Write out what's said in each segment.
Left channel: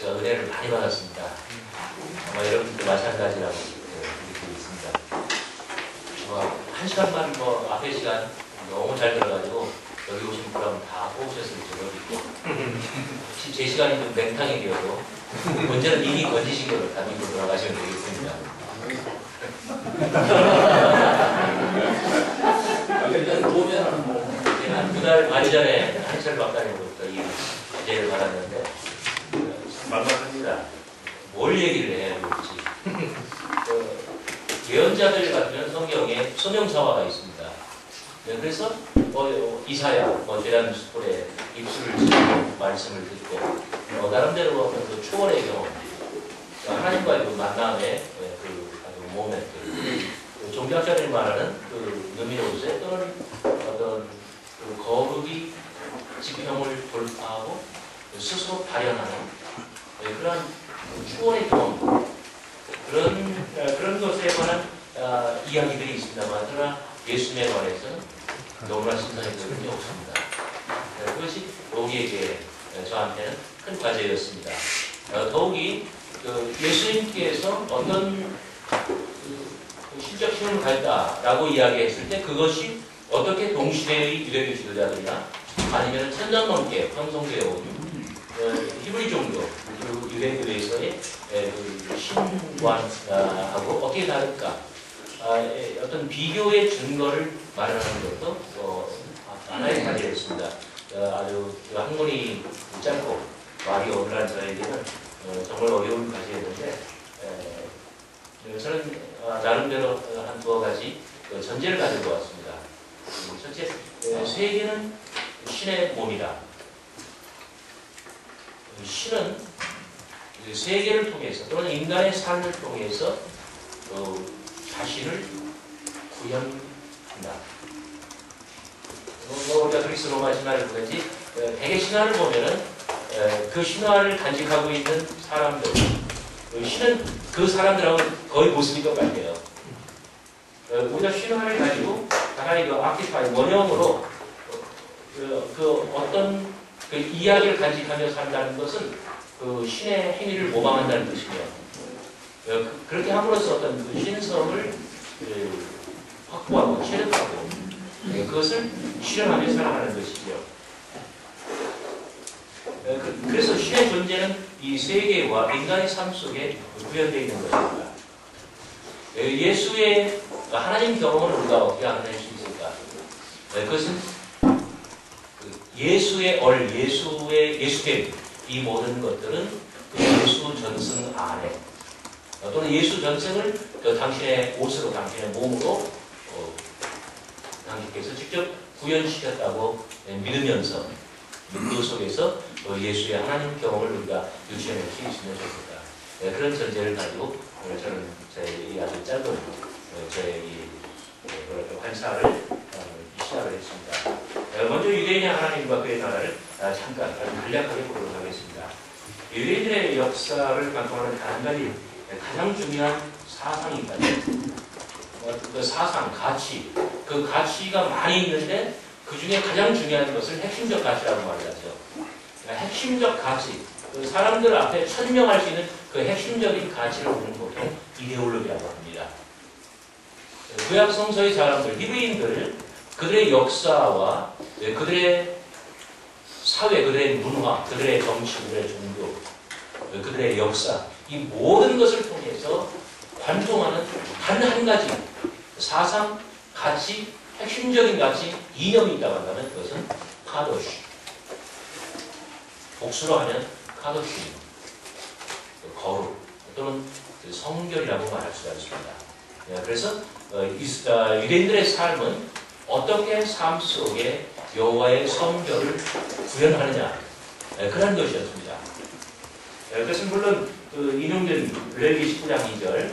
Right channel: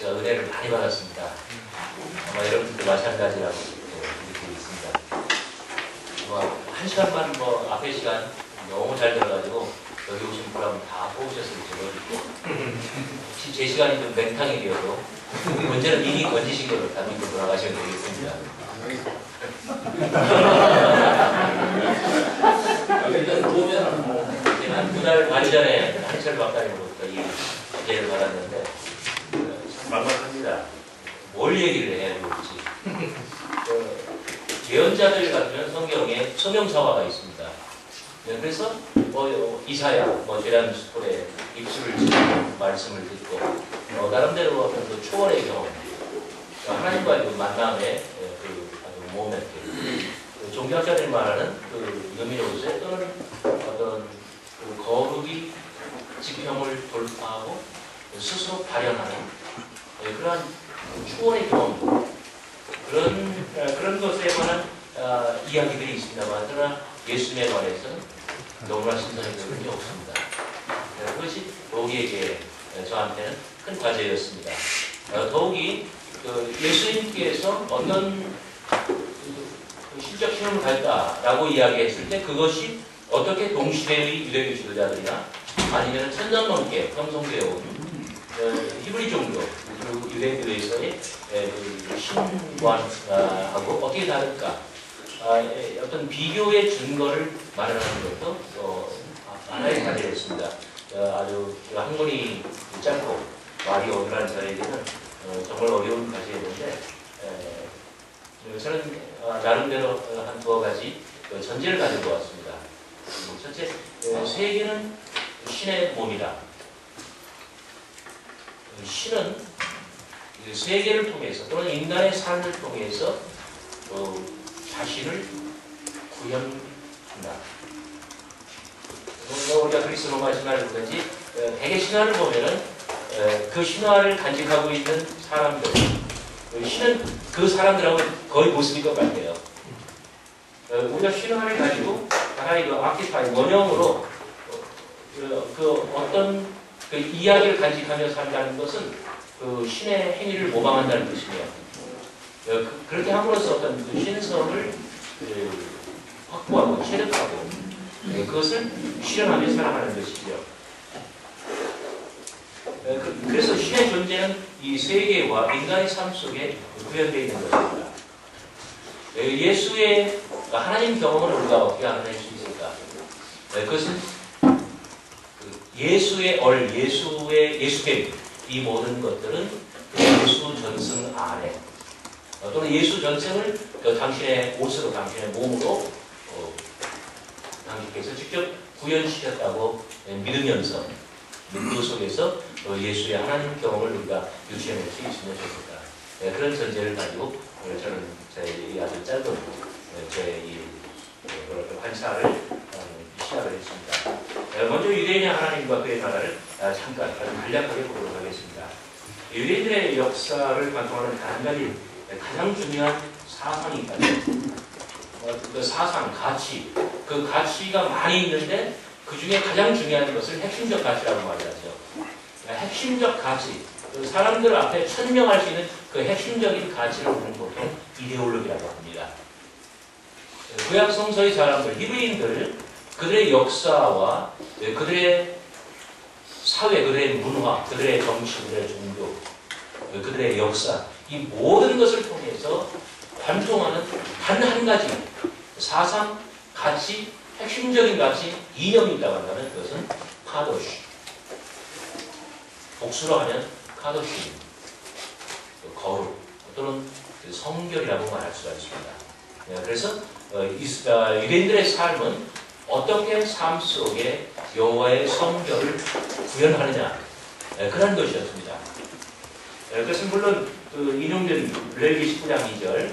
제가 은혜를 많이 받았습니다. 아마 여러분도 마찬가지라고 느끼고 있습니다. 한 시간만 앞에 시간 너무 잘 들어가지고 여기 오신 분하고 다 뽑으셨을지 모르겠고 혹시 제 시간이 좀 맹탕이 되어도 언제는 미리 건지신 거를 다 믿고 돌아가시면 되겠습니다. 한 두 달 반 전에 한철 박사님으로부터 이 주제를 받았는데 참 막막합니다. 뭘 얘기를 해야 될지. 예언자들 같으면 성경에 소명사화가 있습니다. 그래서 이사야, 제라누스콜의 입술을 찢고 말씀을 듣고 나름대로 어떤 그 초월의 경험, 하나님과의 그 만남의 그 아주 모멘트, 종교학자들이 말하는 그 느미노스 또는 어떤 그 거룩이 지평을 돌파하고 스스로 발현하는 그러한 초월의 경험, 그런 것에 관한 이야기들이 있습니다만, 그러나 예수님에 관해서는 너무나 신선한 것이 없습니다. 그것이 우리에게 저한테는 큰 과제였습니다. 더욱이 예수님께서 어떤 실적 힘을 가졌다라고 이야기했을 때 그것이 어떻게 동시대의 유대교 지도자들이나 아니면 천년 넘게 형성되어 온 히브리 종교 그리고 유대교에서의 신관하고 어떻게 다를까, 어떤 비교의 증거를 마련하는 것도 하나의 과제였습니다. 아주 학문이 짧고 말이 어눌한 저에게는 정말 어려운 과제였는데, 저는 나름대로 한 두어 가지 전제를 가지고 왔습니다. 첫째, 세계는 신의 몸이다. 신은 세계를 통해서 또는 인간의 삶을 통해서 자신을 구현한다. 우리가 그리스 로마 신화를 보든지 대개 신화를 보면은 그 신화를 간직하고 있는 사람들, 신은 그 사람들하고 거의 모습이 똑같아요. 우리가 신화를 가지고 하나의 그 아키파이 원형으로 그 어떤 그 이야기를 간직하며 산다는 것은 그 신의 행위를 모방한다는 뜻이며, 그렇게 함으로써 어떤 그 신성을 확보하고 체득하고 그것을 실현하며 살아가는 것이죠. 그래서 신의 존재는 이 세계와 인간의 삶 속에 구현되어 있는 것입니다. 예수의 하나님 경험을 우리가 어떻게 알아낼 수 있을까? 그것은 예수의 예수됨, 이 모든 것들은 예수 전승 안에 또는 예수 전승을 당신의 옷으로, 당신의 몸으로 당신께서 직접 구현시켰다고 믿으면서 그 속에서 예수의 하나님 경험을 우리가 유지해낼 수 있으면 좋겠다. 그런 전제를 가지고 저는 제 아주 짧은 제 관찰을 시작을 했습니다. 먼저 유대인의 하나님과 그의 나라를 잠깐 아주 간략하게 보도록 하겠습니다. 유대인들의 역사를 관통하는 한 가지 가장 중요한 사상이 있거든요. 그 사상, 가치, 그 가치가 많이 있는데 그 중에 가장 중요한 것을 핵심적 가치라고 말하죠. 핵심적 가치, 사람들 앞에 천명할 수 있는 그 핵심적인 가치를 우리는 보통 이데올로기라고 합니다. 구약 성서의 사람들, 히브리인들, 그들의 역사와 그들의 사회, 그들의 문화, 그들의 정치, 그들의 종교, 그들의 역사, 이 모든 것을 통해서 관통하는 단 한 가지 사상, 가치, 핵심적인 가치, 이념이 있다고 한다면 그것은 카도시. 복수로 하면 카도시, 거룩 또는 성결이라고 말할 수가 있습니다. 그래서 유대인들의 삶은 어떻게 삶 속에 여호와의 성결을 구현하느냐, 그런 것이었습니다. 그것은 물론 인용된 레위기 19장 2절,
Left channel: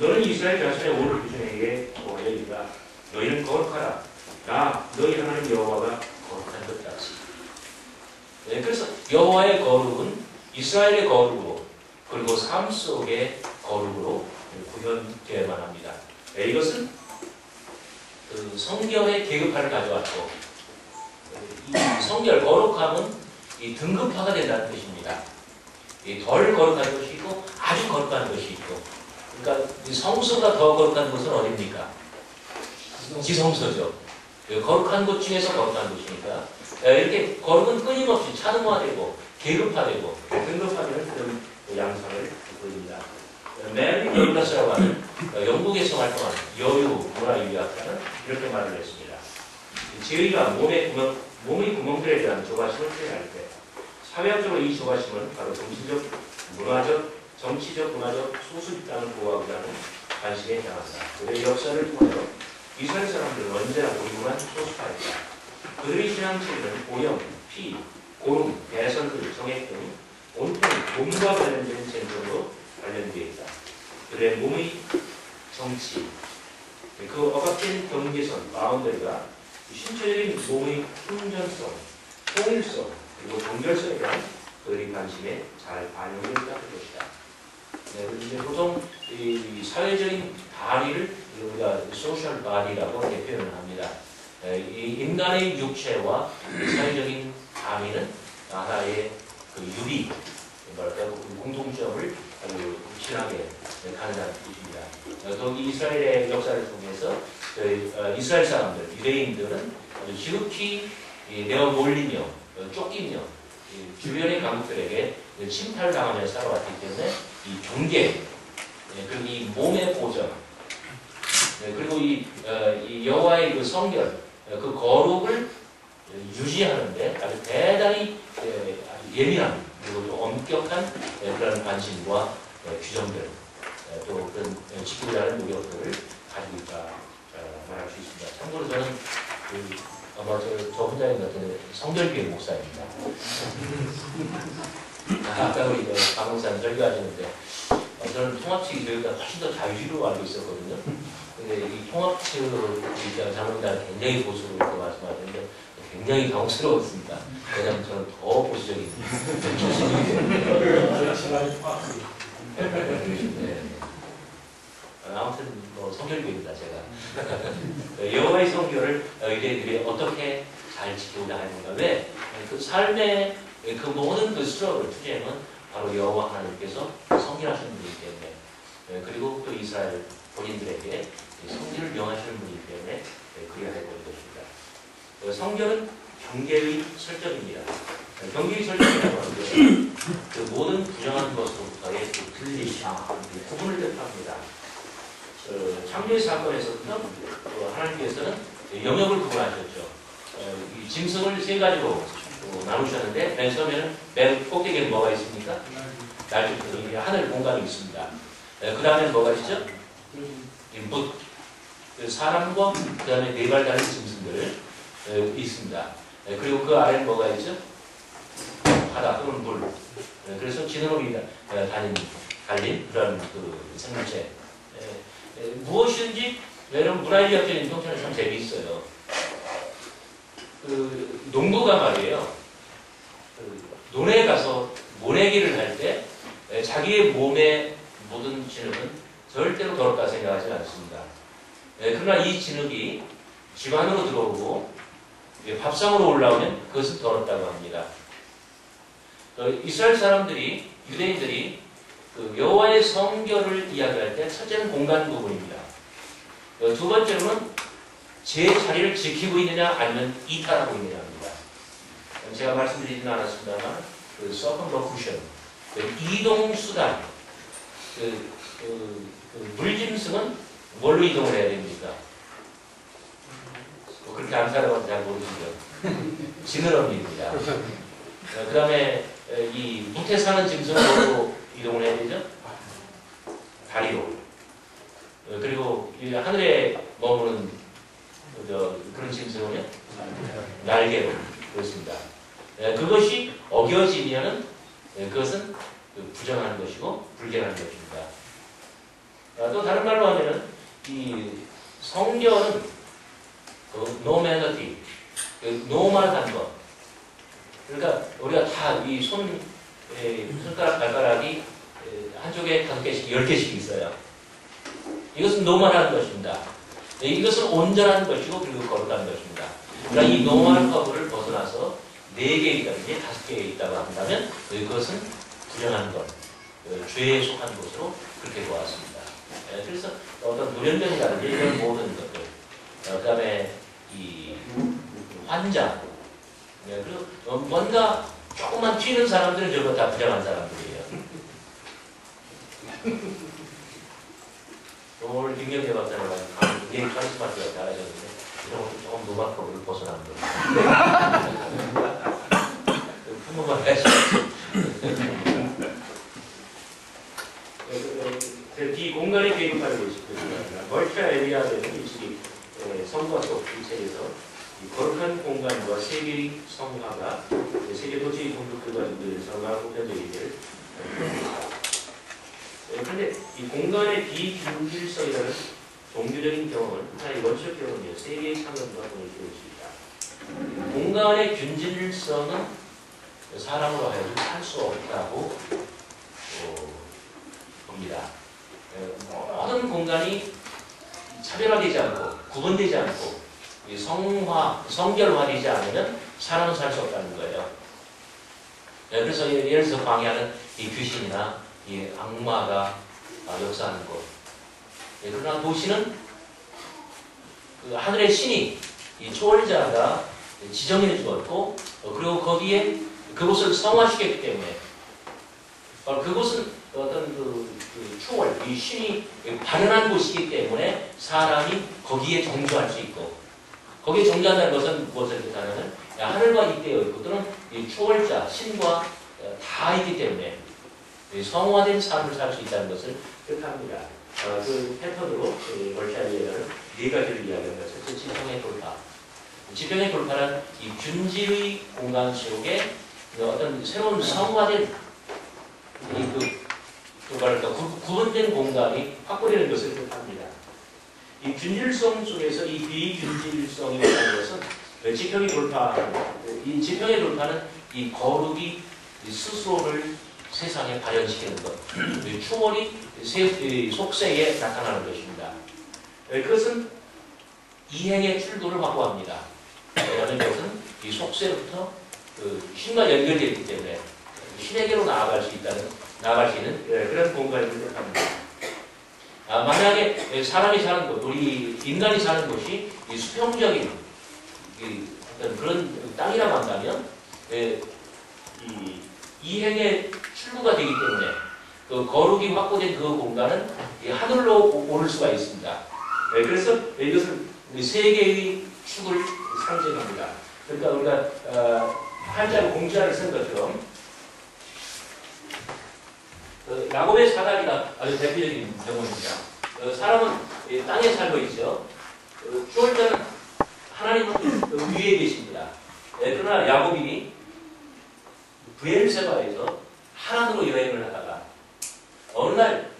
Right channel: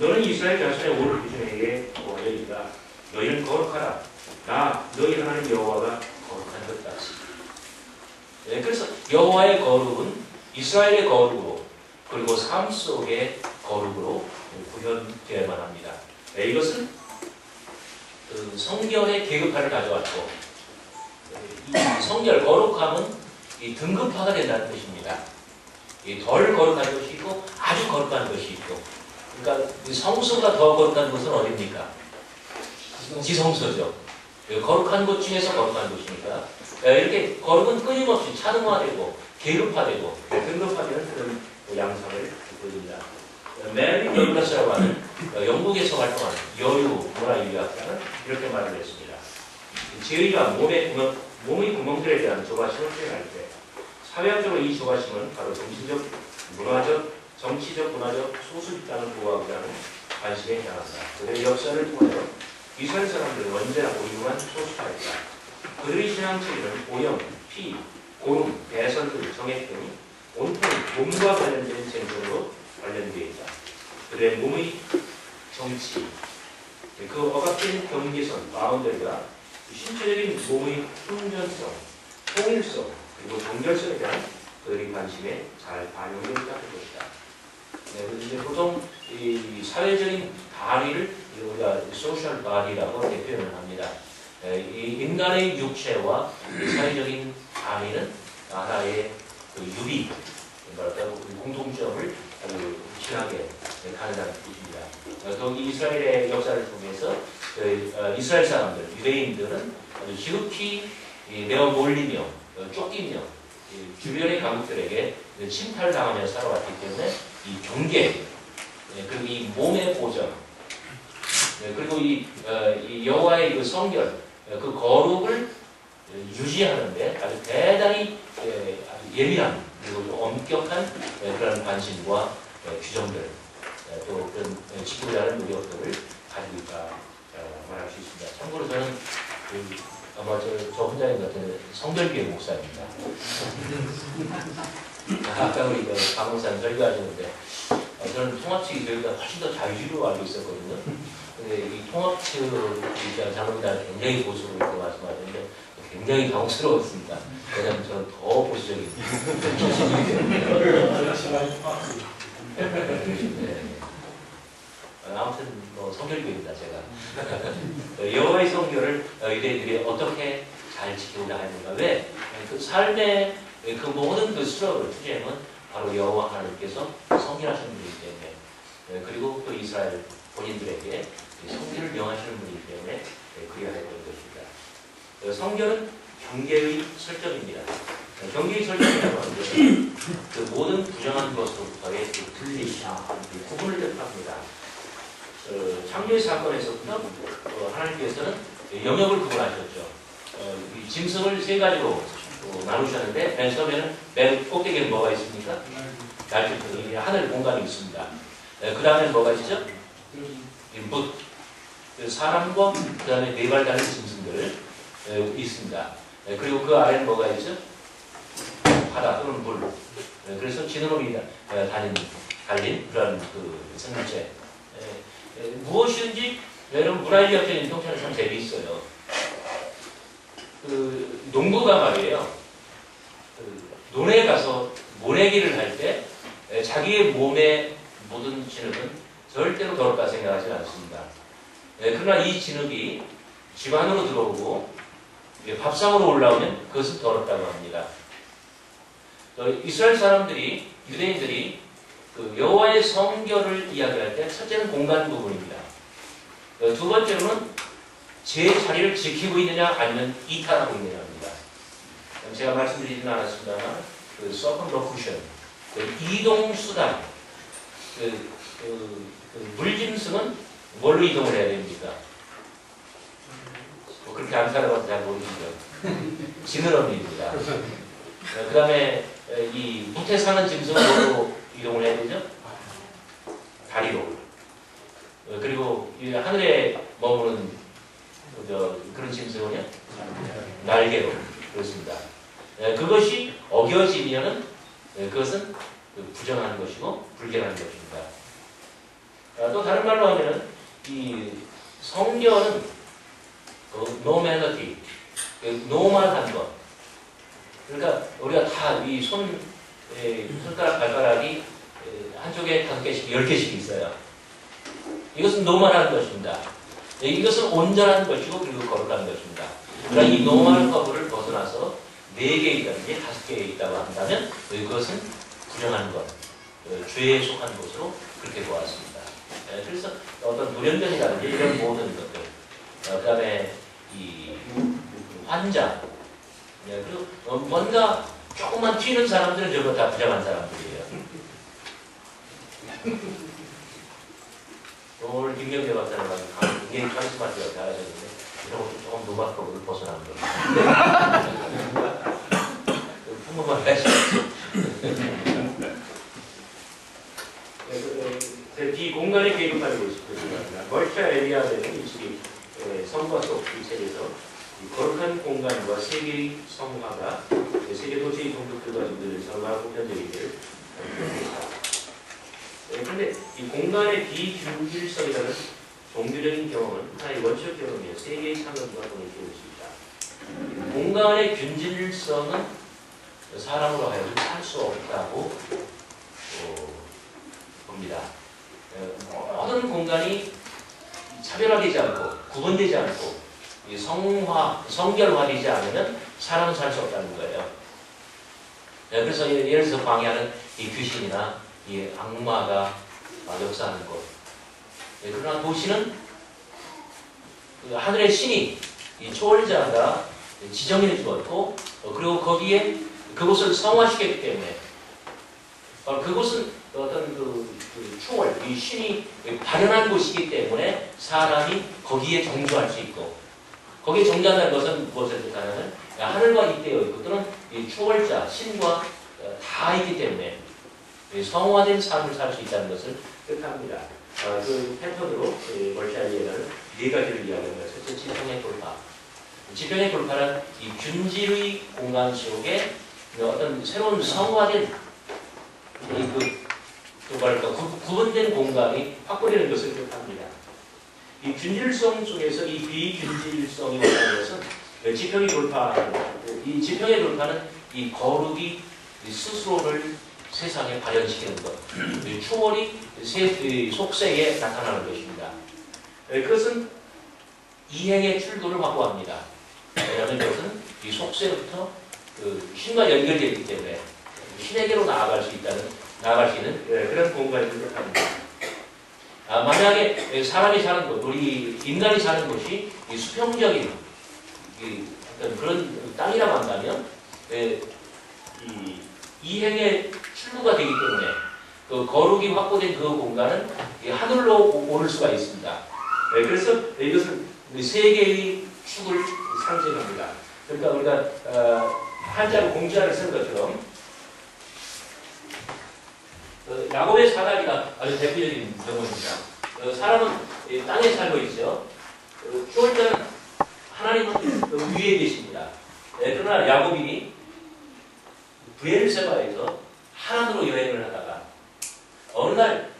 너는 이스라엘 자손의 오를 기준에게 이르리라. 너희는 거룩하라. 나 너희 하나님 여호와가 거룩한 것 같이. 그래서 여호와의 거룩은 이스라엘의 거룩으로 그리고 삶 속의 거룩으로 구현되어야만 합니다. 이것은 성결의 계급화를 가져왔고, 이 성결, 거룩함은 이 등급화가 된다는 뜻입니다. 덜 거룩한 것이 있고 아주 거룩한 것이 있고, 그러니까 성소가 더 거룩한 곳은 어디입니까? 지성소죠. 거룩한 곳 중에서 거룩한 곳이니까 이렇게 거룩은 끊임없이 차등화되고 계급화되고 등급화되는 그런 양상을 보입니다. 메리 더글라스라고 하는 영국에서 활동하는 여유 문화유학자는 이렇게 말을 했습니다. 죄의가 몸의 구멍들에 대한 조바심을 표현할 때 사회학적으로 이 조바심은 바로 정치적, 문화적 소수 집단을 보호하고자 하는 관심에 향한다. 그들의 역사를 통하여 이스라엘 사람들은 언제나 고리고만 소수파였다. 그들의 신앙 체계는 오염, 피, 고름, 배설들, 정액 등 온통 몸과 관련된 쟁점으로 관련되어 있다. 그들의 몸의 정치, 그 억압된 경계선, 바운더리가 신체적인 몸의 훈전성, 통일성, 그리고 종결성에 대한 그들의 관심에 잘 반영되어 있다는 것이다. 네, 보통 이 사회적인 다리를 우리가 소셜 바디라고 표현을 합니다. 이 인간의 육체와 사회적인 다리는 하나의 그 유비, 뭐랄까 공통점을 아주 확실하게 가능한 뜻입니다. 거기 이스라엘의 역사를 통해서 이스라엘 사람들, 유대인들은 아주 지극히 내어 몰리며 쫓기며 주변의 강국들에게 침탈당하며 살아왔기 때문에 이 경계, 그리고 이 몸의 보전, 그리고 이 여호와의 그 성결, 그 거룩을 유지하는데 아주 대단히 아주 예민한 그리고 또 엄격한 그런 관심과 규정들, 또 그런 지키고자 하는 노력들을 가지고 있다 말할 수 있습니다. 참고로 저는 아마 저 혼자인 것 같은데 성결교회 목사입니다. 아까 우리 박목사님 설교하시는데 저는 통합측이 저희보다 훨씬 더 자유주의로 알고 있었거든요. 근데 이 통합측 장로님들 굉장히 보수로 이렇게 말씀하셨는데 굉장히 당혹스러웠습니다. 왜냐하면 저는 더 보수적인 아무튼 뭐 성결교입니다 제가. 여호와의 성결을 유대인들이 어떻게 잘 지키고자 하는가? 왜? 그 삶의 그 모든 그 스트러글, 투쟁은 바로 여호와 하나님께서 성결하시는 분이기 때문에, 그리고 또 이스라엘 본인들에게 성결을 명하시는 분이기 때문에 그래야 할 것입니다. 성결은 경계의 설정입니다. 경계의 설정이라고 하는 것은 그 모든 부정한 것으로부터의 그 분리심, 구분을 뜻합니다. 창조의 사건에서부터 하나님께서는 영역을 구분하셨죠. 이 짐승을 세 가지로 나누셨는데 맨 처음에는 맨 꼭대기에 뭐가 있습니까? 날개, 하늘 공간이 있습니다. 그 다음에 뭐가 있죠? 뭇, 사람과 그 다음에 네 발 달린 짐승들 있습니다. 그리고 그 아래는 뭐가 있죠? 바다 또는 물. 그래서 지느러미 달린 그런 그 생물체. 무엇이든지 여러분 문화유학적인 통찰은 참 재미있어요. 그 농부가 말이에요. 논에 가서 모내기를 할 때 자기의 몸의 모든 진흙은 절대로 더럽다 생각하지 않습니다. 그러나 이 진흙이 집 안으로 들어오고 밥상으로 올라오면 그것은 더럽다고 합니다. 이스라엘 사람들이, 유대인들이 그 여호와의 성결을 이야기할 때 첫째는 공간 부분입니다. 두 번째로는 제 자리를 지키고 있느냐 아니면 이탈하고 있느냐입니다. 제가 말씀드리지는 않았습니다만 그 서컴러쿠션, 그 이동 수단, 그 물짐승은 뭘로 이동을 해야 됩니까? 그렇게 안 살아봐도 잘 모르시죠. 지느러미입니다. 그 다음에 이 무태 사는 짐승은 뭘로 이동을 해야 되죠? 다리로. 그리고 이 하늘에 머무는 그런 짐승은요? 날개로. 그렇습니다. 그것이 어겨지면은 그것은 부정한 것이고 불결한 것입니다. 또 다른 말로 하면은 이 성결은 노멀리티, 노멀한 것. 그러니까 우리가 다 이 손가락, 발가락이 한쪽에 5개씩, 10개씩 있어요. 이것은 노멀한 것입니다. 이것은 온전한 것이고 그리고 거룩한 것입니다. 그러니까 이 노멀 커브를 벗어나서 4개 있다든지 5개 있다고 한다면 그것은 불행한 것, 죄에 속한 것으로 그렇게 보았습니다. 그래서 어떤 돌연변이라든지 이런 모든 것들, 그 다음에 이 환자, 그리고 뭔가 조금만 튀는 사람들은 저거 다 불행한 사람들이에요. 오늘 김경재 박사님 굉장히 카리스마틱하게 잘하셨는데 이런 것도 조금 노마크로 벗어난 거예요. 한번만 하시죠. 이 공간의 계급화를 보시면 멀티아 에리아는 일찍이 성과 속 이 책에서 거룩한 공간과 세계의 성화가 세계 도시의 종족들과 늘 성화하고 현적이들. 그런데 이 공간의 비균질성이라는 종교적인 경험은 하나의 원칙 경험이며 세계의 상관과 동일시할 수 있다. 공간의 균질성은 사람으로 하여금 살 수 없다고 봅니다. 모든 공간이 차별화되지 않고 구분되지 않고 성결화되지 않으면 사람은 살 수 없다는 거예요. 그래서 예를 들어서 광야는 이 귀신이나 이 악마가 역사하는 곳. 그러나 도시는 그 하늘의 신이 이 초월자가 지정해 주었고 그리고 거기에 그곳을 성화시켰기 때문에 그곳은 어떤 그 초월, 이 신이 발현한 곳이기 때문에 사람이 거기에 정주할 수 있고 거기에 정주한다는 것은 무엇을 뜻하냐면 하늘과 잇대어 있고 또는 이 초월자, 신과 다 있기 때문에 성화된 삶을 살 수 있다는 것을 뜻합니다. 그 패턴으로 멀티아리에는 네 가지를 이야기합니다. 첫째, 지평의 돌파. 지평의 돌파는 이 균질의 공간 속에 어떤 새로운 성화된 구분된 공간이 확보되는 것을 뜻합니다. 이 균질성 속에서 이 비균질성이 온다는 것은 지평의 돌파, 이 지평의 돌파는 이 거룩이 스스로를 세상에 발현시키는 것, 초월이 속세에 나타나는 것입니다. 그것은 이행의 출도를 확보합니다. 왜냐하면 그것은 이 속세부터 신과 연결되어 있기 때문에 신에게로 나아갈 수 있는 그런 공간을 뜻합니다. 만약에 사람이 사는 곳, 우리 인간이 사는 곳이 이 수평적인 어떤 그런 땅이라고 한다면 이 이행의 출구가 되기 때문에 그 거룩이 확보된 그 공간은 하늘로 오를 수가 있습니다. 그래서 이것은 세 개의 축을 상징합니다. 그러니까 우리가 한자로 공지하를 쓴 것처럼 야곱의 사다리가 아주 대표적인 경우입니다. 사람은 땅에 살고 있죠. 초월자는 하나님은 위에 계십니다. 그러나 야곱이 브엘세바에서 하나님으로 여행을 하다가 어느 날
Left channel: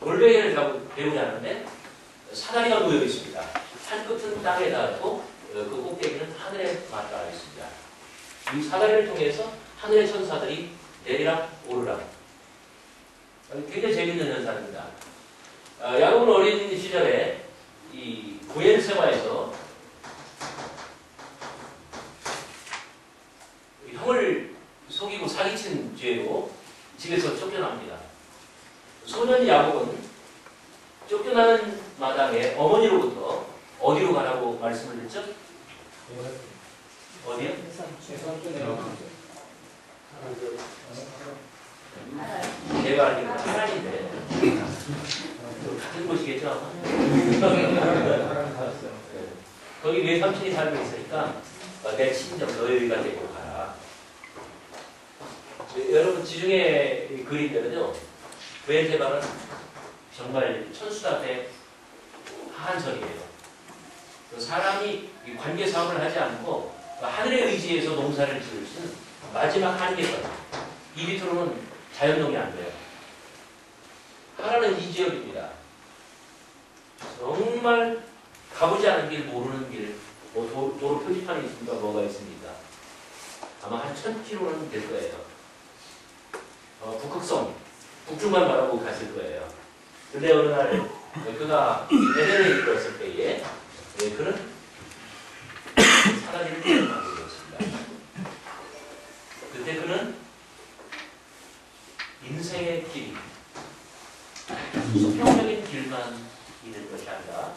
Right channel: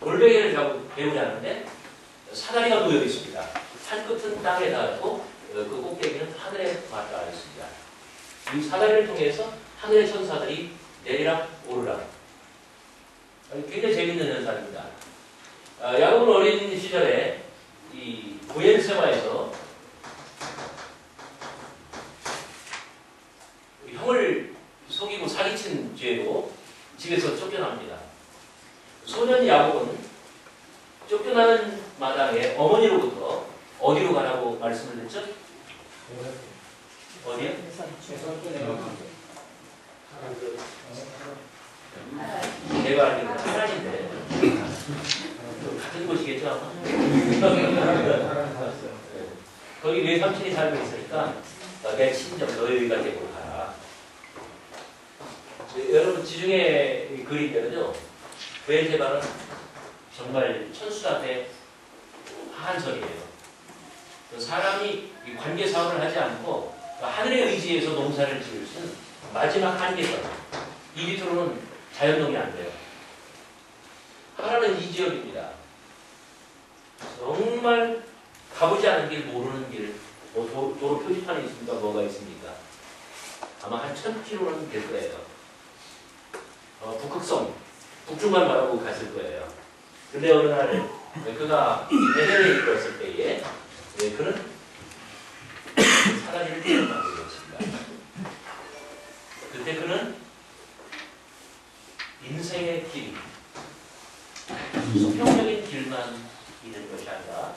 골뱅이를 배우지 않는데 사다리가 놓여 있습니다. 한 끝은 땅에 닿았고 그 꼭대기는 하늘에 맞닿아 있습니다. 이 사다리를 통해서 하늘의 천사들이 내리락 오르락. 굉장히 재밌는 현상입니다. 야곱은 어린 시절에 이 브엘세바에서 형을 속이고 사기친 죄로 집에서 쫓겨납니다. 소년 야곱은 쫓겨나는 마당에 어머니로부터 어디로 가라고 말씀을 했죠? 어디요? 내가 알기로는 하나인데 같은 곳이겠죠? 거기 외삼촌이 살고 있으니까 내 친정 너희가 데리고 가라. 여러분 지중해 그림대로죠. 브엘세바는 정말 천수답게 한설이에요. 사람이 관계 사업을 하지 않고 하늘의 의지에서 농사를 지을 수 있는 마지막 한계선. 이 밑으로는 자연농이 안 돼요. 하나는 이 지역입니다. 정말 가보지 않은 길, 모르는 길, 도로 표지판이 있습니까? 뭐가 있습니까? 아마 한 1000km는 될 거예요. 북극성, 북쪽만 바라보고 갔을 거예요. 근데 어느 날 그가 베델레에 이끌었을 때에 그는 사다리를 태어나게 되었습니다. 그때 그는 하다가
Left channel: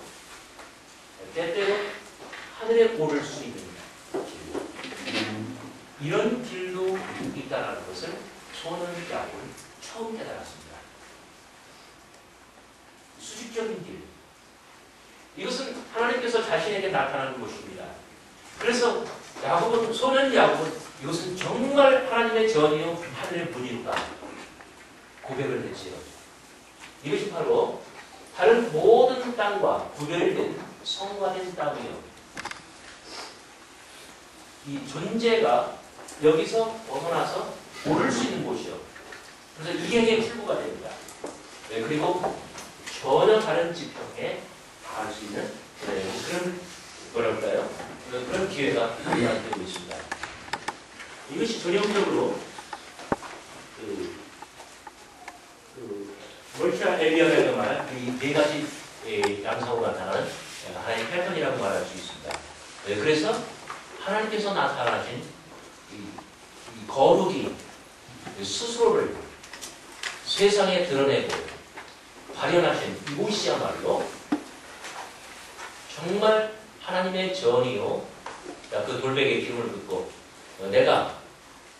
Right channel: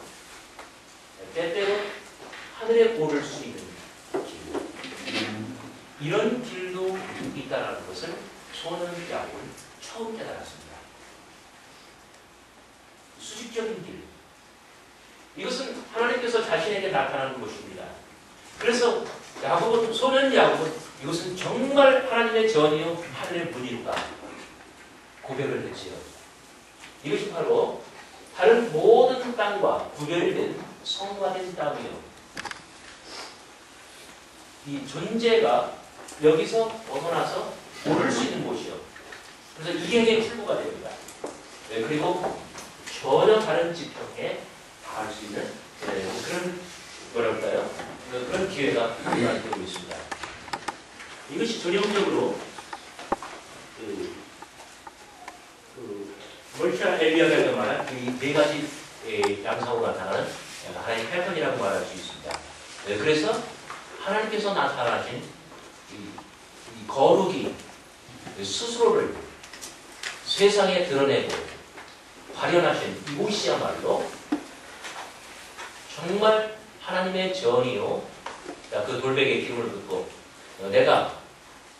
때때로 하늘에 오를 수 있는 길. 이런 길도 있다는 것을 소년 야곱은 처음 깨달았습니다. 수직적인 길. 이것은 하나님께서 자신에게 나타나는 것입니다. 그래서 야곱은, 소년 야곱은 이것은 정말 하나님의 전이요 하늘의 문이로다 고백을 했지요. 이것이 바로 다른 모든 땅과 구별된 성화된 땅이요. 이 존재가 여기서 벗어나서 오를 수 있는 곳이요. 그래서 이행의 출구가 됩니다. 네, 그리고 전혀 다른 지평에 닿을 수 있는 그런 뭐랄까요? 그런 기회가 마련되고 있습니다. 이것이 전형적으로 멀티아 엘리야가 말한 이 네 가지 양상으로 나타나는 하나의 패턴이라고 말할 수 있습니다. 그래서 하나님께서 나타나신 이 거룩이 스스로를 세상에 드러내고 발현하신 이곳이야말로 정말 하나님의 전이요. 그 돌베개의 기름을 붓고 내가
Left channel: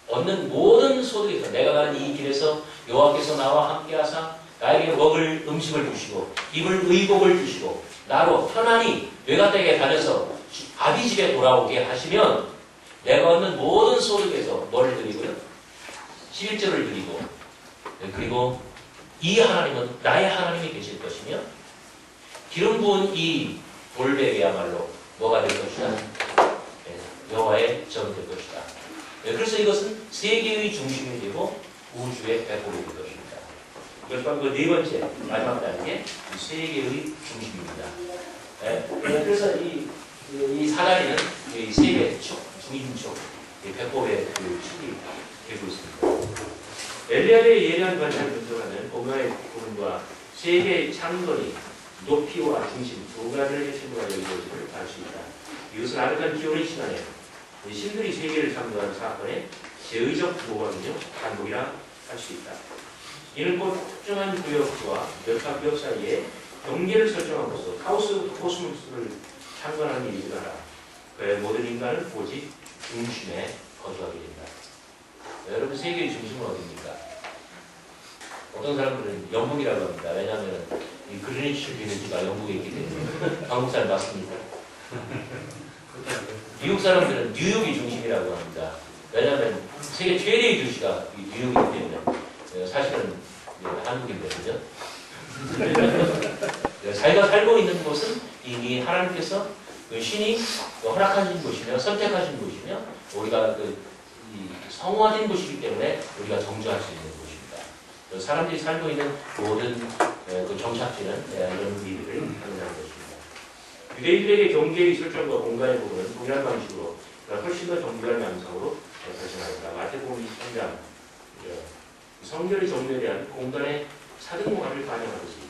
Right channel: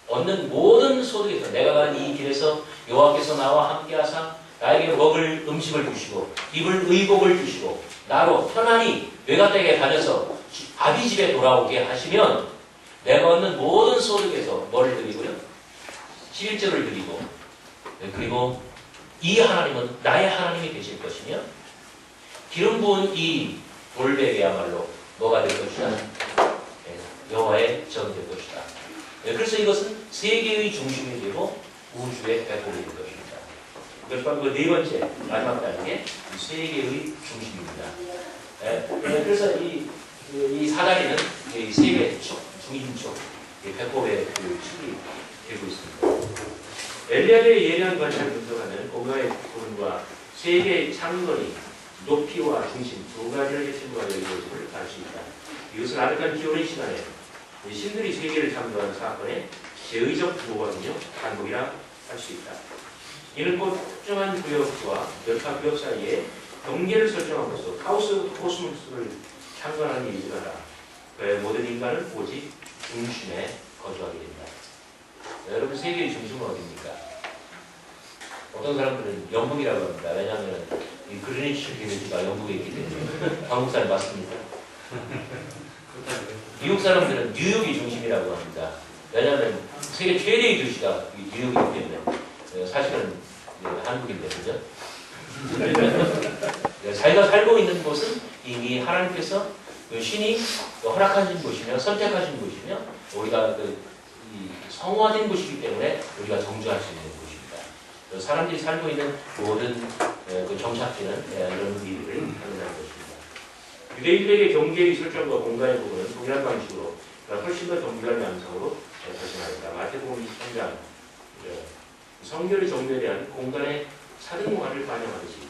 얻는 모든 소득에서 내가 가는 이 길에서 여호와께서 나와 함께하사 나에게 먹을 음식을 주시고 입을 의복을 주시고 나로 편안히 외가댁에 다녀서 아비 집에 돌아오게 하시면 내가 얻는 모든 소득에서 뭐를 드리고요? 11절을 드리고 그리고 이 하나님은 나의 하나님이 되실 것이며 기름 부은 이 돌베개야말로 뭐가 될 것이다? 여호와의 전이 될 것이다. 그래서 이것은 세계의 중심이 되고 우주의 배꼽이 될 것입니다. 이것 바로 그 네 번째 마지막 단계 세계의 중심입니다. 그래서 이 사다리는 이 세계 축, 중심축, 배꼽의 그 축이 되고 있습니다. 엘리야의 예리한 관찰을 분석하는 공간의 부분과 세계의 창건이 높이와 중심 두 가지를 핵심으로 이루어짐을 알 수 있다. 이것은 아득한 기원의 시간에 신들이 세계를 창조하는 사건의 제의적 모범이며 반복이라 할 수 있다. 이는 곧 특정한 구역과 역학 구역 사이에 경계를 설정함으로써 카오스 코스모스를 창건하는 일이지 않아 그의 모든 인간은 오직 중심에 거주하게 됩니다. 여러분 세계의 중심은 어디입니까? 어떤 사람들은 영국이라고 합니다. 왜냐하면 이 그리니치 비너지가 영국에 있기 때문에 한국 사람 맞습니다. 미국 사람들은 뉴욕이 중심이라고 합니다. 왜냐하면 세계 최대의 도시가 뉴욕이기 때문에 사실은 한국인데 그죠? 자기가 살고 있는 곳은 이미 하나님께서 신이 허락하신 곳이며 선택하신 곳이며 우리가 성화된 곳이기 때문에 우리가 정주할 수 있는 곳입니다. 사람들이 살고 있는 모든 정착지는 이런 일을 하는 것입니다. 유대인들에게 경계의 설정과 공간의 부분은 동일한 방식으로 훨씬 더 정교한 양상으로 발생하였다. 마태복음 23장 성결의 정교에 대한 공간의 사등문화를 반영하듯이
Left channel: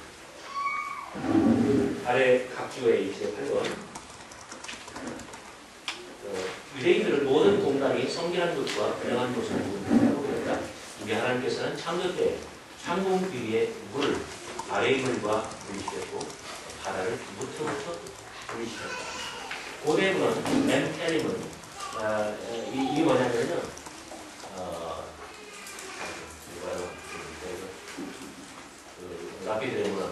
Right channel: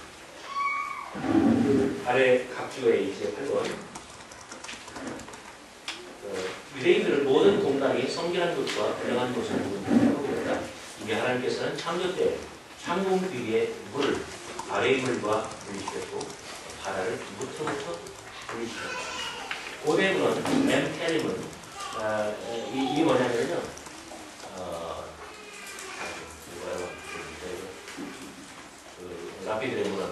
아래 각주의 28번 유대인들은 모든 공간이 성결한 것과 분명한 것을 구분하고 그랬다. 이미 하나님께서는 창조 때 창공 위에 물을 아래의 물과 분리시켰고 바다를 무트부터 분리시켰다. 고대문은 멘테림은 이게 뭐냐면요. 라피드의 문화.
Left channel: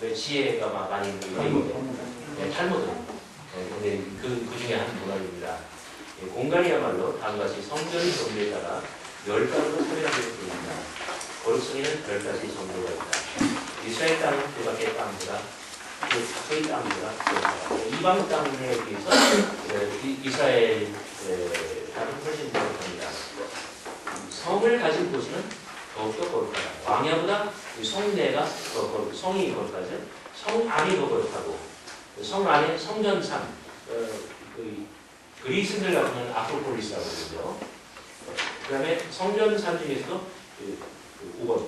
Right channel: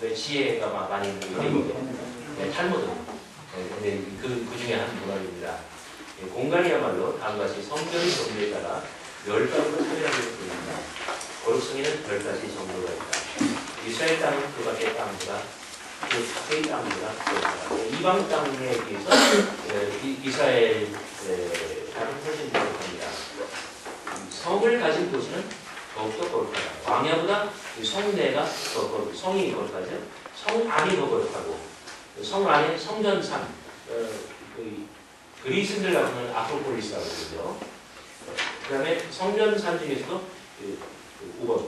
왜 지혜가 많이 있는 게 탈무드. 근데 그 중에 한 문화입니다. 공간이야말로 다음과 같이 성전의 정도에 따라 10가지로 차별하게 됩니다. 거룩성에는 10가지 정도가 있다. 이스라엘 땅은 그 밖의 땅보다 그 밖의 땅보다 그렇다. 이방 땅에 비해서 이스라엘 땅은 훨씬 거룩합니다. 성을 가진 도시는 더욱더 거룩하다. 광야보다 성내가 더 거룩, 성이 거룩하죠. 성 안이 더 거룩하고 성 안에 성전산, 그리스인들 같은 건 아크로폴리스라고 그러죠. 그 다음에 성전산 중에서도 5번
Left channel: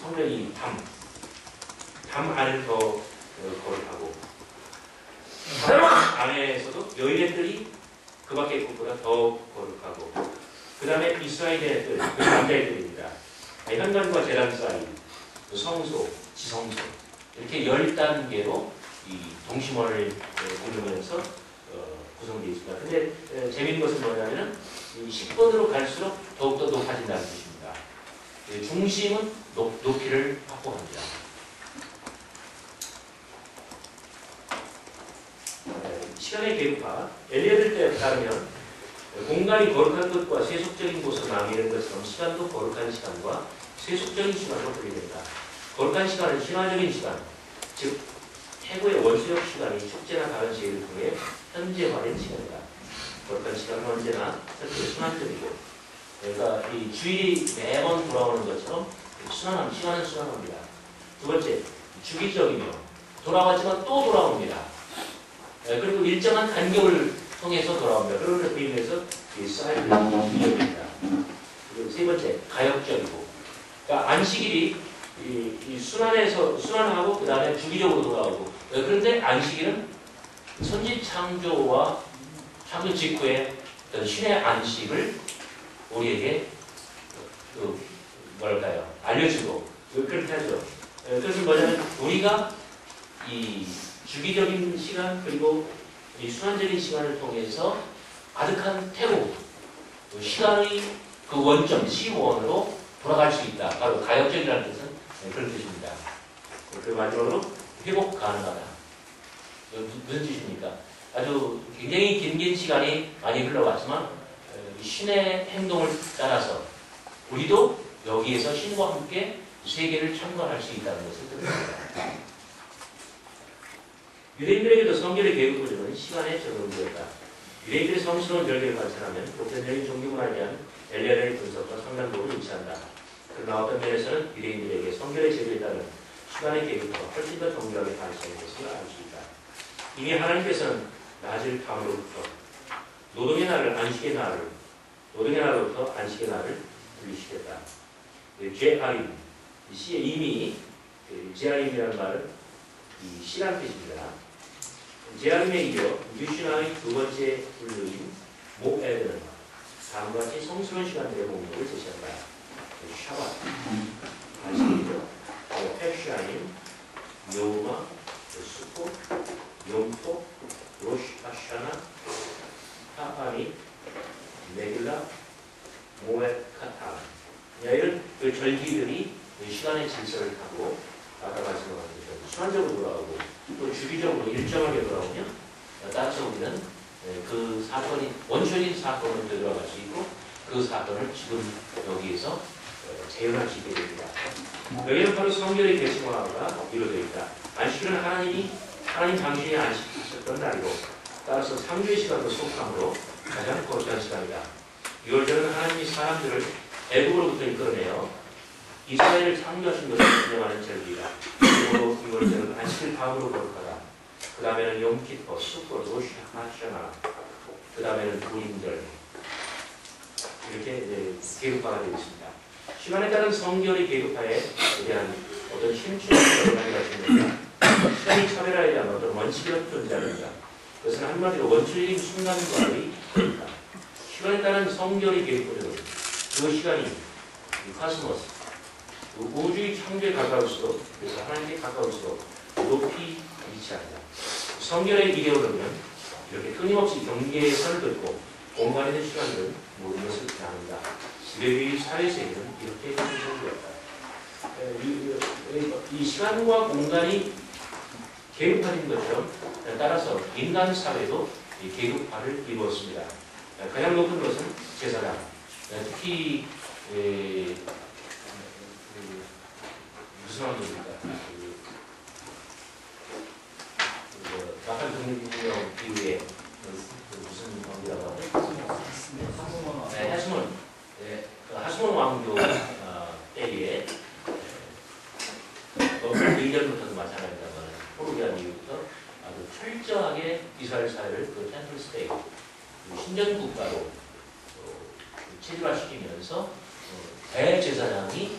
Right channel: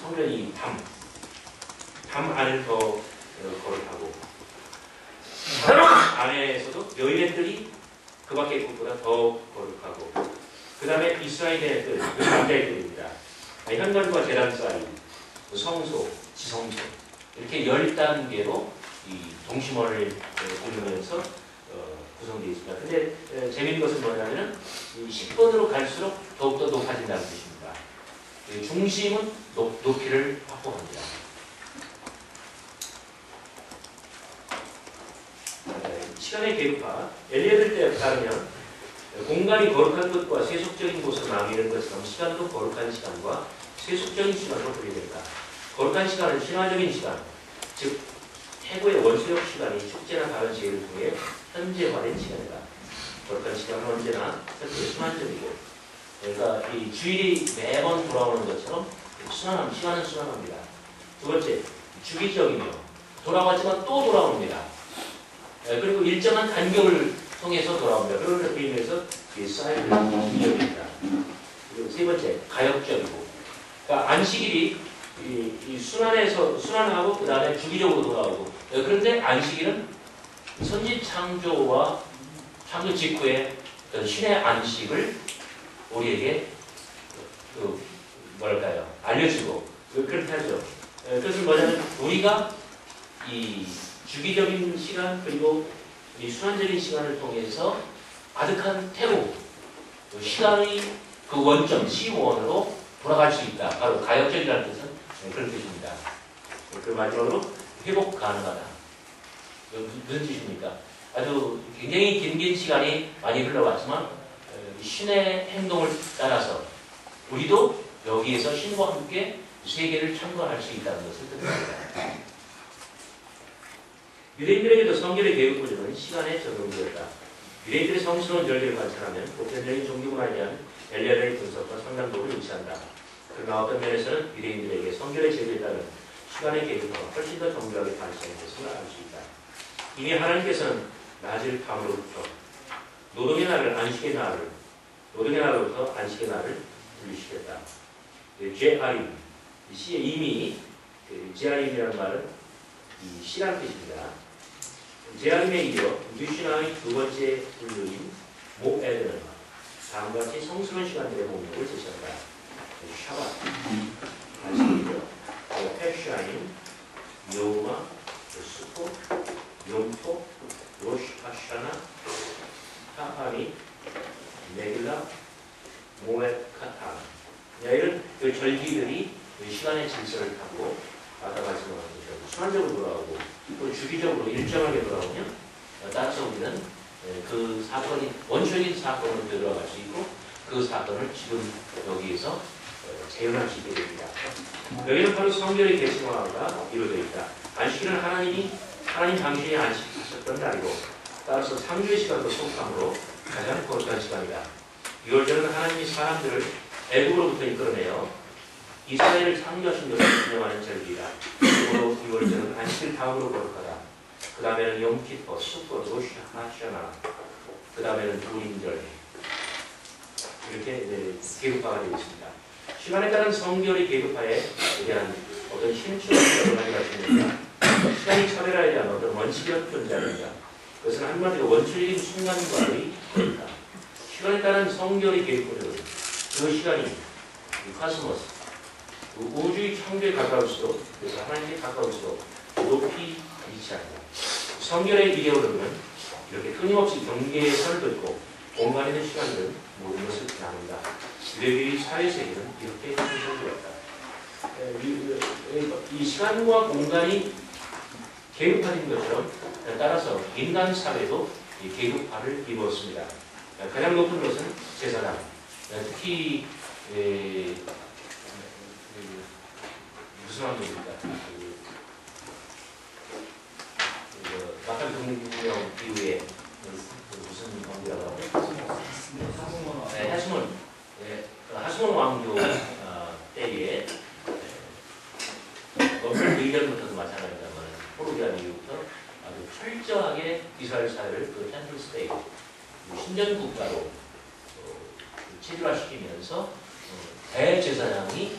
성전이 담 안은 더 거룩하고 담 안에서도 여인의 뜰이 그 밖의 곳보다 더 거룩하고 그 다음에 이스라엘의 뜰, 남자의 뜰입니다. 현관과 제단 사이, 성소, 지성소 이렇게 10단계로 이 동심원을 고르면서 구성되어 있습니다. 근데 재미있는 것은 뭐냐면은 이 10번으로 갈수록 더욱더 높아진다는 뜻입니다. 중심은 높이를 확보합니다. 시간의 계급화, 엘리엇에 따르면 공간이 거룩한 것과 세속적인 곳으로 나뉘는 것처럼 시간도 거룩한 시간과 세속적인 시간으로 분리됩니다. 거룩한 시간은 신화적인 시간, 즉 태고의 원수적 시간이 축제나 다른 제의를 통해 현재화된 시간이다. 거룩한 시간은 언제나 현재 순환적이고, 그러니까 이 주일이 매번 돌아오는 것처럼 시간은 순환합니다. 두 번째, 주기적이며 돌아왔지만 또 돌아옵니다. 그리고 일정한 간격을 통해서 돌아옵니다. 그런 의미에서 이 사이클은 주기적입니다. 그리고 세 번째, 가역적이고, 그러니까 안식일이 이 순환하고 그 다음에 주기적으로 돌아오고, 그런데 안식일은 선지 창조와 창조 직후에 어떤 신의 안식을 우리에게 뭐랄까요, 알려주고 그렇게 하죠. 그것은 뭐냐면 우리가 이 주기적인 시간 그리고 이 순환적인 시간을 통해서 아득한 태고 시간의 그 원점 C1으로 돌아갈 수 있다. 바로 가역적이라는 뜻은 그런 뜻입니다. 그 마지막으로 회복 가능하다. 무슨 뜻입니까? 아주 굉장히 긴 시간이 많이 흘러왔지만 신의 행동을 따라서 우리도 여기에서 신과 함께 세계를 참관할 수 있다는 것을 뜻합니다. 유대인들에게도 성결의 계급 구조는 시간에 적용되었다. 유대인들의 성스러운 절개를 관찰하면 보편적인 종교문화에 대한 엘리야의 분석과 상당도를 일치한다. 그러나 어떤 면에서는 유대인들에게 성결의 제도에 따른 시간의 계급화가 훨씬 더 정교하게 발생한 것을 알 수 있다. 이미 하나님께서는 낮을 밤으로부터 노동의 날로부터 안식의 날을 분리시켰다. 제아림, 시에 이미 제아림이라는 말은 이 시라는 뜻입니다. 제아림에 이어 유신화의 두 번째 분류인 모에드는 다음과 같이 성스러운 시간들의 목록을 제시한다. 샤밧, 안식이죠. 패샤임, 요마, 수코, 용토, 로시 하샤나, 타하니, 메길라, 모에카타. 이런 그 절기들이 시간의 질서를 타고 아까 말씀한 것처럼 순환적으로 돌아오고 또 주기적으로 일정하게 돌아오면 따라서 우리는 그 사건이 원초적인 사건으로 들어갈 수 있고 그 사건을 지금 여기에서 재현할 수 있게 됩니다. 여기는 바로 성결의 계승화가 이루어져 있다. 안식일은 하나님 당신이 안식하셨던 날이고 따라서 3주의 시간도 속함으로 가장 거룩한 시간이다. 6월절은 하나님이 사람들을 애굽으로부터 이끌어내어 이스라엘을 창조하신 것을 기념하는 절기이다. 그리고 6월절은 안식일 다음으로 거룩하다. 그 다음에는 용키퍼, 수코, 로시 하샤나, 그 다음에는 부임절 이렇게 계급화가 되어 있습니다. 시간에 따른 성결의 계급화에 대한 어떤 힘줄을 가지고 있습니다. 시간이 차별화에 대한 어떤 원칙이라는 존재합니다. 그것은 한마디로 원초적인 순간과의 거리다. 시간에 따른 성결의 계급화는 그 시간이 카스모스, 우주의 창조에 가까울수록, 그래서 하나님께 가까울수록 높이 위치합니다. 성결의 이데올로기는 이렇게 끊임없이 경계의 선을 긋고 공간에 있는 시간들은 모든 것을 나눈다. 유대교의 사회세계는 이렇게 형성되었다. 이 시간과 공간이 계급화된 것처럼 따라서 인간 사회도 계급화를 이루었습니다. 가장 높은 것은 제사장, 특히 무슨 왕조입니까? 마칼 동맹혁명 이후에 무슨 왕조라고 하죠? 하스몬. 하스몬 왕조 때에 의전부터도 마찬가지입니다만 포로기한 이후부터 아주 철저하게 이스라엘 사회를 그 템플 스테이트 신전 국가로 체질화시키면서 대제사장이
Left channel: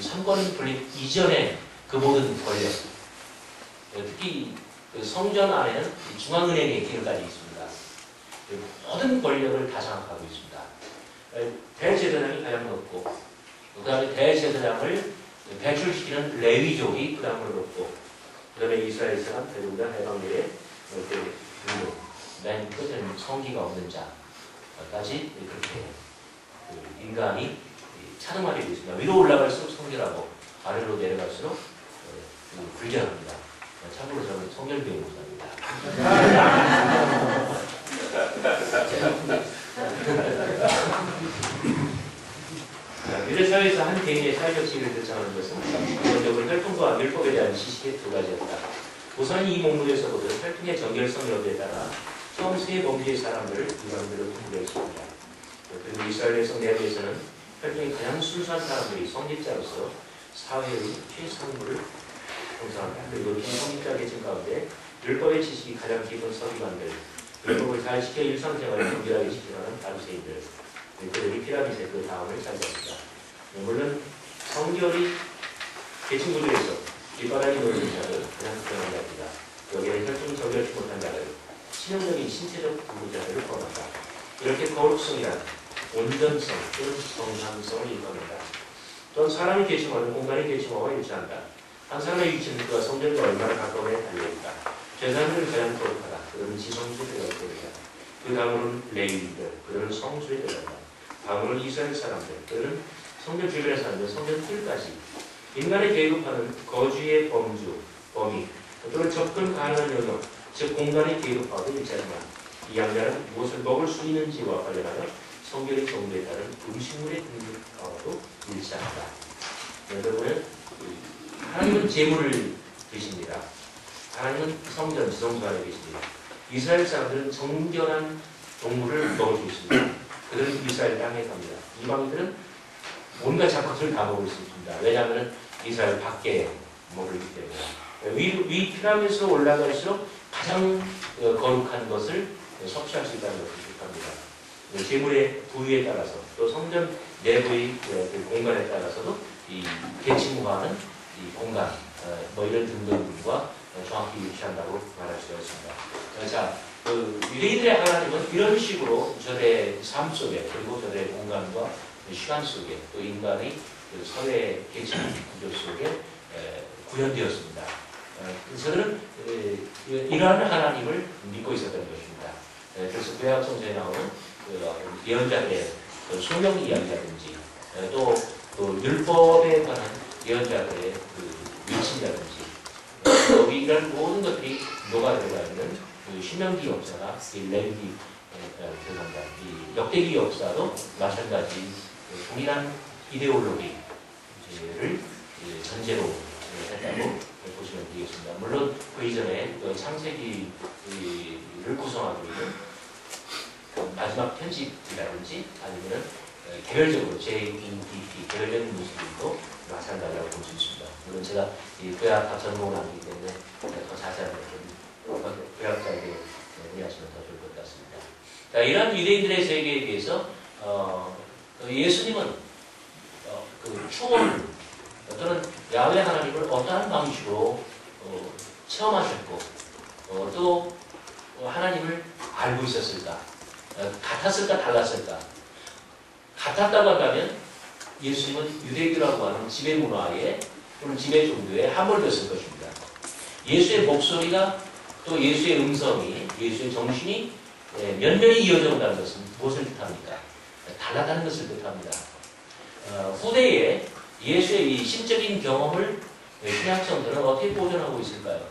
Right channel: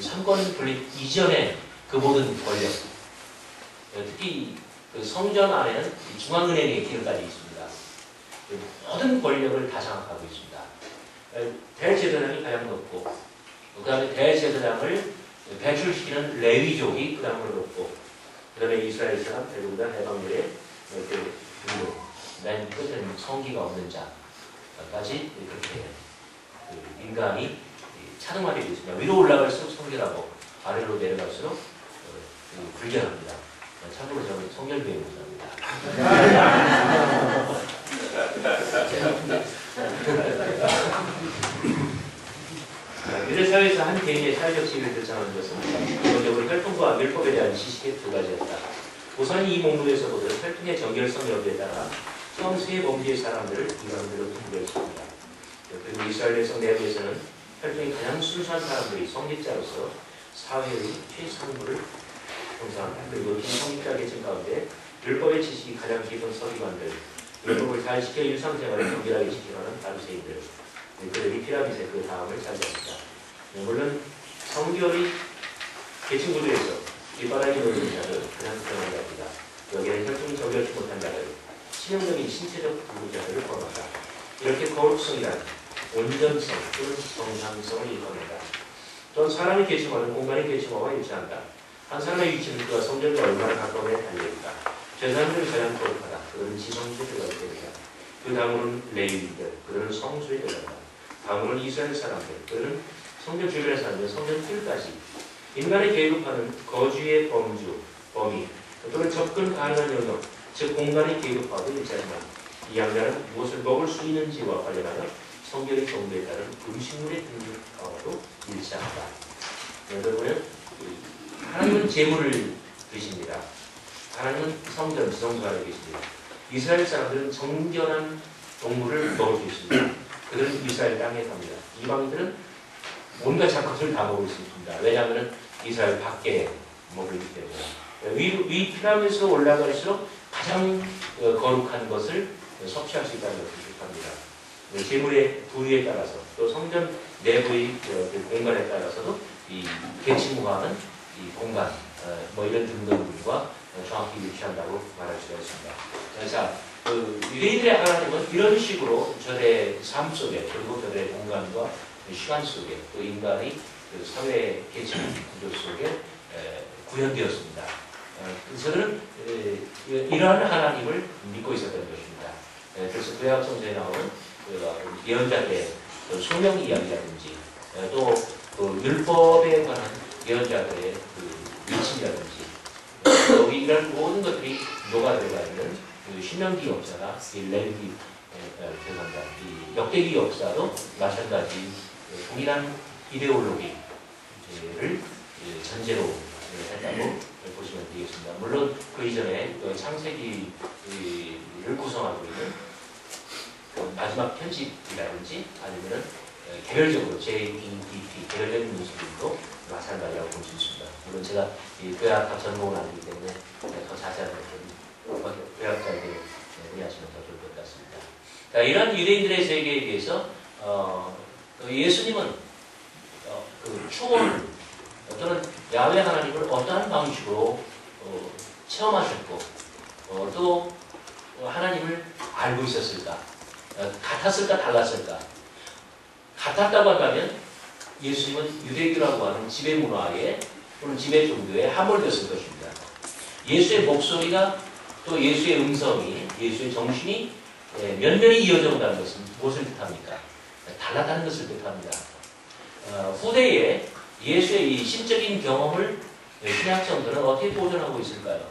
삼권 분립 이전에 그 모든 권력, 특히 그 성전 안에는 중앙은행의 기능까지 있습니다. 모든 권력을 다 장악하고 있습니다. 대제사장이 가장 높고, 그 다음에 대제사장을 배출시키는 레위족이 그 다음으로 높고, 그 다음에 이스라엘 사람, 대부분 해방들의 이렇게 등록, 맨 끝에는 성기가 없는 자까지 그렇게 그 인간이 차등하게 되어 있습니다. 위로 올라갈수록 성결하고 아래로 내려갈수록 불결합니다. 참고로 저는 성결교회 목사입니다. 유대 사회에서 한 개인의 사회적 지위를 결정하는 것은 기본적으로 혈통과 율법에 대한 지식의 두 가지였다. 우선 이 목록에서 보듯 혈통의 정결성 여부에 따라 처음 세 범주의 사람들을 이방인들로 분류했습니다. 그리고 이스라엘 백성 내부에서는 혈통이 가장 순수한 사람들이 성직자로서 사회의 최상부를 형성한다. 그리고 비성직자 계층 가운데 율법의 지식이 가장 깊은 서기관들, 율법을 잘 지켜 일상생활을 정결하게 지켜가는 바리새인들, 그들이 피라미드의 그 다음을 차지합니다. 물론 성결이 계층 구조에서 뒷바닥이 놓이는 자를 그냥 표현합니다. 여기에 혈통이 정결치 못한 자를 치명적인 신체적 부부자들을 포함한다. 이렇게 거룩성이란 온전성 또는 정상성을 일컫는다. 또한 사람의 계층화는 공간의 계층화와 일치한다. 한 사람의 위치는 그가 성전과 얼마나 가까움에 달려있다. 저 사람들은 가장 거룩하다. 그들은 지성소에 들어가게 됩니다. 그 다음으로는 레위인들, 그들은 성소에 들어간다. 다음으로는 이스라엘 사람들, 그들은 성전 주변에 사는 성전 뜰까지 인간의 계급화는 거주의 범주, 범위 또는 접근 가능한 영역, 즉 공간의 계급화도 일치하지만 이 양자는 무엇을 먹을 수 있는지와 관련하여 성결의 정도에 따른 음식물의 등급과도 일치한다. 여러분은 하나님은 재물을 드십니다. 하나님은 성전, 지성소 안에 계십니다. 이스라엘 사람들은 정결한 동물을 먹을 수 있습니다. 그들은 이스라엘 땅에 갑니다. 이방인들은 온갖 잡것을 다 먹을 수 있습니다. 왜냐하면 이스라엘 밖에 먹기 때문에 위 피라미드로 올라갈수록 가장 거룩한 것을 섭취할 수 있다는 것을 뜻합니다. 재물의 부위에 따라서 또 성전 내부의 그 공간에 따라서도 이 계층화하는 이 공간 뭐 이런 등등과 정확히 일치한다고 말할 수가 있습니다. 자, 유대인들의 하나님은 이런 식으로 저들의 삶 속에 그리고 저들의 공간과 시간 속에 또 인간의 그 사회 계층 구조 속에 구현되었습니다. 저들은 이러한 하나님을 믿고 있었던 것입니다. 그래서 구약 성서에 나오는 예언자들의 소명 이야기라든지 또 율법에 관한 예언자들의 그 위치라든지 여기 이런 모든 것들이 녹아들어가 있는 그 신명기 역사가 이 레위기 이 역대기 역사도 마찬가지 동일한 이데올로기를 전제로 했다고 보시면 되겠습니다. 물론 그 이전에 창세기를 구성하고 있는 마지막 편집이라든지 아니면 개별적으로 JEDP 개별적인 문서들도 마찬가지라고 볼 수 있습니다. 물론 제가 이 구약학 전공은 아니기 때문에 더 자세한 것은 구약자에게 문의하시면 더 좋을 것 같습니다. 자, 이런 유대인들의 세계에 대해서 예수님은 그 초원을 또는 야훼 하나님을 어떠한 방식으로 체험하셨고 또 하나님을 알고 있었을까? 같았을까? 달랐을까? 같았다고 한다면 예수님은 유대교라고 하는 지배 문화에 또는 지배 종교에 함몰됐을 것입니다. 예수의 목소리가 또 예수의 음성이 예수의 정신이 면면이 이어져 온다는 것은 무엇을 뜻합니까? 달랐다는 것을 뜻합니다. 후대에 예수의 이 신적인 경험을 신약성들은 어떻게 보존하고 있을까요?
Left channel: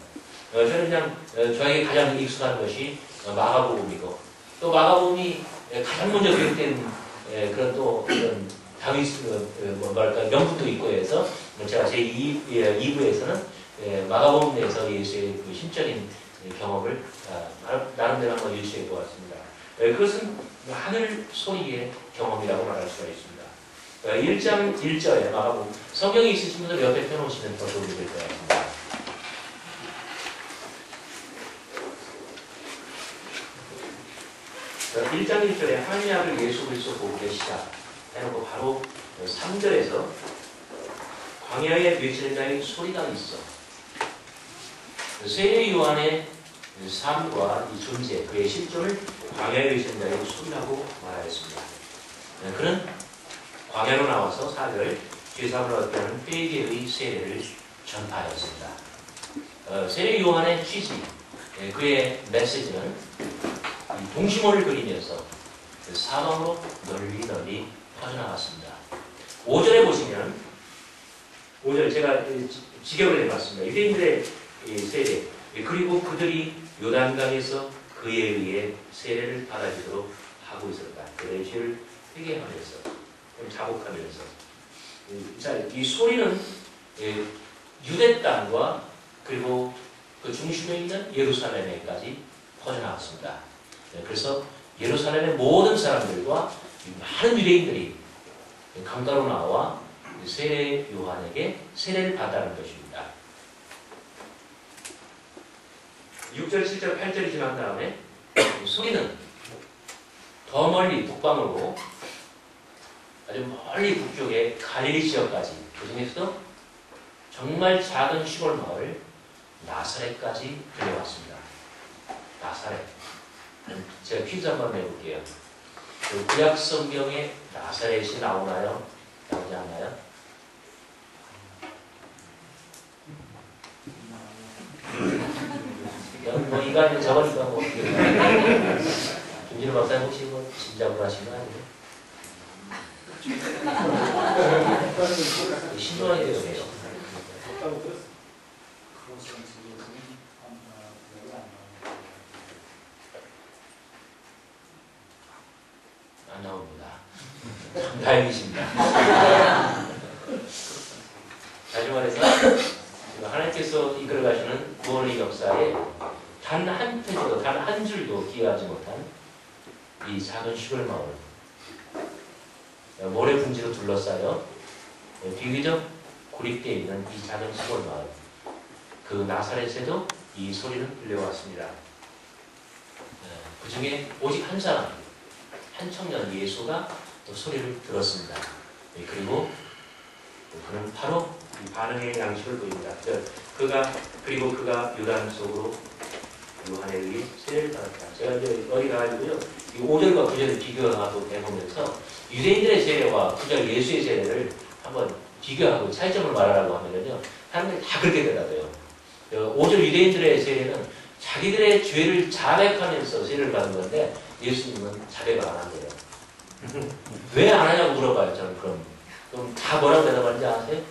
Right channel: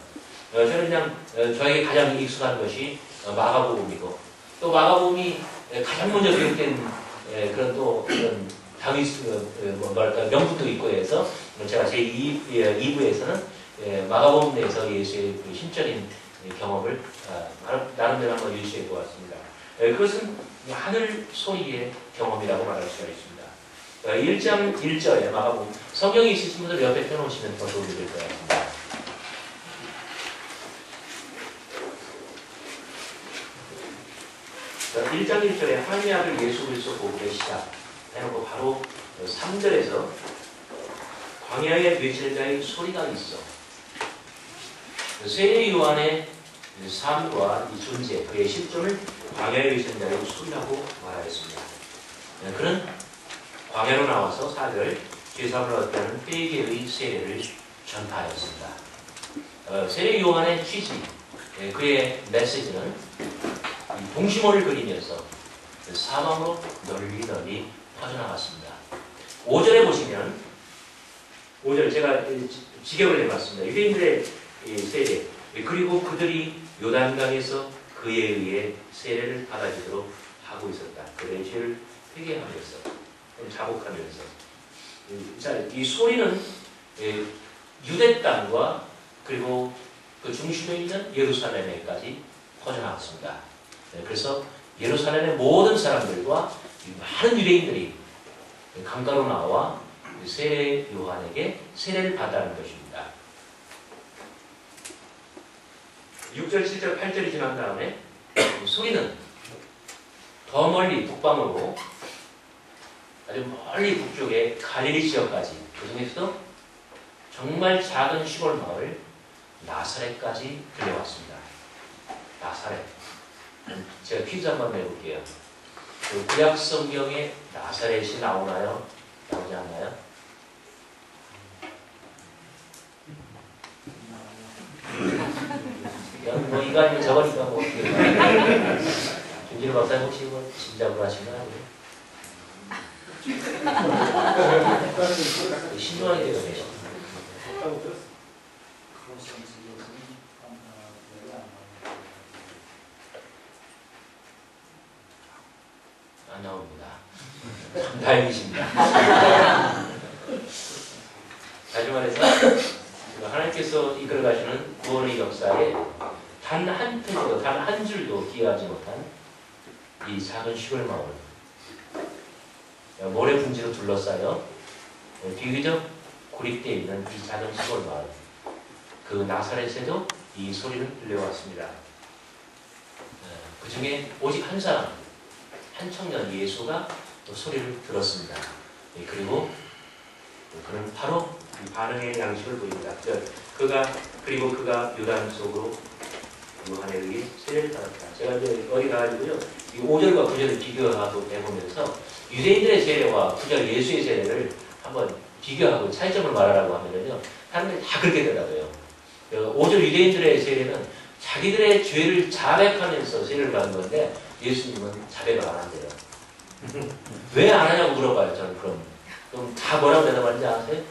저는 그냥 저에게 가장 익숙한 것이 마가복음이고 또 마가복음이 가장 먼저 기록된 그런 또 그런 다윗 뭐랄까 명분도 있고 해서 제가 제 2부에서는 마가복음 내에서 예수의 그 신적인 경험을 나름대로 한번 유추해 보았습니다. 그것은 하늘 소리의 경험이라고 말할 수가 있습니다. 1장 1절에 마가복음 성경이 있으신 분들 옆에 펴놓으시면 더 도움이 될 것 같습니다. 자, 1장 1절에 하나님의 아들 예수 그리스도 보고 계시다 해놓고 바로 3절에서 광야에 외치는 자의 소리가 있어. 세례 요한의 삶과 이 존재, 그의 실존을 광야에 외치는 자의 소리라고 말하였습니다. 그는 광야로 나와서 4절 죄사함을 얻게 하는 회개의 세례를 전파하였습니다. 세례 요한의 취지, 그의 메시지는 동심원을 그리면서 사방으로 널리 퍼져나갔습니다. 5절에 보시면 5절 제가 직역을 해봤습니다. 유대인들의 세례, 그리고 그들이 요단강에서 그에 의해 세례를 받아주도록 하고 있었다. 그들의 죄를 회개하면서 자복하면서. 자, 이 소리는 유대 땅과 그리고 그 중심에 있는 예루살렘에까지 퍼져나갔습니다. 그래서 예루살렘의 모든 사람들과 많은 유대인들이 강가로 나와 세례 요한에게 세례를 받았다는 것입니다. 6절, 7절, 8절이 지난 다음에 소리는 더 멀리 북방으로 아주 멀리 북쪽의 갈릴리 지역까지, 그 중에서도 정말 작은 시골 마을 나사렛까지 들려왔습니다. 나사렛. 제가 퀴즈 한번 내볼게요. 그 구약 성경에 나사렛이 나오나요? 나오지 않나요? 뭐 이간이 저거니까 뭐 어떻게 김진우 박사님 혹시 뭐 짐작을 하신 거 아니에요? 신중하게 되네요. 안 나옵니다. 참 다행이십니다. 다시 말해서 하나님께서 이끌어가시는 구원의 역사에 단 한 페이지도, 단 한 줄도 기여하지 못한 이 작은 시골 마을, 모래 분지로 둘러싸여 비교적 고립되어 있는 이 작은 시골 마을, 그 나사렛에도 이 소리는 들려왔습니다. 그 중에 오직 한 사람, 한 청년 예수가 또 소리를 들었습니다. 그리고 그는 바로 이 반응의 양식을 보입니다. 그리고 그가 요단 속으로 요한에 의해 세례를 받았다. 제가 이제 어디 가가지고요, 이 5절과 9절을 비교하고 해보면서 유대인들의 세례와 9절 예수의 세례를 한번 비교하고 차이점을 말하라고 하면은요, 사람들이 다 그렇게 되더라고요. 5절 유대인들의 세례는 자기들의 죄를 자백하면서 세례를 받는 건데, 예수님은 자백을 안 한대요. 왜 안 하냐고 물어봐요, 저는. 그럼 다 뭐라고 대답하는지 아세요?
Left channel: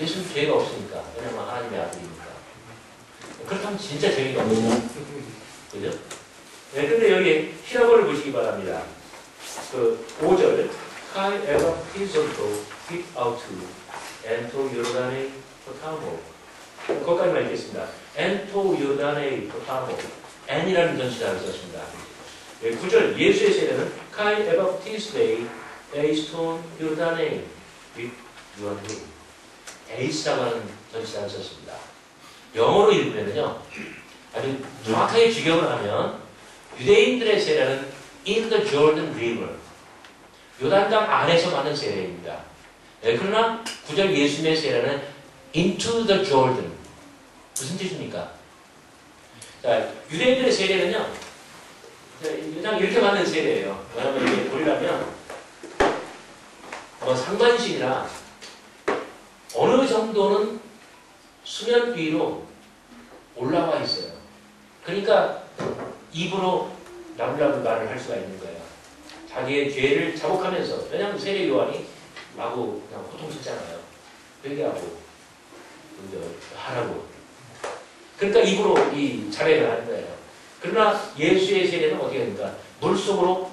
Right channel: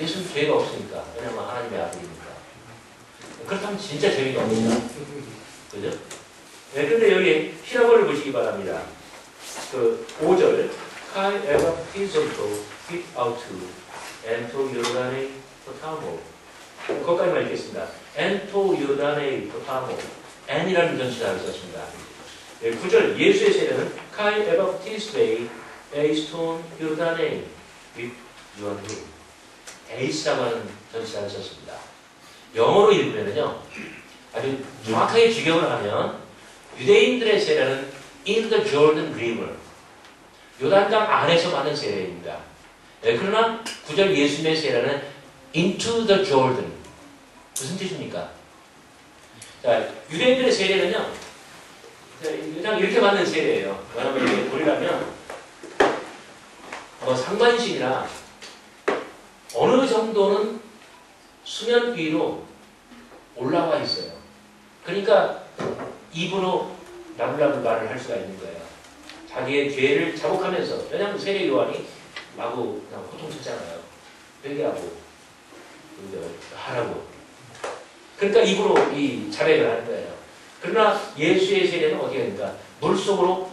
예수는 죄가 없으니까. 왜냐면 하나님의 아들이니까. 그렇다면 진짜 재미가 없죠. 그죠? 네, 근데 여기 히라보를 보시기 바랍니다. 그 5절. Kai ever pisoto fit out to, and to Yordane potamo. 거기까지만 읽겠습니다. And to Yordane potamo. N이라는 전치사를 썼습니다. 9절. 예수의 세례는 Kai ever pisday based on Yordane with Yordane. 에이스라고 하는 전치사를 썼습니다. 영어로 읽으면요, 아주 정확하게 직역을 하면 유대인들의 세례는 in the Jordan River, 요단강 안에서 받는 세례입니다. 그러나 9절 예수님의 세례는 into the Jordan. 무슨 뜻입니까? 자, 유대인들의 세례는요, 그냥 이렇게 받는 세례예요. 왜냐하면 이게 보려면 상반신이라 어느 정도는 수면 위로 올라와 있어요. 그러니까 입으로 나불나불 말을 할 수가 있는 거예요. 자기의 죄를 자복하면서. 왜냐하면 세례 요한이 마구 그냥 호통쳤잖아요. 회개하고 하라고. 그러니까 입으로 이 자백을 하는 거예요. 그러나 예수의 세례는 어떻게 됩니까? 물 속으로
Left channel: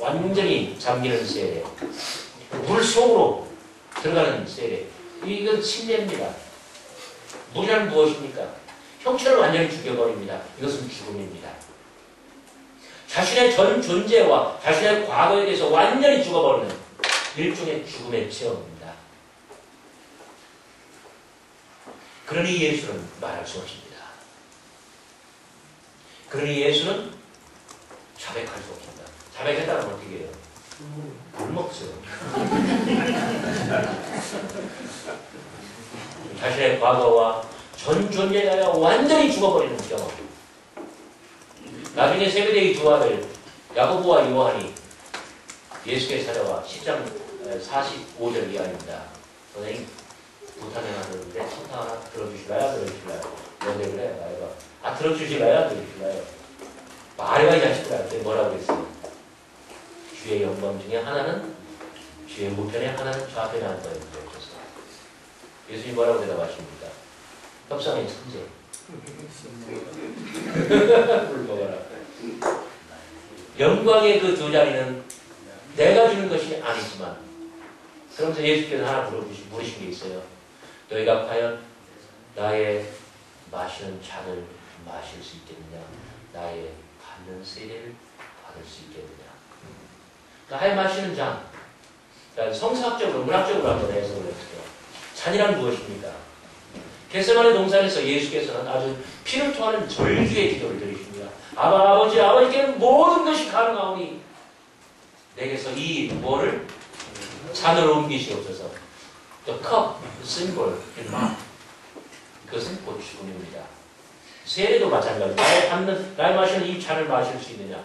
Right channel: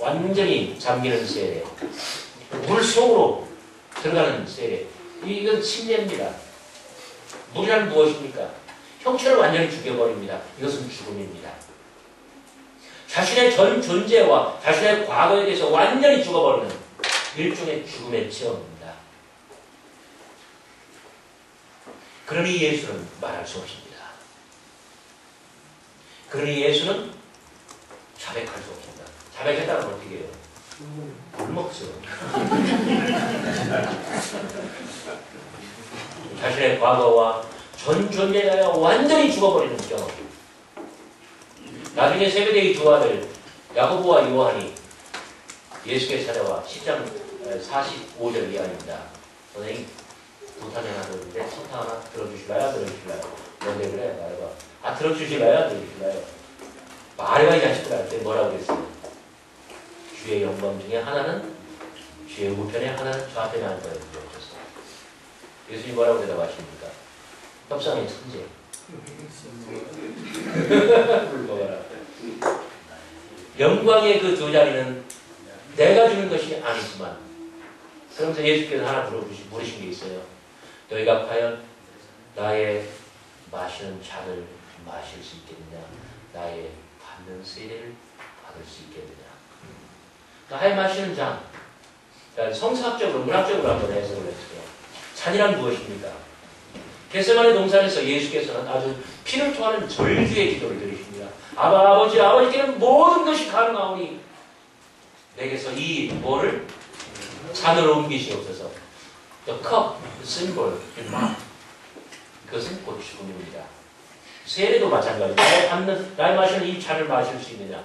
완전히 잠기는 세례. 물 속으로 들어가는 세례. 이건 침례입니다. 물이란 무엇입니까? 형체를 완전히 죽여버립니다. 이것은 죽음입니다. 자신의 전 존재와 자신의 과거에 대해서 완전히 죽어버리는 일종의 죽음의 체험입니다. 그러니 예수는 말할 수 없습니다. 그러니 예수는 자백할 수 없습니다. 자백했다면 어떻게 해요? 물 먹죠. 자신의 과거와 전 존재가 완전히 죽어버리는 경험. 나중에 세베대의 두 아들 야고보와 요한이 예수께 찾아와 10장 45절 이하입니다. 선생님, 부탁이 하나 들었는데 부탁 하나 들어주실래요? 들어주실래요? 뭔데 그래? 말해봐. 아 들어주실래요? 들어주실래요? 말해봐 이 자식들아. 그때 뭐라고 그랬어요? 주의 영광 중에 하나는 주의 우편에 하나는 좌편에 앉아 있는 거였어요. 예수님이 뭐라고 대답하십니까? 협상의 천재. 불먹어라. 영광의 그 두 자리는 내가 주는 것이 아니지만, 그러면서 예수께서 하나 물으신 게 있어요. 너희가 과연 나의 마시는 잔을 마실 수 있겠느냐? 나의 받는 세례를 받을 수 있겠느냐? 나의 마시는 잔. 성사학적으로, 문학적으로 한번 해석을 해주세요. 잔이란 무엇입니까? 겟세마네 동산에서 예수께서는 아주 피를 토하는 절규의 기도를 드리십니다. 아버지께는 모든 것이 가능하오니 내게서 이 뭐를 잔을 옮기시옵소서. The cup, the symbol, in mouth. 그것은 곧 죽음입니다. 세례도 마찬가지입니다. 나의 마시는 이 잔을 마실 수 있느냐?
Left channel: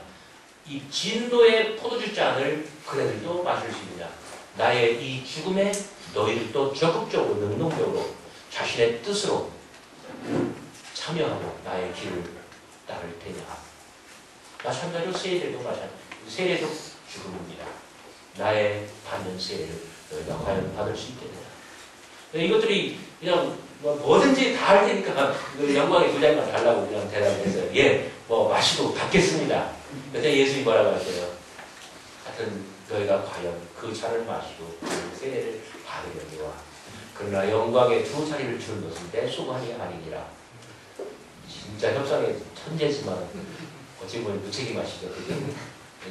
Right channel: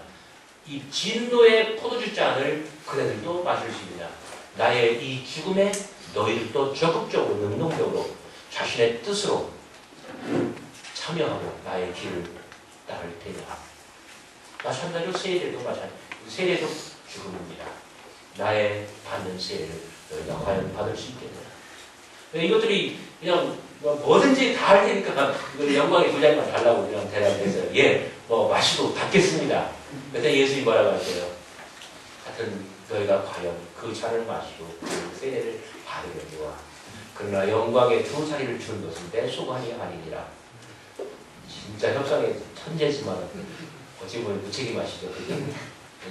이 진노의 포도주 잔을 그네들도 마실 수 있느냐? 나의 이 죽음에 너희들도 적극적으로 능동적으로 자신의 뜻으로 참여하고 나의 길을 따를 테냐? 마찬가지로 세례도 마찬가지. 세례도 죽음입니다. 나의 받는 세례를 너희가 과연 받을 수 있겠느냐? 이것들이 그냥 뭐든지 다 할 테니까 영광의 두 자리만 달라고 그냥 대답했어요. 예, 마시고 받겠습니다. 그때 예수님이 뭐라고 하세요? 하여튼 너희가 과연 그 잔을 마시고 그 세례를 받으려니와 그러나 영광의 두 자리를 주는 것은 내 소관이 아니니라. 진짜 협상의 천재지만 어찌 보면 무책임하시죠.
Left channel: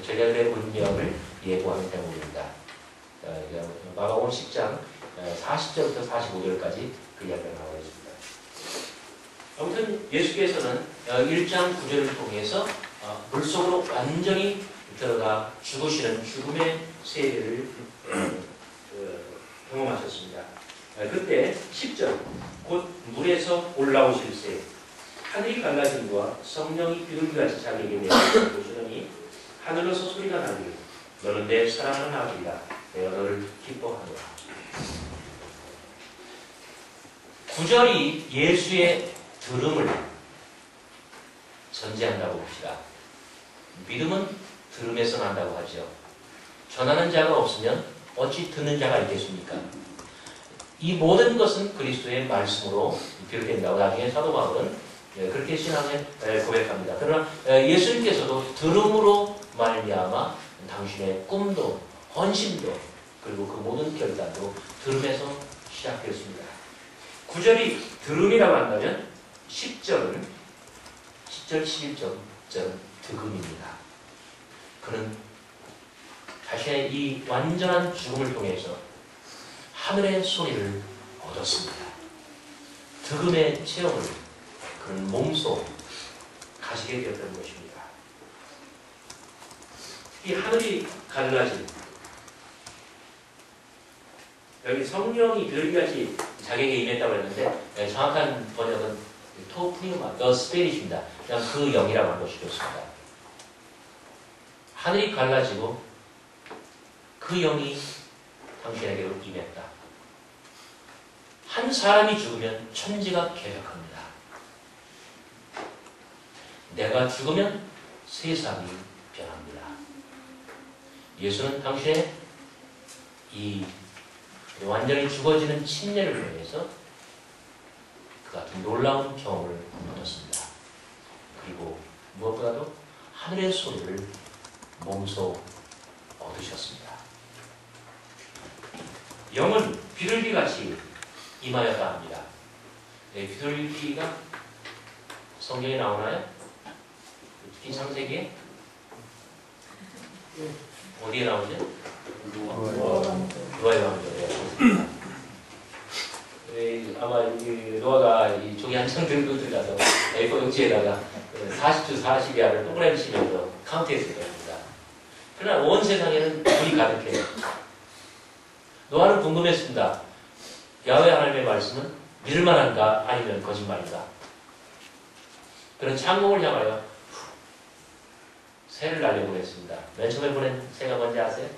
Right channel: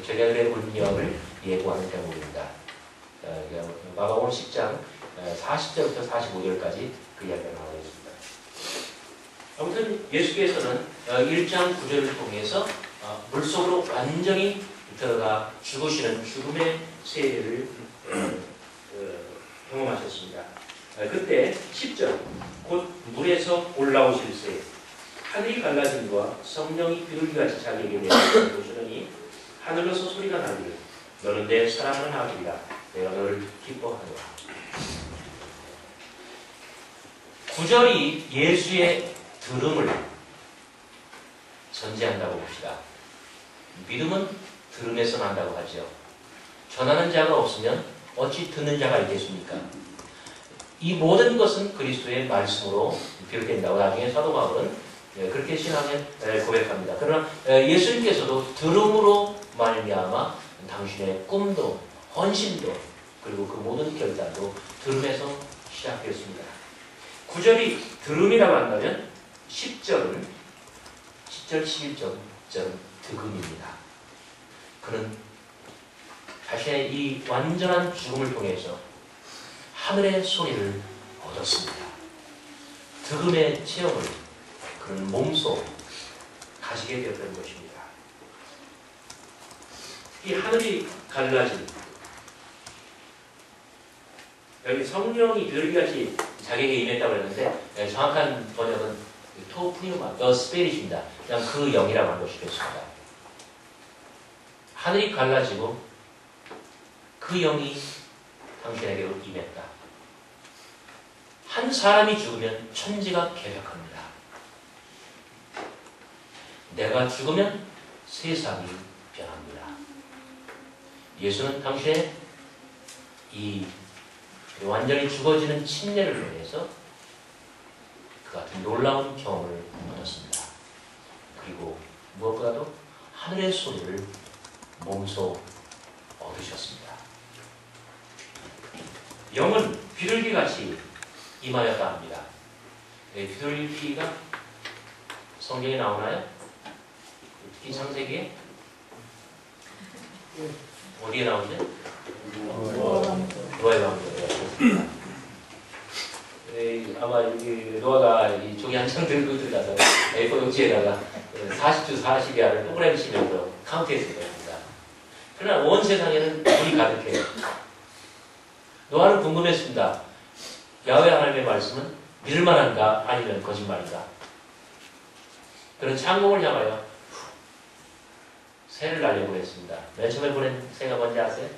전략의 운명을 예고하는 대목입니다. 마가복음 10장 40절부터 45절까지 그 이야기를 나오겠습니다. 아무튼 예수께서는 1장 9절을 통해서 물속으로 완전히 들어가 죽으시는 죽음의 세례를 경험하셨습니다. 그때 10절 곧 물에서 올라오실 새 하늘이 갈라짐과 성령이 비둘기같이 자기에게 내려오시더니 하늘로서 소리가 나기를 너는 내 사랑하는 아들이라 내가 너를 기뻐하노라. 9절이 예수의 들음을 전제한다고 봅시다. 믿음은 들음에서 난다고 하죠. 전하는 자가 없으면 어찌 듣는 자가 있겠습니까? 이 모든 것은 그리스도의 말씀으로 비롯된다고 나중에 사도 바울은 그렇게 신앙을 고백합니다. 그러나 예수님께서도 들음으로 말미암아 당신의 꿈도 헌신도 그리고 그 모든 결단도 들음에서 시작되었습니다. 9절이 들음이라고 한다면 10절, 11절은 득음입니다. 그는 자신의 이 완전한 죽음을 통해서 하늘의 소리를 얻었습니다. 득음의 체험을 그는 몸소 가지게 되었던 것입니다. 이 하늘이 갈라진 여기 성령이 비둘기같이 자기에게 임했다고 했는데 정확한 번역은 토프니우마, the spirit입니다. 그냥 그 영이라고 한 것이겠습니다. 하늘이 갈라지고 그 영이 당신에게로 임했다. 한 사람이 죽으면 천지가 개벽합니다. 내가 죽으면 세상이 변합니다. 예수는 당신의 이 완전히 죽어지는 침례를 통해서 그 같은 놀라운 경험을 얻었습니다. 그리고 무엇보다도 하늘의 소리를 몸소 얻으셨습니다. 영은 비둘기같이 임하였다 합니다. 비둘기가 성경에 나오나요? 특히 창세기에? 어디에 나오죠? 노아의 왕조예요. 아마 여기 노아가 이 종이 한 장 들고 들어가서 A4 용지에다가 40주 40야를 동그라미 치면서 카운트했을 겁니다. 그러나 온 세상에는 물이 가득해요. 노아는 궁금했습니다. 야훼 하나님의 말씀은 믿을만한가 아니면 거짓말인가? 그런 창공을 향하여 새를 날려보냈습니다. 맨 처음에 보낸 새가 뭔지 아세요?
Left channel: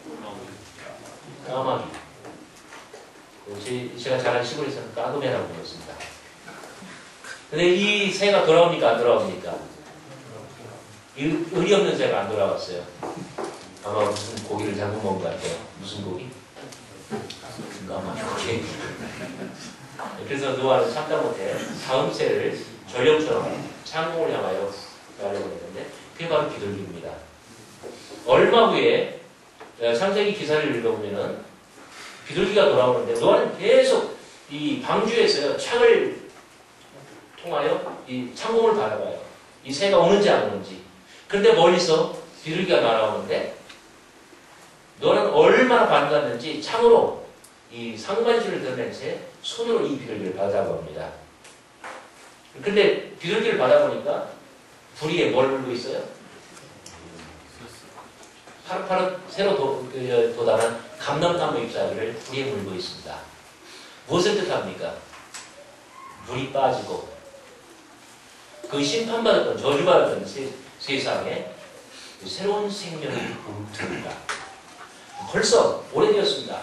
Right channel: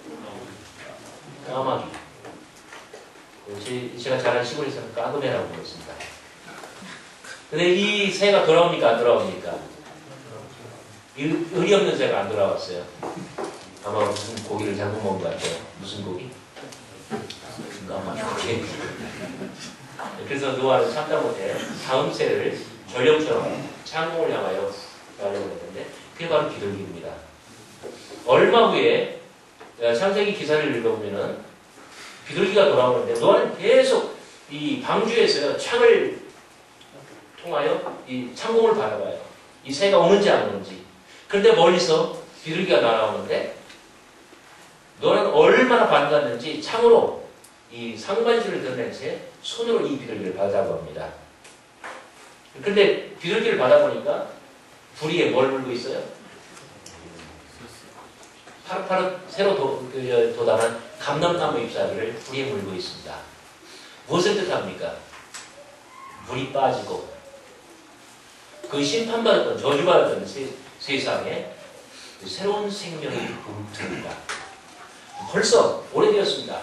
까마귀. 제가 자란 시골에서는 까그메라고 불렀습니다. 근데 이 새가 돌아옵니까? 안 돌아옵니까? 이 의리 없는 새가 안 돌아왔어요. 아마 무슨 고기를 잘못 먹은 것 같아요. 무슨 고기? 아마 고기. 그래서 노아는 참다 못해 다음 새를 전령처럼 창공을 향하여 가려고 했는데 그게 바로 비둘기입니다. 얼마 후에 창세기 기사를 읽어보면은 비둘기가 돌아오는데 노아는 계속 이 방주에서 창을 통하여 이 창공을 바라봐요. 이 새가 오는지 안 오는지. 그런데 멀리서 비둘기가 날아오는데 노아는 얼마나 반갑는지 창으로 이 상반신을 드러낸 채 손으로 이 비둘기를 받아봅니다. 근데 비둘기를 받아보니까 부리에 뭘 물고 있어요? 파릇파릇 새로 도달한 감람나무 잎사귀를 부리에 물고 있습니다. 무엇을 뜻합니까? 물이 빠지고 그 심판받았던 저주받았던 세상에 새로운 생명이 붐듭니다. 벌써 오래되었습니다.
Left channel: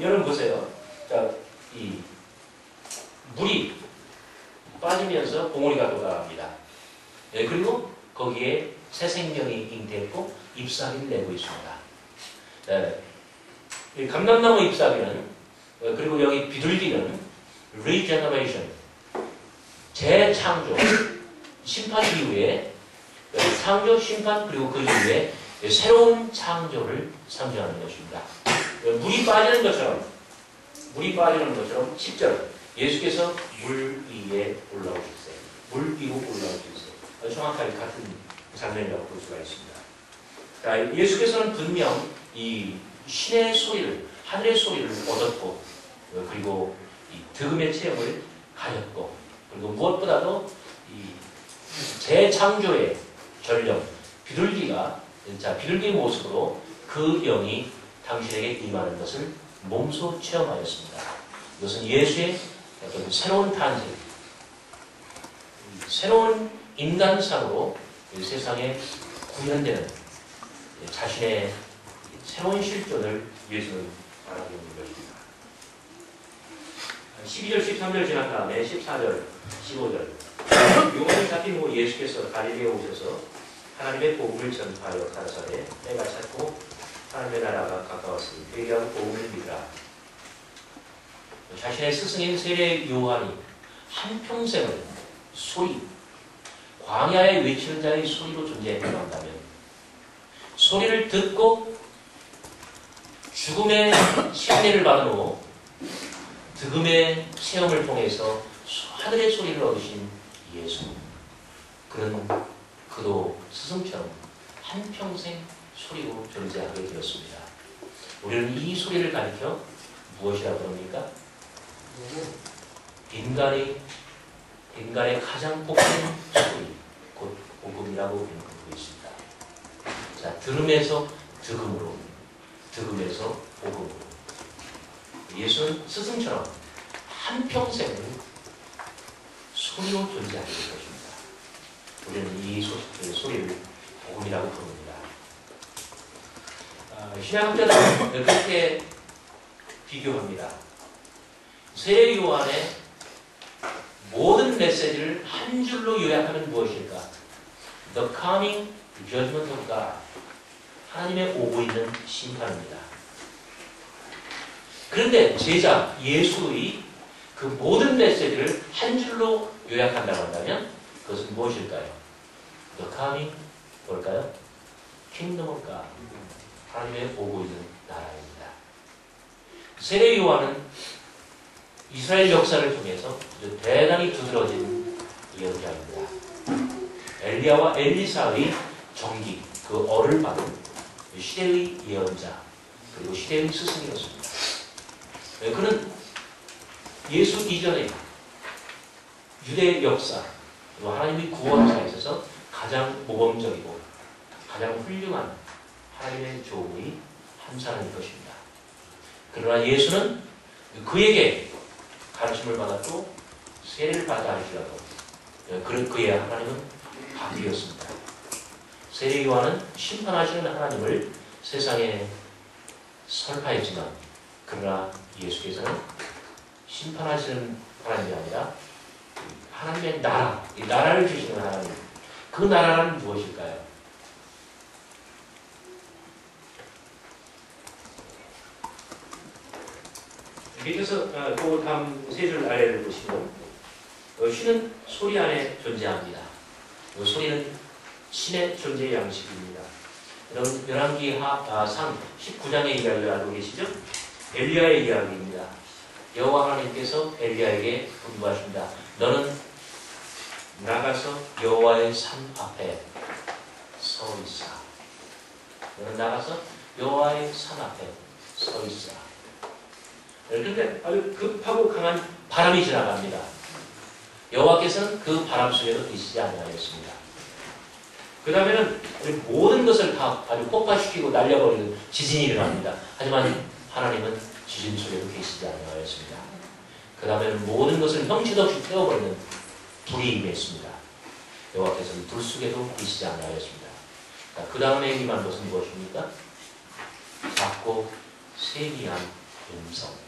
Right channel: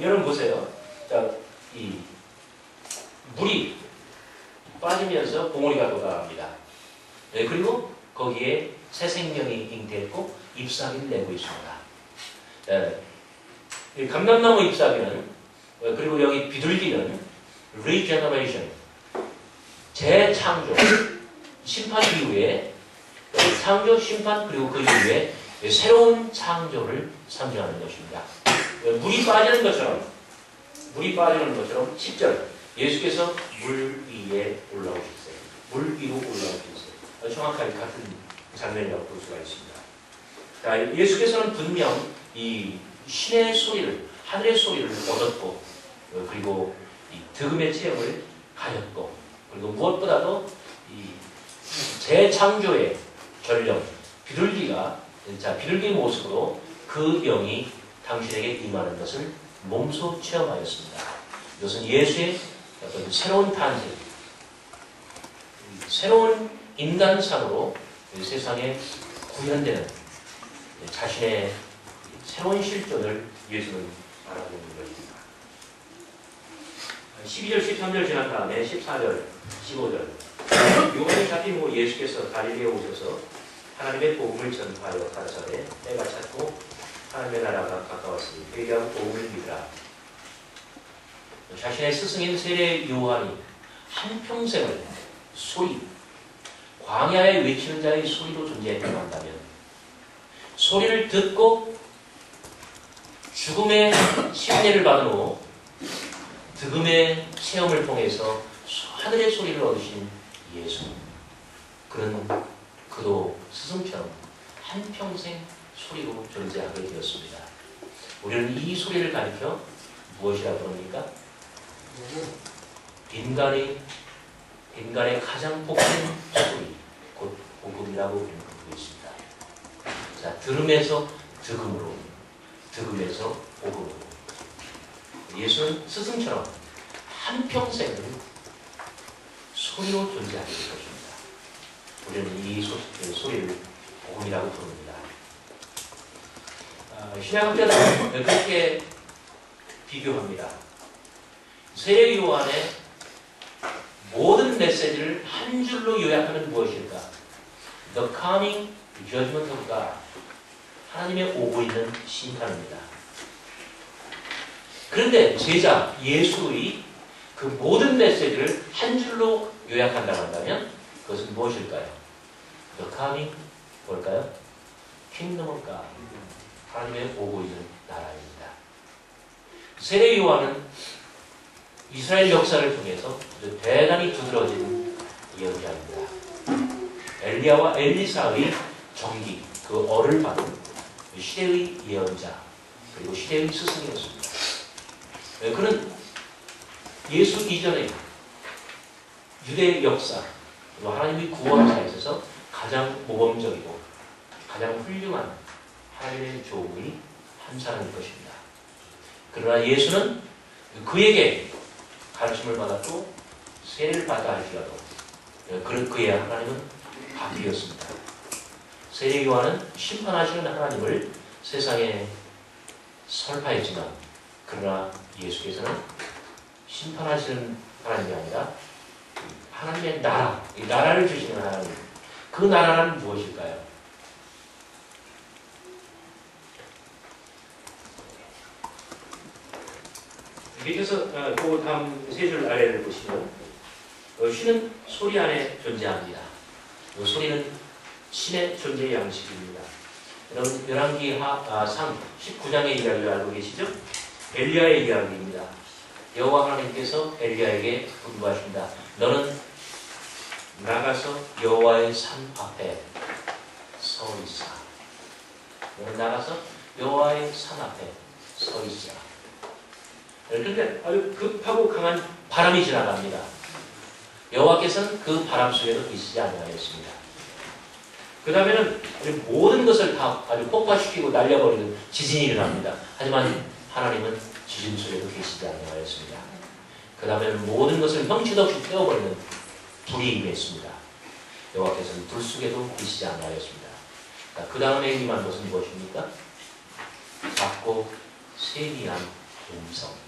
여러분 보세요. 자, 이 물이 빠지면서 봉우리가 도달합니다. 네, 그리고 거기에 새 생명이 잉태했고 잎사귀를 내고 있습니다. 네, 감람나무 잎사귀는 그리고 여기 비둘기는 regeneration, 재창조, 심판 이후에 창조, 심판 그리고 그 이후에 새로운 창조를 상징하는 것입니다. 물이 빠지는 것처럼 10절 예수께서 물 위에 올라오셨어요. 물 위로 올라오셨어요. 정확하게 같은 장면이라고 볼 수가 있습니다. 자, 예수께서는 분명 이 신의 소리를, 하늘의 소리를 얻었고, 그리고 이 득음의 체험을 가졌고, 그리고 무엇보다도 이 재창조의 전령, 비둘기의 모습으로 그 영이 당신에게 임하는 것을 몸소 체험하였습니다. 이것은 예수의 어떤 새로운 탄생, 새로운 인간상으로 세상에 구현되는 자신의 새로운 실존을 예수는 말하고 있는 것입니다. 12절, 13절 지난 다음에 14절, 15절 요한이 잡힌 후 예수께서 갈릴리에 오셔서 하나님의 복음을 전파하여 가라사대 때가 찼고 하나님의 나라가 가까웠으니 회개하고 복음을 믿으라. 자신의 스승인 세례 요한이 한평생을 소리, 광야에 외치는 자의 소리로 존재했다고 한다면 소리를 듣고 죽음의 침례를 받은 후 득음의 체험을 통해서 하늘의 소리를 얻으신 예수, 그도 스승처럼 한평생 소리로 존재하게 되었습니다. 우리는 이 소리를 가리켜 무엇이라고 부릅니까? 인간의 가장 복된 소리, 곧 복음이라고 우리는 부르고 있습니다. 자, 들음에서 득음으로, 득음에서 복음으로. 예수는 스승처럼 한평생을 소리로 존재하게 될 것입니다. 우리는 이 소리를 복음이라고 부릅니다. 신약학자들은 그렇게 비교합니다. 세례 요한의 모든 메시지를 한 줄로 요약하면 무엇일까? The coming judgment of God. 하나님의 오고 있는 심판입니다. 그런데 제자 예수의 그 모든 메시지를 한 줄로 요약한다고 한다면 그것은 무엇일까요? The coming 뭘까요? Kingdom of God. 하나님의 오고 있는 나라입니다. 세례 요한은 이스라엘 역사를 통해서 대단히 두드러진 예언자입니다. 엘리야와 엘리사의 정기, 그 얼을 받은 시대의 예언자, 그리고 시대의 스승이었습니다. 그는 예수 이전에 유대 역사, 그리고 하나님의 구원사에 있어서 가장 모범적이고 가장 훌륭한 하나님의 종의 한 사람일 것입니다. 그러나 예수는 그에게 가르침을 받았고 세례를 받아 할지라도 그의 하나님은 바뀌었습니다. 세례 요한은 심판하시는 하나님을 세상에 설파했지만 그 그러나 예수께서는 심판하시는 하나님이 아니라 하나님의 나라, 이 나라를 주시는 하나님. 그 나라는 무엇일까요? 밑에서 그 다음 세 줄 아래를 보시면 쉬는 소리 안에 존재합니다. 이 소리는 신의 존재 양식입니다. 여러분 열왕기 상 19장의 이야기를 알고 계시죠? 엘리야의 이야기입니다. 여호와 하나님께서 엘리야에게 분부하십니다. 너는 나가서 여호와의 산 앞에 서 있어. 너는 나가서 여호와의 산 앞에 서 있어. 그런데 아주 급하고 강한 바람이 지나갑니다. 여호와께서는 그 바람 속에도 계시지 아니하였습니다. 그 다음에는 모든 것을 다 아주 폭파시키고 날려버리는 지진이 일어납니다. 하지만 하나님은 지진 속에도 계시지 아니하였습니다. 그 다음에는 모든 것을 형체도 없이 태워버리는 불이 임했습니다. 여호와께서는 불 속에도 계시지 아니하였습니다. 그 다음에 임한 것은 무엇입니까? 작고 세미한 음성.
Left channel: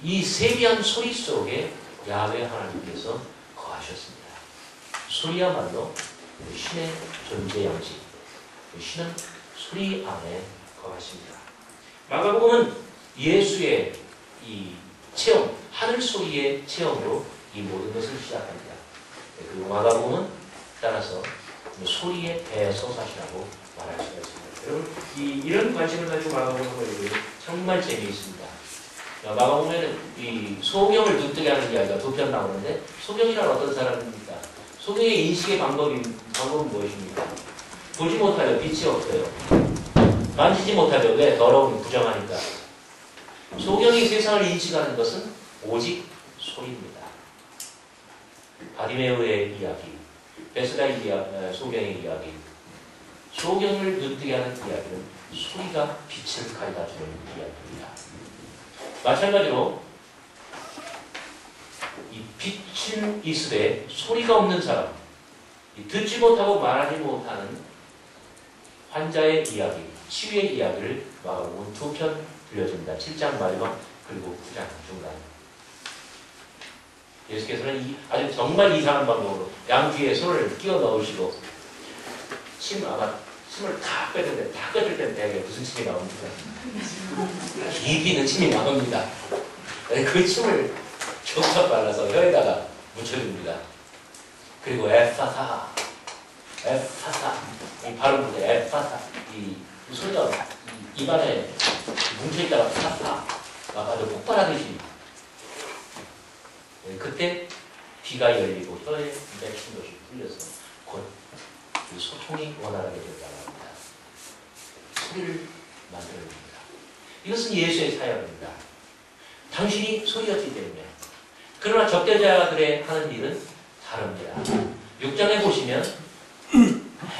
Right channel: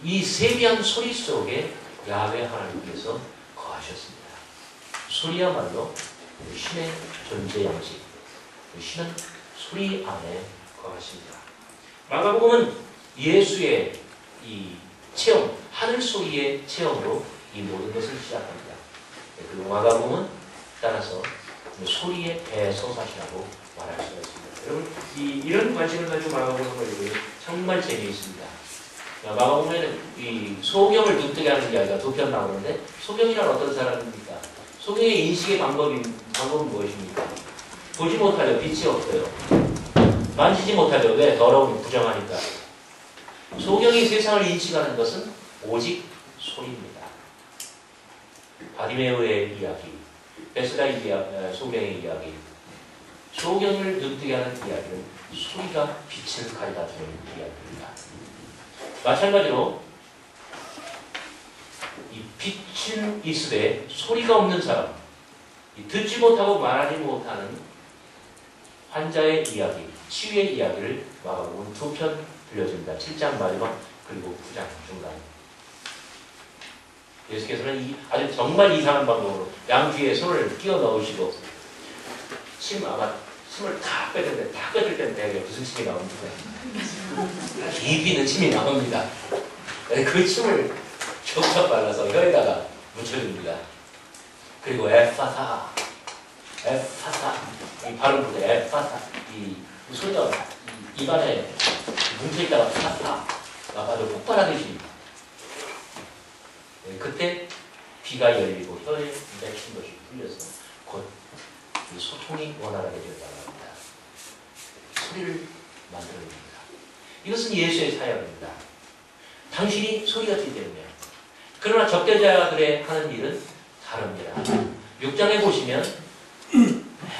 이 세미한 소리 속에 야훼 하나님께서 거하셨습니다. 소리야말로 신의 존재 양식, 신은 소리 안에 거하십니다. 마가복음은 예수의 이 체험, 하늘 소리의 체험으로 이 모든 것을 시작합니다. 그리고 마가복음은 따라서 소리의 대서사시라고 말할 수가 있습니다. 여러분 이런 관심을 가지고 마가복음을 읽으면 정말 재미있습니다. 마가복음에는 이 소경을 눈뜨게 하는 이야기가 두 편 나오는데 소경이란 어떤 사람입니까? 소경의 인식의 방법은 무엇입니까? 보지 못하려 빛이 없어요. 만지지 못하려 왜? 더러운 부정하니까. 소경이 세상을 인식하는 것은 오직 소리입니다. 바디메오의 이야기, 베스다 소경의 이야기, 소경을 눈뜨게 하는 이야기는 소리가 빛을 가져다주는 이야기입니다. 마찬가지로 이 빛은 있으되 소리가 없는 사람, 듣지 못하고 말하지 못하는 환자의 이야기, 치유의 이야기를 마가복음은 두 편 들려줍니다. 7장 마지막 그리고 9장 중간. 예수께서는 아주 정말 이상한 방법으로 양귀에 손을 끼워 넣으시고 침을 다 뺏을 때는 대개 무슨 침이 나옵니까? 깊이 있는 침이 나옵니다. 그 침을 촉촉 발라서 혀에다가 묻혀줍니다. 그리고 에파사 이 발음부터 에파사 이 소리가 입안에 뭉쳐있다가 파사 아주 폭발하듯이 그때 귀가 열리고 혀에 맺힌 것이 풀려서 곧 소통이 원활하게 되었다고 합니다. 소리를 만들어냅니다. 이것은 예수의 사역입니다. 당신이 소리였기 때문에. 그러나 적대자들의 하는 일은 다릅니다. 6장에 보시면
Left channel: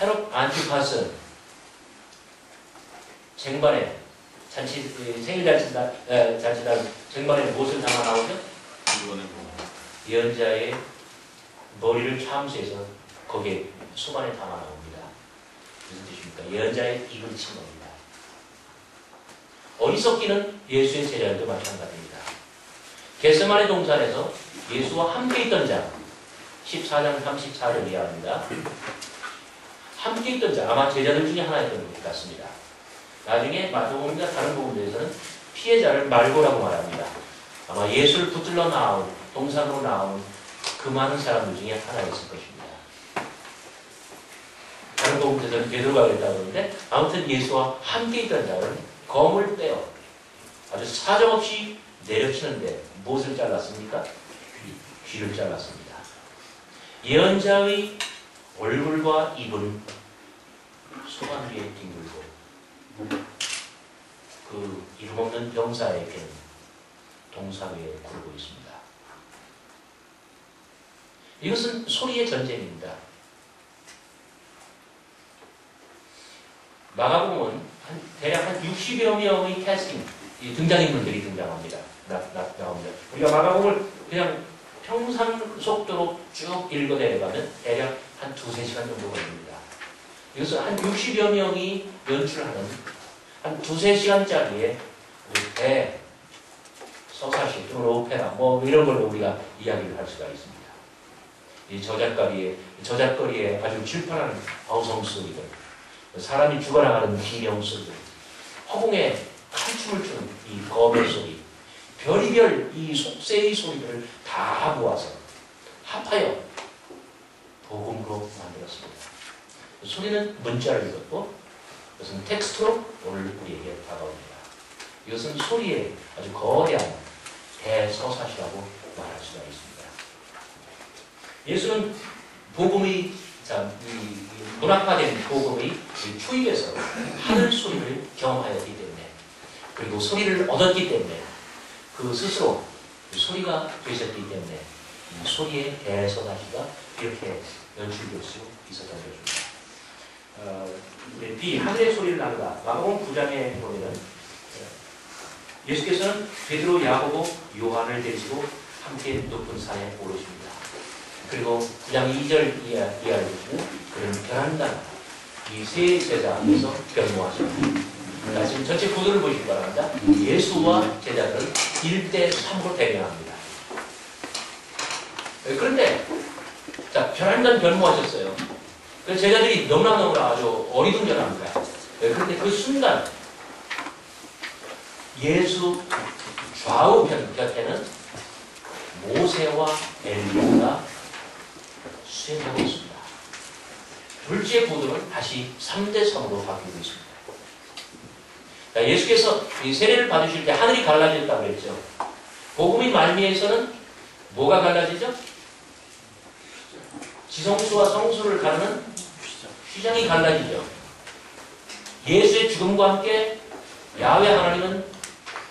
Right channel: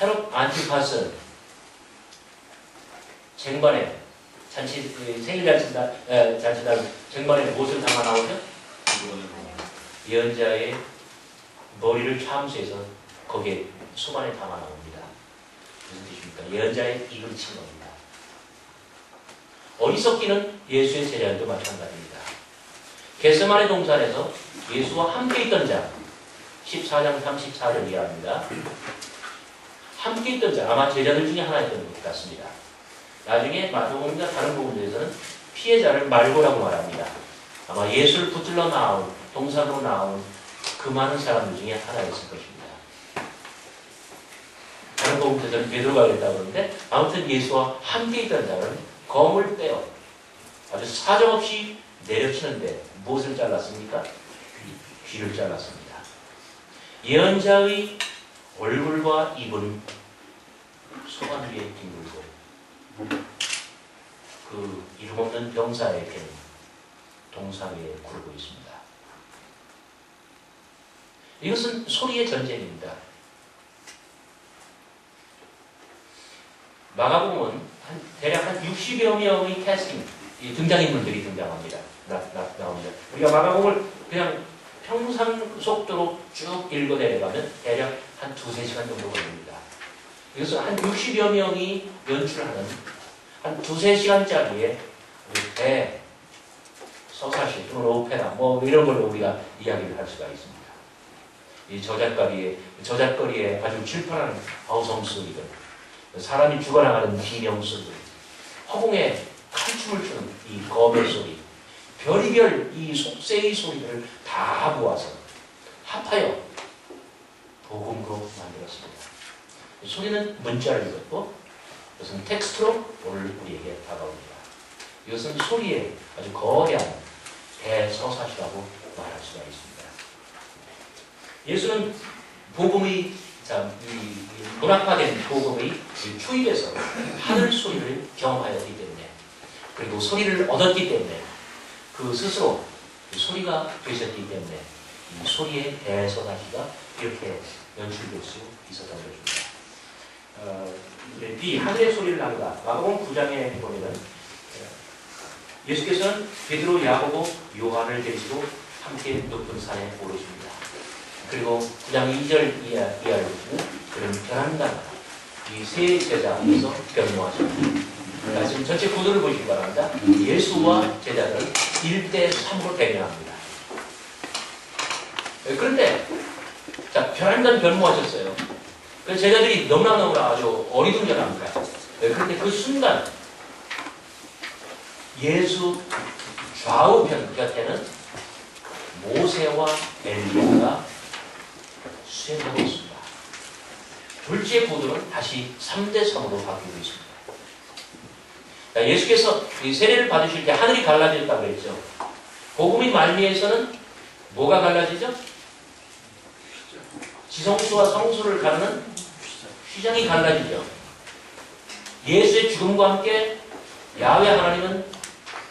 헤롯 안티파스 쟁반에 생일 잔치날 쟁반에 무엇을 담아 나오죠? 예언자의 머리를 참수해서 거기에 수반에 담아 나옵니다. 무슨 뜻입니까? 예언자의 입을 친 겁니다. 어리석기는 예수의 제자들도 마찬가지입니다. 겟세마네 동산에서 예수와 함께 있던 자 14장 34절 이하입니다. 함께 있던 자 아마 제자들 중에 하나였던 것 같습니다. 나중에 마태복음과 다른 부분들에서는 피해자를 말고라고 말합니다. 아마 예수를 붙들러 나온 동산으로 나온 그 많은 사람들 중에 하나였을 것입니다. 다른 부분들에서는 베드로가 그랬다고 하는데 아무튼 예수와 함께 있던 자는 검을 떼어 아주 사정없이 내려치는데 무엇을 잘랐습니까? 귀를 잘랐습니다. 예언자의 얼굴과 입은 소관 위에 뒹굴고 그 이름 없는 병사에게는 동상 위에 굴고 있습니다. 이것은 소리의 전쟁입니다. 마가복음은 대략 한 60여 명의 캐스팅, 등장인물들이 등장합니다. 나옵니다. 우리가 마가복음을 그냥 평상 속도로 쭉 읽어내려가면 대략 한 2-3시간 정도 걸립니다. 이것은 한 60여 명이 연출하는 한 2-3시간짜리의 배, 서사시 또는 오페라 뭐 이런 걸로 우리가 이야기를 할 수가 있습니다. 이 저잣거리에 아주 질펀한 어성 소리들, 사람이 죽어나가는 비명 소리들, 허공에 칼춤을 추는 이 검의 소리, 별이별 이 속세의 소리들을 다 모아서 합하여 복음으로 만들었습니다. 소리는 문자를 읽었고 이것은 텍스트로 오늘 우리에게 다가옵니다. 이것은 소리의 아주 거대한 대서사시라고 말할 수가 있습니다. 예수는 복음의 이 문학화된 복음의 초입에서 하늘 소리를 경험하였기 때문에, 그리고 소리를 얻었기 때문에, 그 스스로 소리가 되셨기 때문에 이 소리의 대서사시가 이렇게 연출될 수 있었던 것입니다. 이 하늘의 소리를 나누다 마가복음 9장에 보면은 예수께서는 베드로, 야고보, 요한을 데리시고 함께 높은 산에 오르십니다. 그리고 9장 2절 이하를 보시면 그는 변한다. 이 세 제자 앞에서 변모하십니다. 지금 전체 구도를 보시기 바랍니다. 예수와 제자들은 1대3으로 대면합니다. 그런데 자, 변한다는 변모하셨어요. 그래서 제자들이 너무나 아주 어리둥절합니다. 그런데 그 순간 예수 좌우편 곁에는 모세와 엘리야가 수행하고 있습니다. 둘째 구도는 다시 3대3으로 바뀌고 있습니다. 자, 예수께서 이 세례를 받으실 때 하늘이 갈라졌다고 했죠. 복음의 말미에서는 뭐가 갈라지죠? 지성소와 성소를 가르는 휘장이 갈라지죠. 예수의 죽음과 함께 야훼 하나님은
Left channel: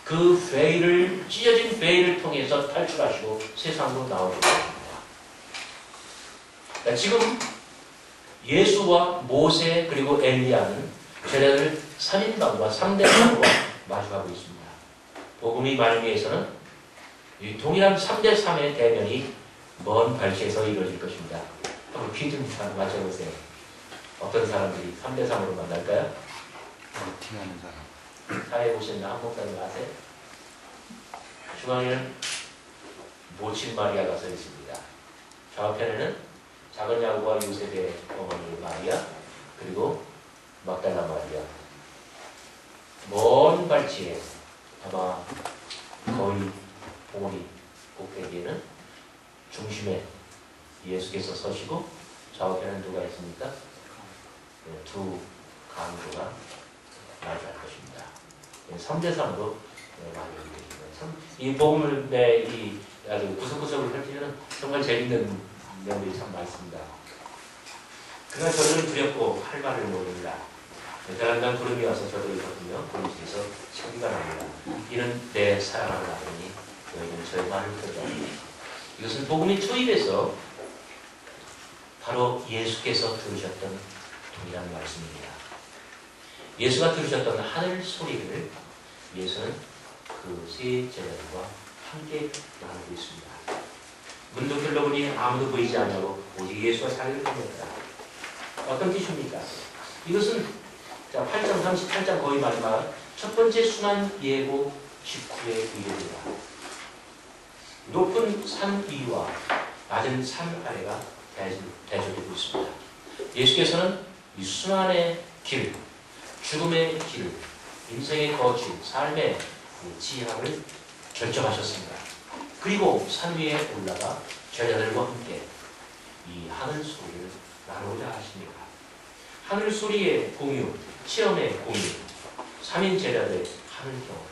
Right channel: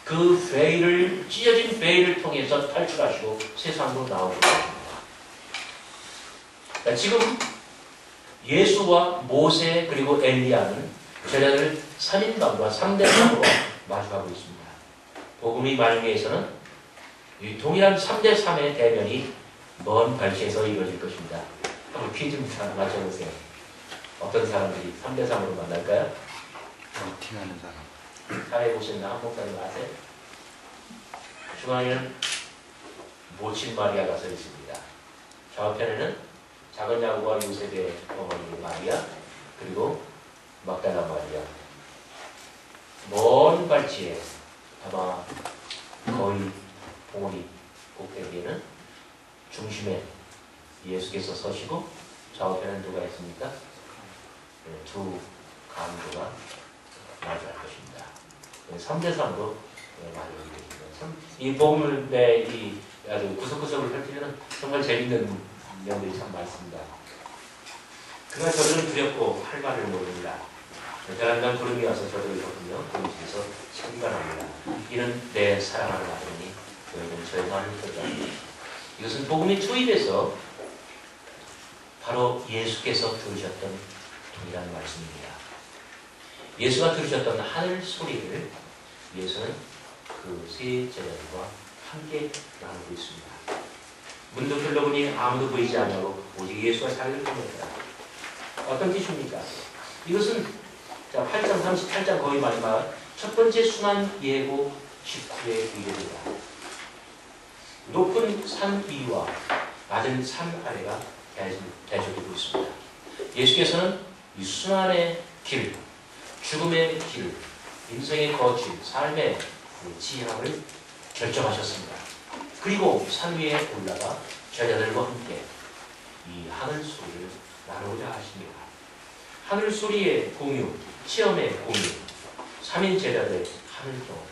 그 베일을, 찢어진 베일을 통해서 탈출하시고 세상으로 나오게 됩니다. 지금 예수와 모세 그리고 엘리야는 제자들 3인방과 3대3으로 마주하고 있습니다. 복음의 말미에서는 이 동일한 3대3의 대면이 먼 발치에서 이루어질 것입니다. 한번 퀴즈 맞춰보세요. 어떤 사람들이 3대3으로 만날까요? 미팅하는 사람. 사회 보시는 한 목사님 아세요? 중앙에는 모친 마리아가 서 있습니다. 좌우편에는 작은 야고보와 요셉의 어머니 마리아, 그리고 막달라 마리아. 먼 발치에 아마 거의 봉우리 꼭대기에는 중심에 예수께서 서시고 좌우편에는 누가 있습니까? 두 강도가 마주할 것입니다. 3대3으로 마주하게 되십니다. 참, 이 복음의 이 아주 구석구석을 펼치면 정말 재밌는 내용들이 참 많습니다. 그러나 저들은 두렵고 할 말을 모릅니다. 베란당 구름이 와서 저들을 덮으며 구름에서 소리가 납니다. 이는 내 사랑하는 아들이니 너희는 저의 말을 듣지 않는다. 이것은 복음의 초입에서 바로 예수께서 들으셨던 동일한 말씀입니다. 예수가 들으셨던 하늘 소리를 예수는 그 세 제자들과 함께 나누고 있습니다. 문도 둘러보니 아무도 보이지 않냐고 오직 예수와 자기를 보냈다. 어떤 뜻입니까? 이것은 8장 38장 거의 마지막 첫 번째 순환 예고 직후의 의견입니다. 높은 산 위와 낮은 산 아래가 대조되고 있습니다. 예수께서는 이 순환의 길, 죽음의 길, 인생의 거칠, 삶의 지향을 결정하셨습니다. 그리고 산 위에 올라가 제자들과 함께 이 하늘 소리를 나누고자 하십니다. 하늘 소리의 공유, 체험의 공유, 3인 제자들의 하늘 경험.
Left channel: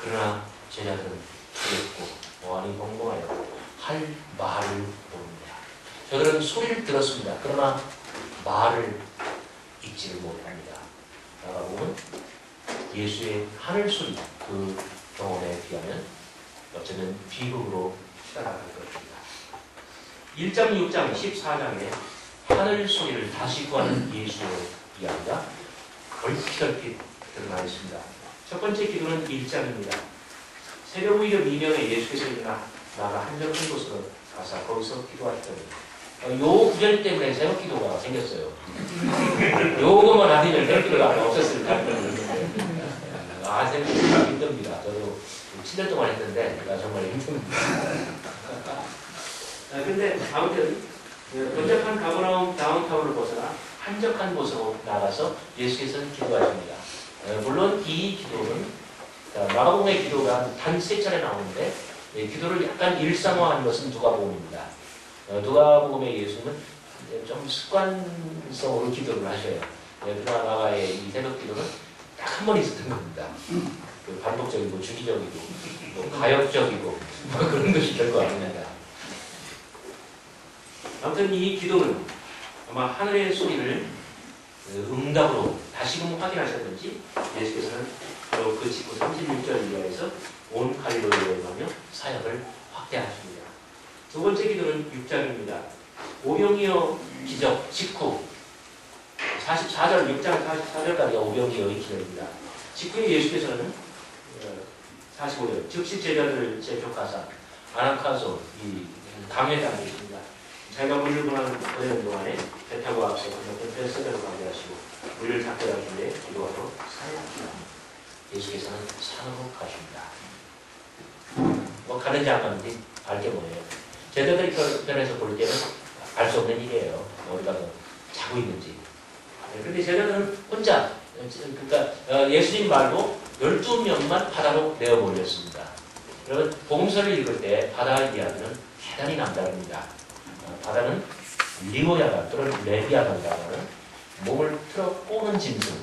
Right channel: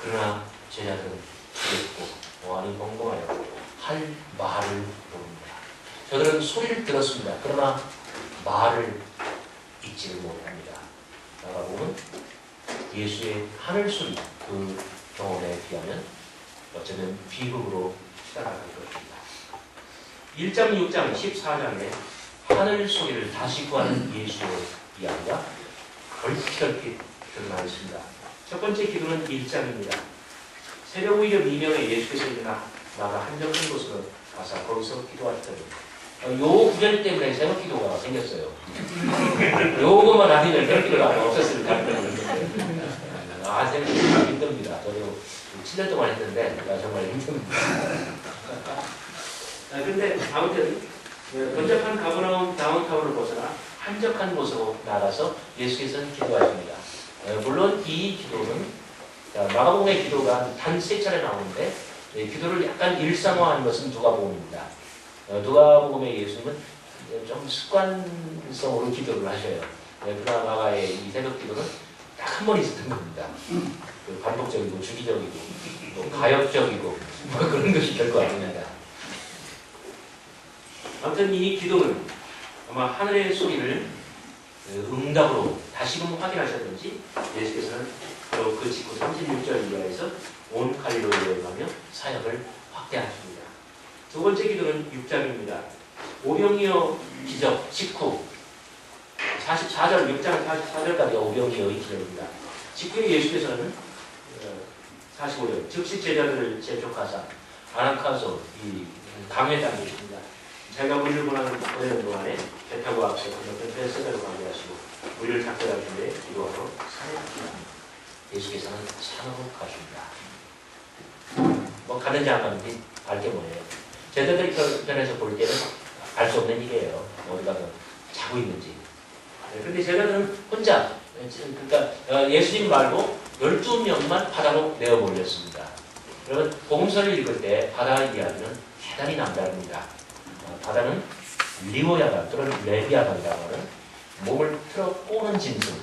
그러나 제자들은 두렵고 어안이 벙벙하여 할 말을 모릅니다. 저들은 소리를 들었습니다. 그러나 말을 잊지를 못합니다. 마가복음은 예수의 하늘 소리 그 경험에 비하면 어쩌면 비극으로 따라갈 것입니다. 1장, 6장, 14장에 하늘 소리를 다시 구하는 예수의 이야기가 얼핏얼핏 드러나 있습니다. 첫 번째 기도는 1장입니다. 새벽 무렵 2명에 예수께서 일어나 나가 한적한 곳으로 가서 거기서 기도하시더니 요 구절 때문에 새벽 기도가 생겼어요. 요것만 아니면 새벽 기도가 없었을 가능성이 있는데 생각보다 힘듭니다. 저도 7년 동안 했는데 정말 힘듭니다. 그런데 아무튼 번잡한 가버나움 다운타운을 벗어나 한적한 곳으로 나가서 예수께서는 기도하십니다. 물론 이 기도는 마가복음의 기도가 단 3차례 나오는데 기도를 약간 일상화한 것은 누가복음입니다. 누가복음의 예수님은 좀 습관성으로 기도를 하셔요. 그러나 마가의 이 새벽 기도는 딱 한 번 있었던 겁니다. 반복적이고 주기적이고 또 가역적이고 그런 것이 별거 아닙니다. 아무튼 이 기도는 아마 하늘의 소리를 응답으로 다시금 확인하셨는지 예수께서는 바로 그 직후 36절 이하에서 온 갈릴리로 여행하며 사역을 확대하십니다. 두 번째 기도는 6장입니다. 오병이어 기적 직후 44절, 6장 44절까지가 오병이어의 기적입니다. 직후에 예수께서는 45절 즉시 제자들을 재촉하사 아나카소 이 강회장이 있습니다. 자기가 물을 보내는 동안에 배 타고 앞서 건너편 펜스를 가게 하시고 물을 잡게 하시는데 기도하러 산에 갑니다. 예수께서는 산으로 가십니다. 뭐 가는지 안 가는지 알게 뭐예요. 제자들이 편에서 볼 때는 알 수 없는 일이에요. 어디 가서 자고 있는지. 그런데 제자들은 혼자, 그러니까 예수님 말고 12명만 바다로 내어 몰렸습니다. 여러분 복음서를 읽을 때 바다 이야기는 대단히 남다릅니다. 바다는 리오야간 또는 레비아간이라고 하는 몸을 틀어 꼬는 짐승.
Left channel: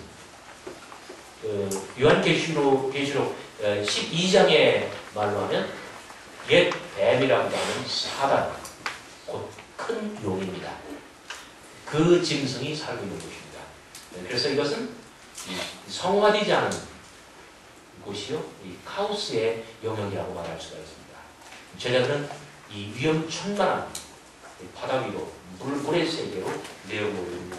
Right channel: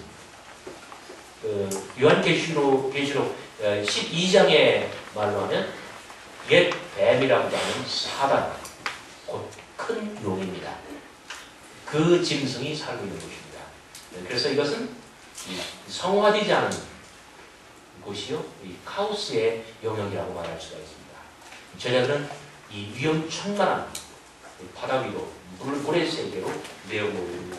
요한계시록 12장의 말로 하면 옛 뱀이라고 하는 사단, 곧 큰 용입니다. 그 짐승이 살고 있는 곳입니다. 그래서 이것은 성화되지 않은 곳이요, 이 카오스의 영역이라고 말할 수가 있습니다. 제자들은 이 위험천만한 바다 위로 물의 세계로 내어보입니다.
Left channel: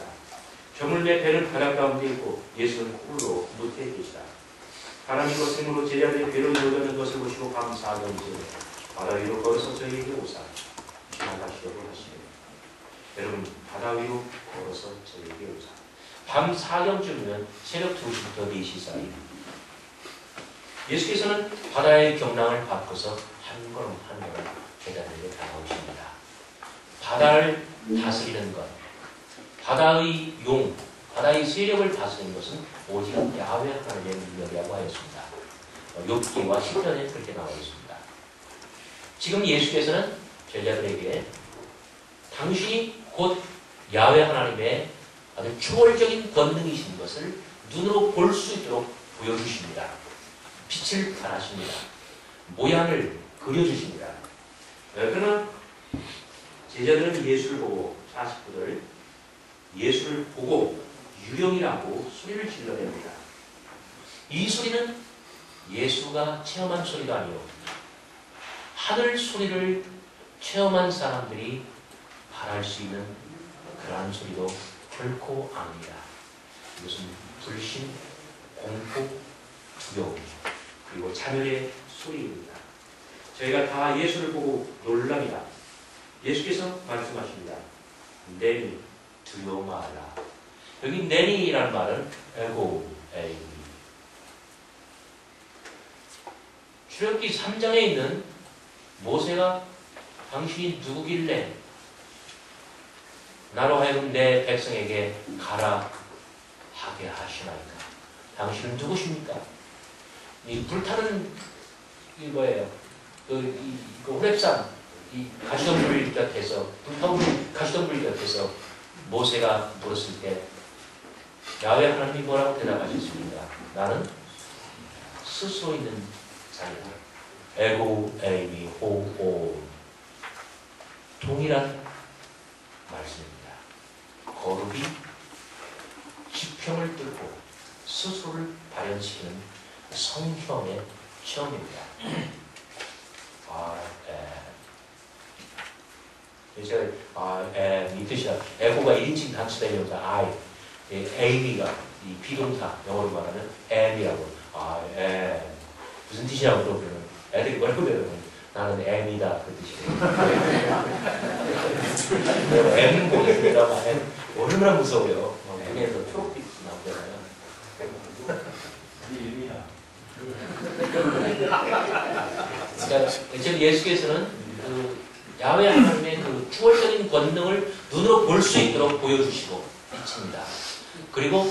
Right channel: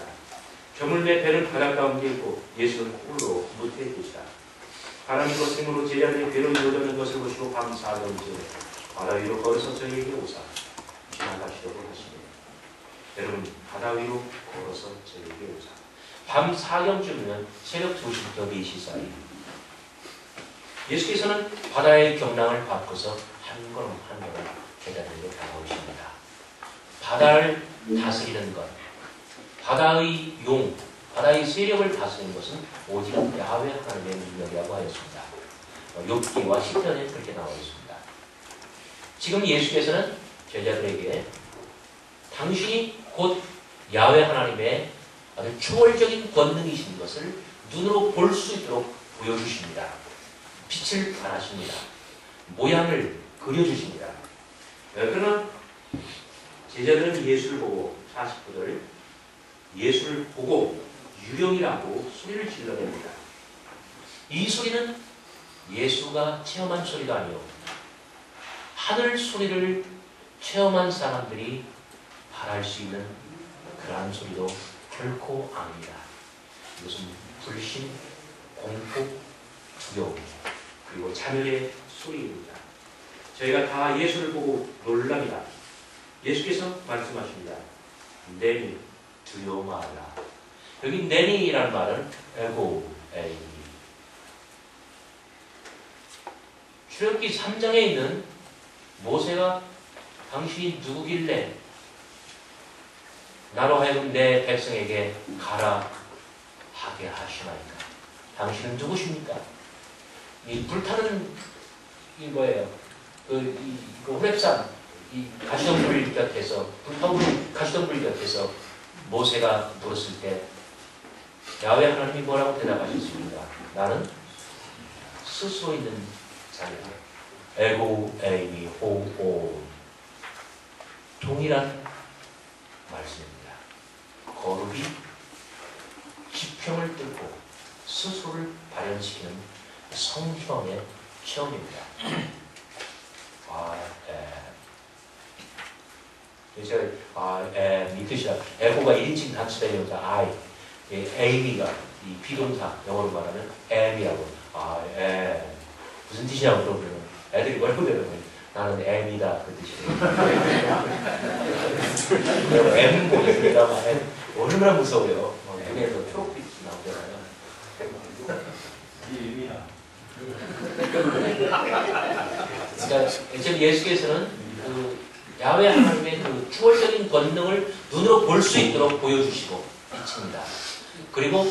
저물매 배는 바다 가운데 있고 예수는 홀로 무태에 계시다. 하나님과 생으로 제자들의 배로 이루어지는 것을 보시고 밤 4경쯤에 바다 위로 걸어서 저희에게 오사 지나가시려고 하시네. 여러분 바다 위로 걸어서 저희에게 오사. 밤 4경쯤이면 새벽 2시부터 4시 사이. 예수께서는 바다의 경랑을 바꿔서 한 걸음 한 걸음 제자들에게 다가오십니다. 바다를 다스리는 것, 바다의 용, 바다의 세력을 다스리는 것은 오직 야훼 하나님의 능력이라고 하였습니다. 욥기와 시편에 그렇게 나와 있습니다. 지금 예수께서는 제자들에게 당신이 곧 야훼 하나님의 아주 초월적인 권능이신 것을 눈으로 볼 수 있도록 보여주십니다. 빛을 발하십니다. 모양을 그려주십니다. 그러나 제자들은 예수를 보고 49절 예수를 보고 유령이라고 소리를 질러냅니다. 이 소리는 예수가 체험한 소리가 아니요 하늘 소리를 체험한 사람들이 발할 수 있는 그러한 소리도 결코 아닙니다. 이것은 불신, 공포, 두려움 그리고 자멸의 소리입니다. 저희가 다 예수를 보고 놀랍니다. 예수께서 말씀하십니다. 내니 두려워 말라. 여기 내니라는 말은 에고 에이. 출애굽기 3장에 있는 모세가 당신이 누구길래 나로 하여금 내 백성에게 가라 하게 하시나이까. 당신은 누구십니까? 이 불타는 이 뭐예요? 그 호렙산 이 가시덤불 곁에서 불타오르는 가시덤불 곁에서 모세가 물었을 때 야훼 하나님이 뭐라고 대답하셨습니까? 나는 스스로 있는 자이다. 에고 에이미 호오 동일한 말씀입니다. 거룩이 지평을 뚫고 스스로를 발현시키는 성형의 체험입니다. 제가 이 뜻이야. 에고가 1인칭 단수된 여자 에이미가 이 비동사 영어로 말하면 M이라고 무슨 뜻이냐고 물어보면 애들이 뭐라고 대답해요? 나는 M이다 그 뜻이에요. M 보겠습니다만 얼마나 무서워요. 눈에서 초록빛이 나오잖아요. 이게 의미야. 그러니까 지금 예수께서는 그 야훼 하나님의 그 초월적인 권능을 눈으로 볼 수 있도록 보여주시고 비칩니다. 그리고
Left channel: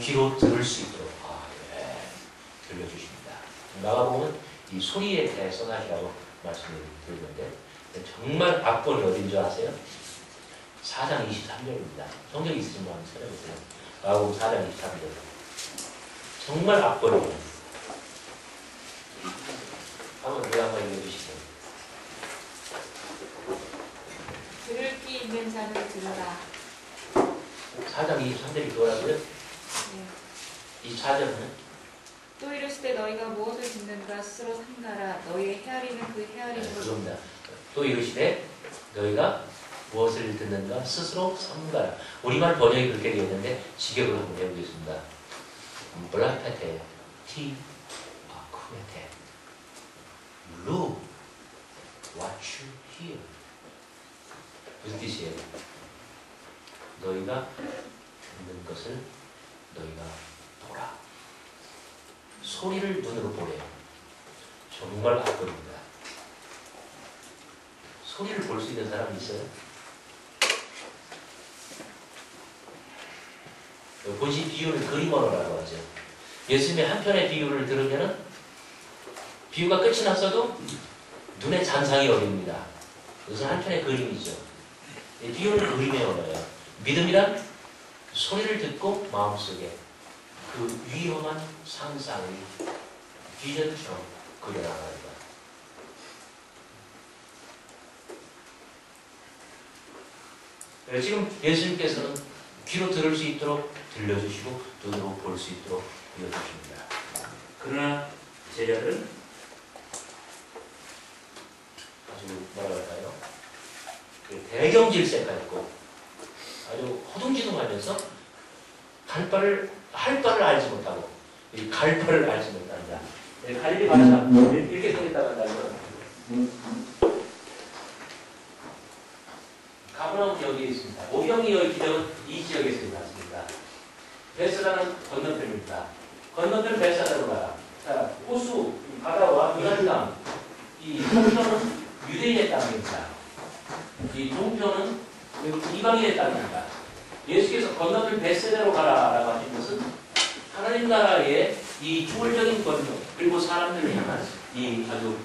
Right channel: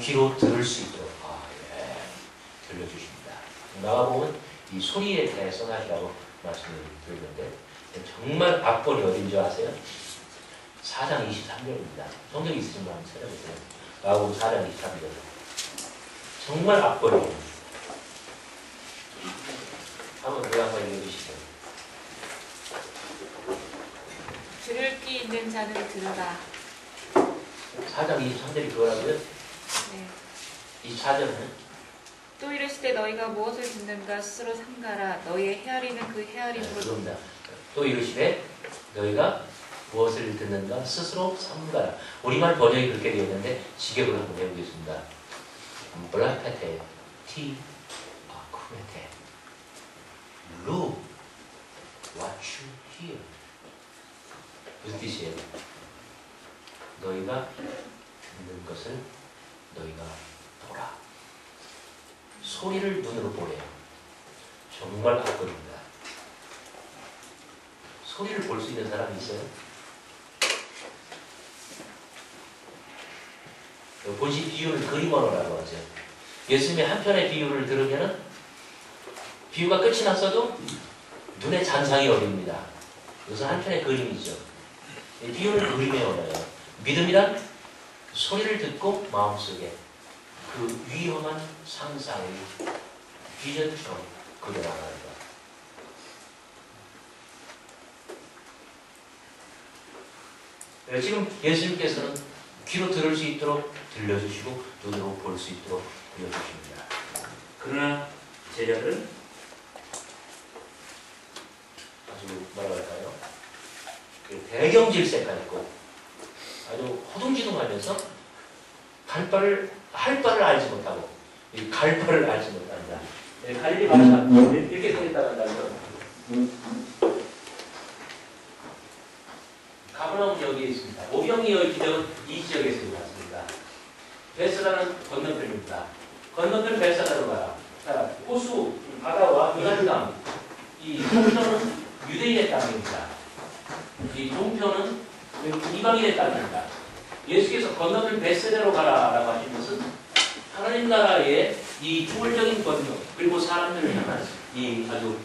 귀로 들을 수 있도록 들려주십니다. 마가복음은 이 소리에 대해서 하시라고 말씀을 드렸는데 정말 악본이 어딘 줄 아세요? 4장 23절입니다. 성경 있으신 분 한번 찾아보세요. 마가복음 4장 23절. 정말 악본이에요. 한번 그 한번 읽어주시죠. 들을 귀 있는 자는 들으라. 4장 23절이 그거라고요? 네. 24절은? 또 이르시되 너희가 무엇을 듣는가 스스로 삼가라. 너희의 헤아리는 그 헤아림으로. 그겁니다. 또 이르시되 너희가 무엇을 듣는가 스스로 삼가라. 우리말 번역이 그렇게 되어 있는데 직역을 한번 해보겠습니다. 블라테테 티 아쿠메테 루 what you hear. 무슨 뜻이에요? 너희가 듣는 것을 너희가 보라. 소리를 눈으로 보래요. 정말 악법입니다. 소리를 볼 수 있는 사람이 있어요? 본시 비유를 그림 언어라고 하죠. 예수님의 한 편의 비유를 들으면은 비유가 끝이 났어도 눈에 잔상이 어립니다. 이것은 한 편의 그림이죠. 비유는 그림의 언어예요. 믿음이란 소리를 듣고 마음속에 그 위험한 상상을 비전처럼 그려나가는 것. 지금 예수님께서는 귀로 들을 수 있도록 들려주시고 눈으로 볼 수 있도록 보여주십니다. 그러나 제자들은 아주 뭐라 할까요? 그 대경 질색가 있고 아주 허둥지둥하면서 할 바를 알지 못하고 갈 바를 알지 못한다. 갈릴리 바사 이렇게 생겼다고 한다면 가버나움 여기에 있습니다. 오병이어의 기적은 이 지역에서 일어났습니다. 베세다는 건너편입니다. 건너편 베세다로 가라. 자, 호수, 바다와 요단강, 이 동편은 유대인의 땅입니다. 이 동편은 이방인의 땅입니다. 예수께서 건너편 베세다로 가라라고 하신 것은 하나님 나라의 이 초월적인 권능 그리고 사람들을 향한 이 아주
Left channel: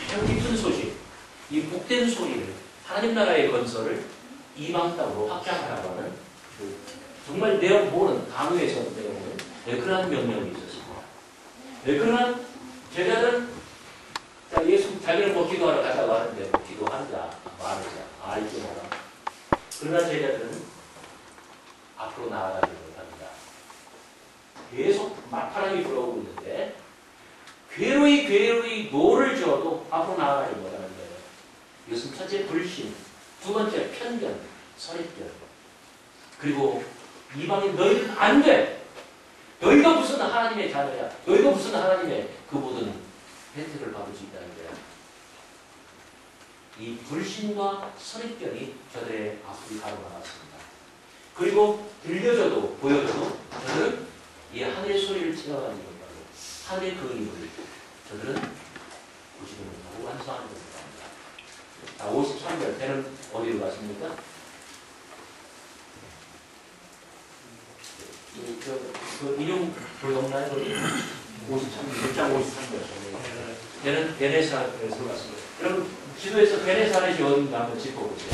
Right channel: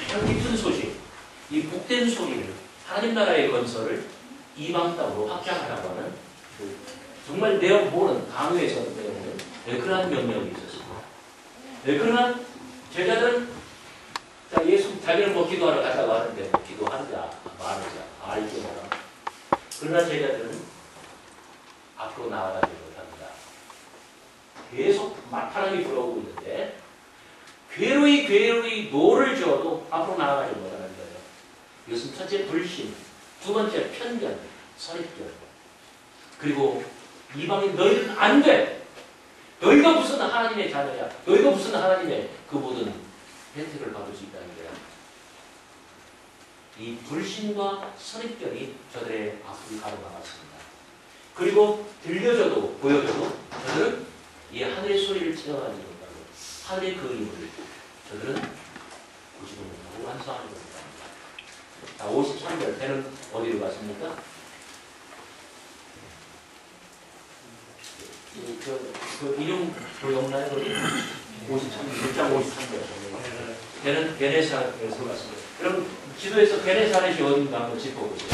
가장 깊은 소식, 이 복된 소리를 하나님 나라의 건설을 이방 땅으로 확장하라고 하는 정말 내용 모르는 강요에서 내용은 그러한 명령이 있었습니다. 그러나 제자들은 예수 자기는 뭐 기도하러 갔다고 하는데 뭐 기도하자 말하자 알지 마라. 그러나 제자들은 앞으로 나아가지 못합니다. 계속 막바람이 불어오고 있는데 괴로이 노를 지어도 앞으로 나아가지 못하는 거예요. 이것은 첫째 불신, 두 번째 편견, 선입견, 그리고 이방인 너희는 안 돼. 너희가 무슨 하나님의 자녀야. 너희가 무슨 하나님의 그 모든 혜택을 받을 수 있다는 거야. 이 불신과 선입견이 저들의 앞을 가로막았습니다. 그리고 들려줘도 보여줘도 저들은 이 하늘의 소리를 체험하지 못하고 하늘의 그림을 저들은 보지도 못하고 완수하지 못합니다. 자, 53절 배는 어디로 갔습니까? 그 이름 보였나요? 53절, 6장 53절. 배는 베네사에서 갔습니다. 그럼 지도에서 베네사렛이 어딘가 한번 짚어보세요.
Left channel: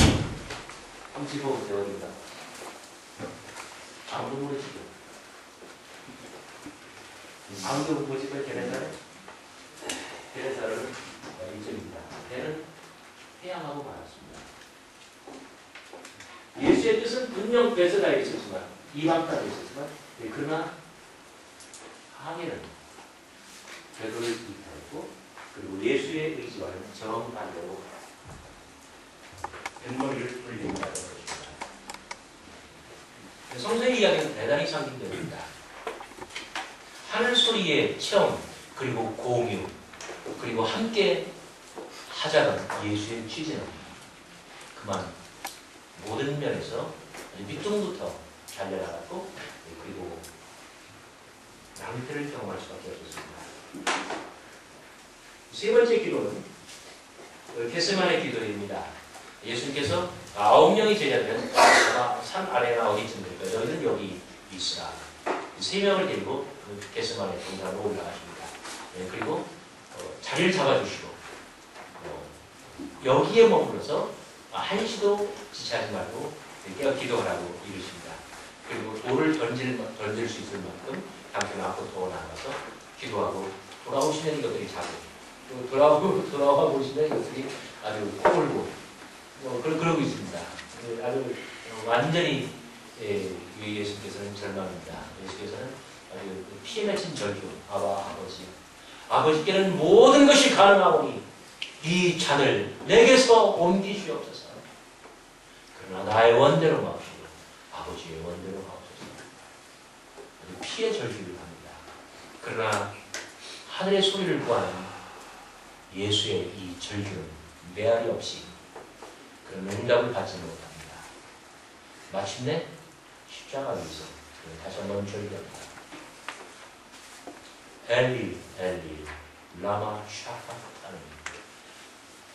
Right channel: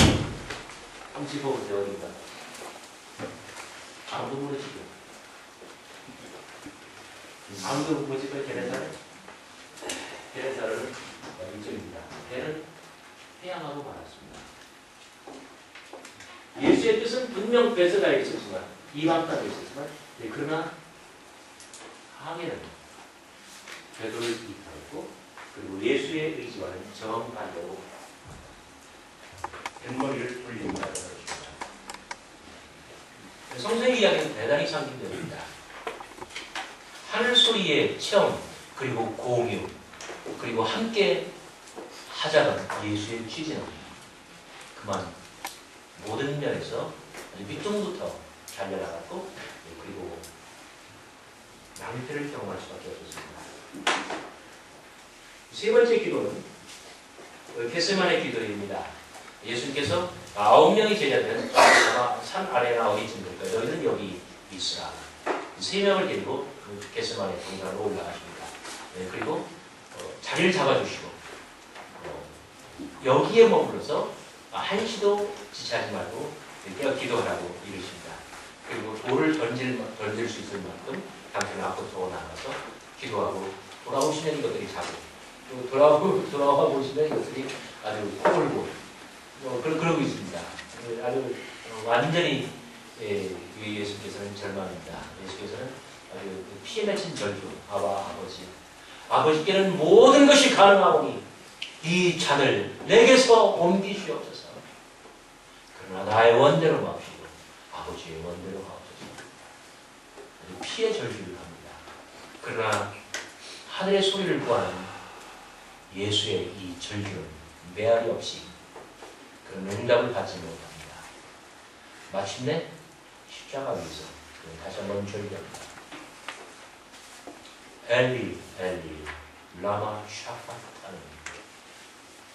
한번 짚어보세요. 어딘가. 아무도 모르시죠? 아무도 못 짚어요. 베네사렛? 베네사렛은 이쪽입니다. 배는 해양하고 말았습니다. 예수의 뜻은 분명 베세다에 있었지만 이방 땅에 있었지만 그러나 항해는 궤도를 이탈했고 그리고 예수의 의지와는 정반대로 뱃머리를 돌린다는 것입니다. 성서의 이야기는 대단히 상징됩니다. 하늘 소리의 체험 그리고 공유 그리고 함께 하자는 예수의 취지는 그만 모든 면에서 밑둥부터 잘려나갔고 그리고 낭패를 경험할 수밖에 없었습니다. 세 번째 기도는 겟세마네 기도입니다. 예수님께서 9명이 제자들은 아마 산 아래나 어디쯤 될 거예요. 너희는 여기 있으라. 3명을 데리고 그 겟세마네 동산으로 올라가십니다. 그리고 자리를 잡아주시고 여기에 머물러서 한시도 지체하지 말고 깨어 기도하라고 이르십니다. 그리고 돌을 던질 수 있을 만큼 당신 앞으로 더 나가서 기도하고 돌아오시는 이것들이 자고 또 돌아와 보시면 이것들이 아주 코골고 그러고 있습니다. 아주 완전히 예수께서는 절망입니다. 예수께서는 아주 피에 맺힌 절규 아버지께는 모든 것이 가능하오니 이 잔을 내게서 옮기시옵소서. 그러나 나의 원대로 마옵시고 아버지의 원대로 마옵소서. 아주 피의 절규를 합니다. 그러나 하늘의 소리를 구하는 예수의 이 절규는 메아리 없이 그런 응답을 받지 못합니다. 마침내 십자가 위에서 다시 한번 절규합니다. 엘리 엘리 라마 샤파타니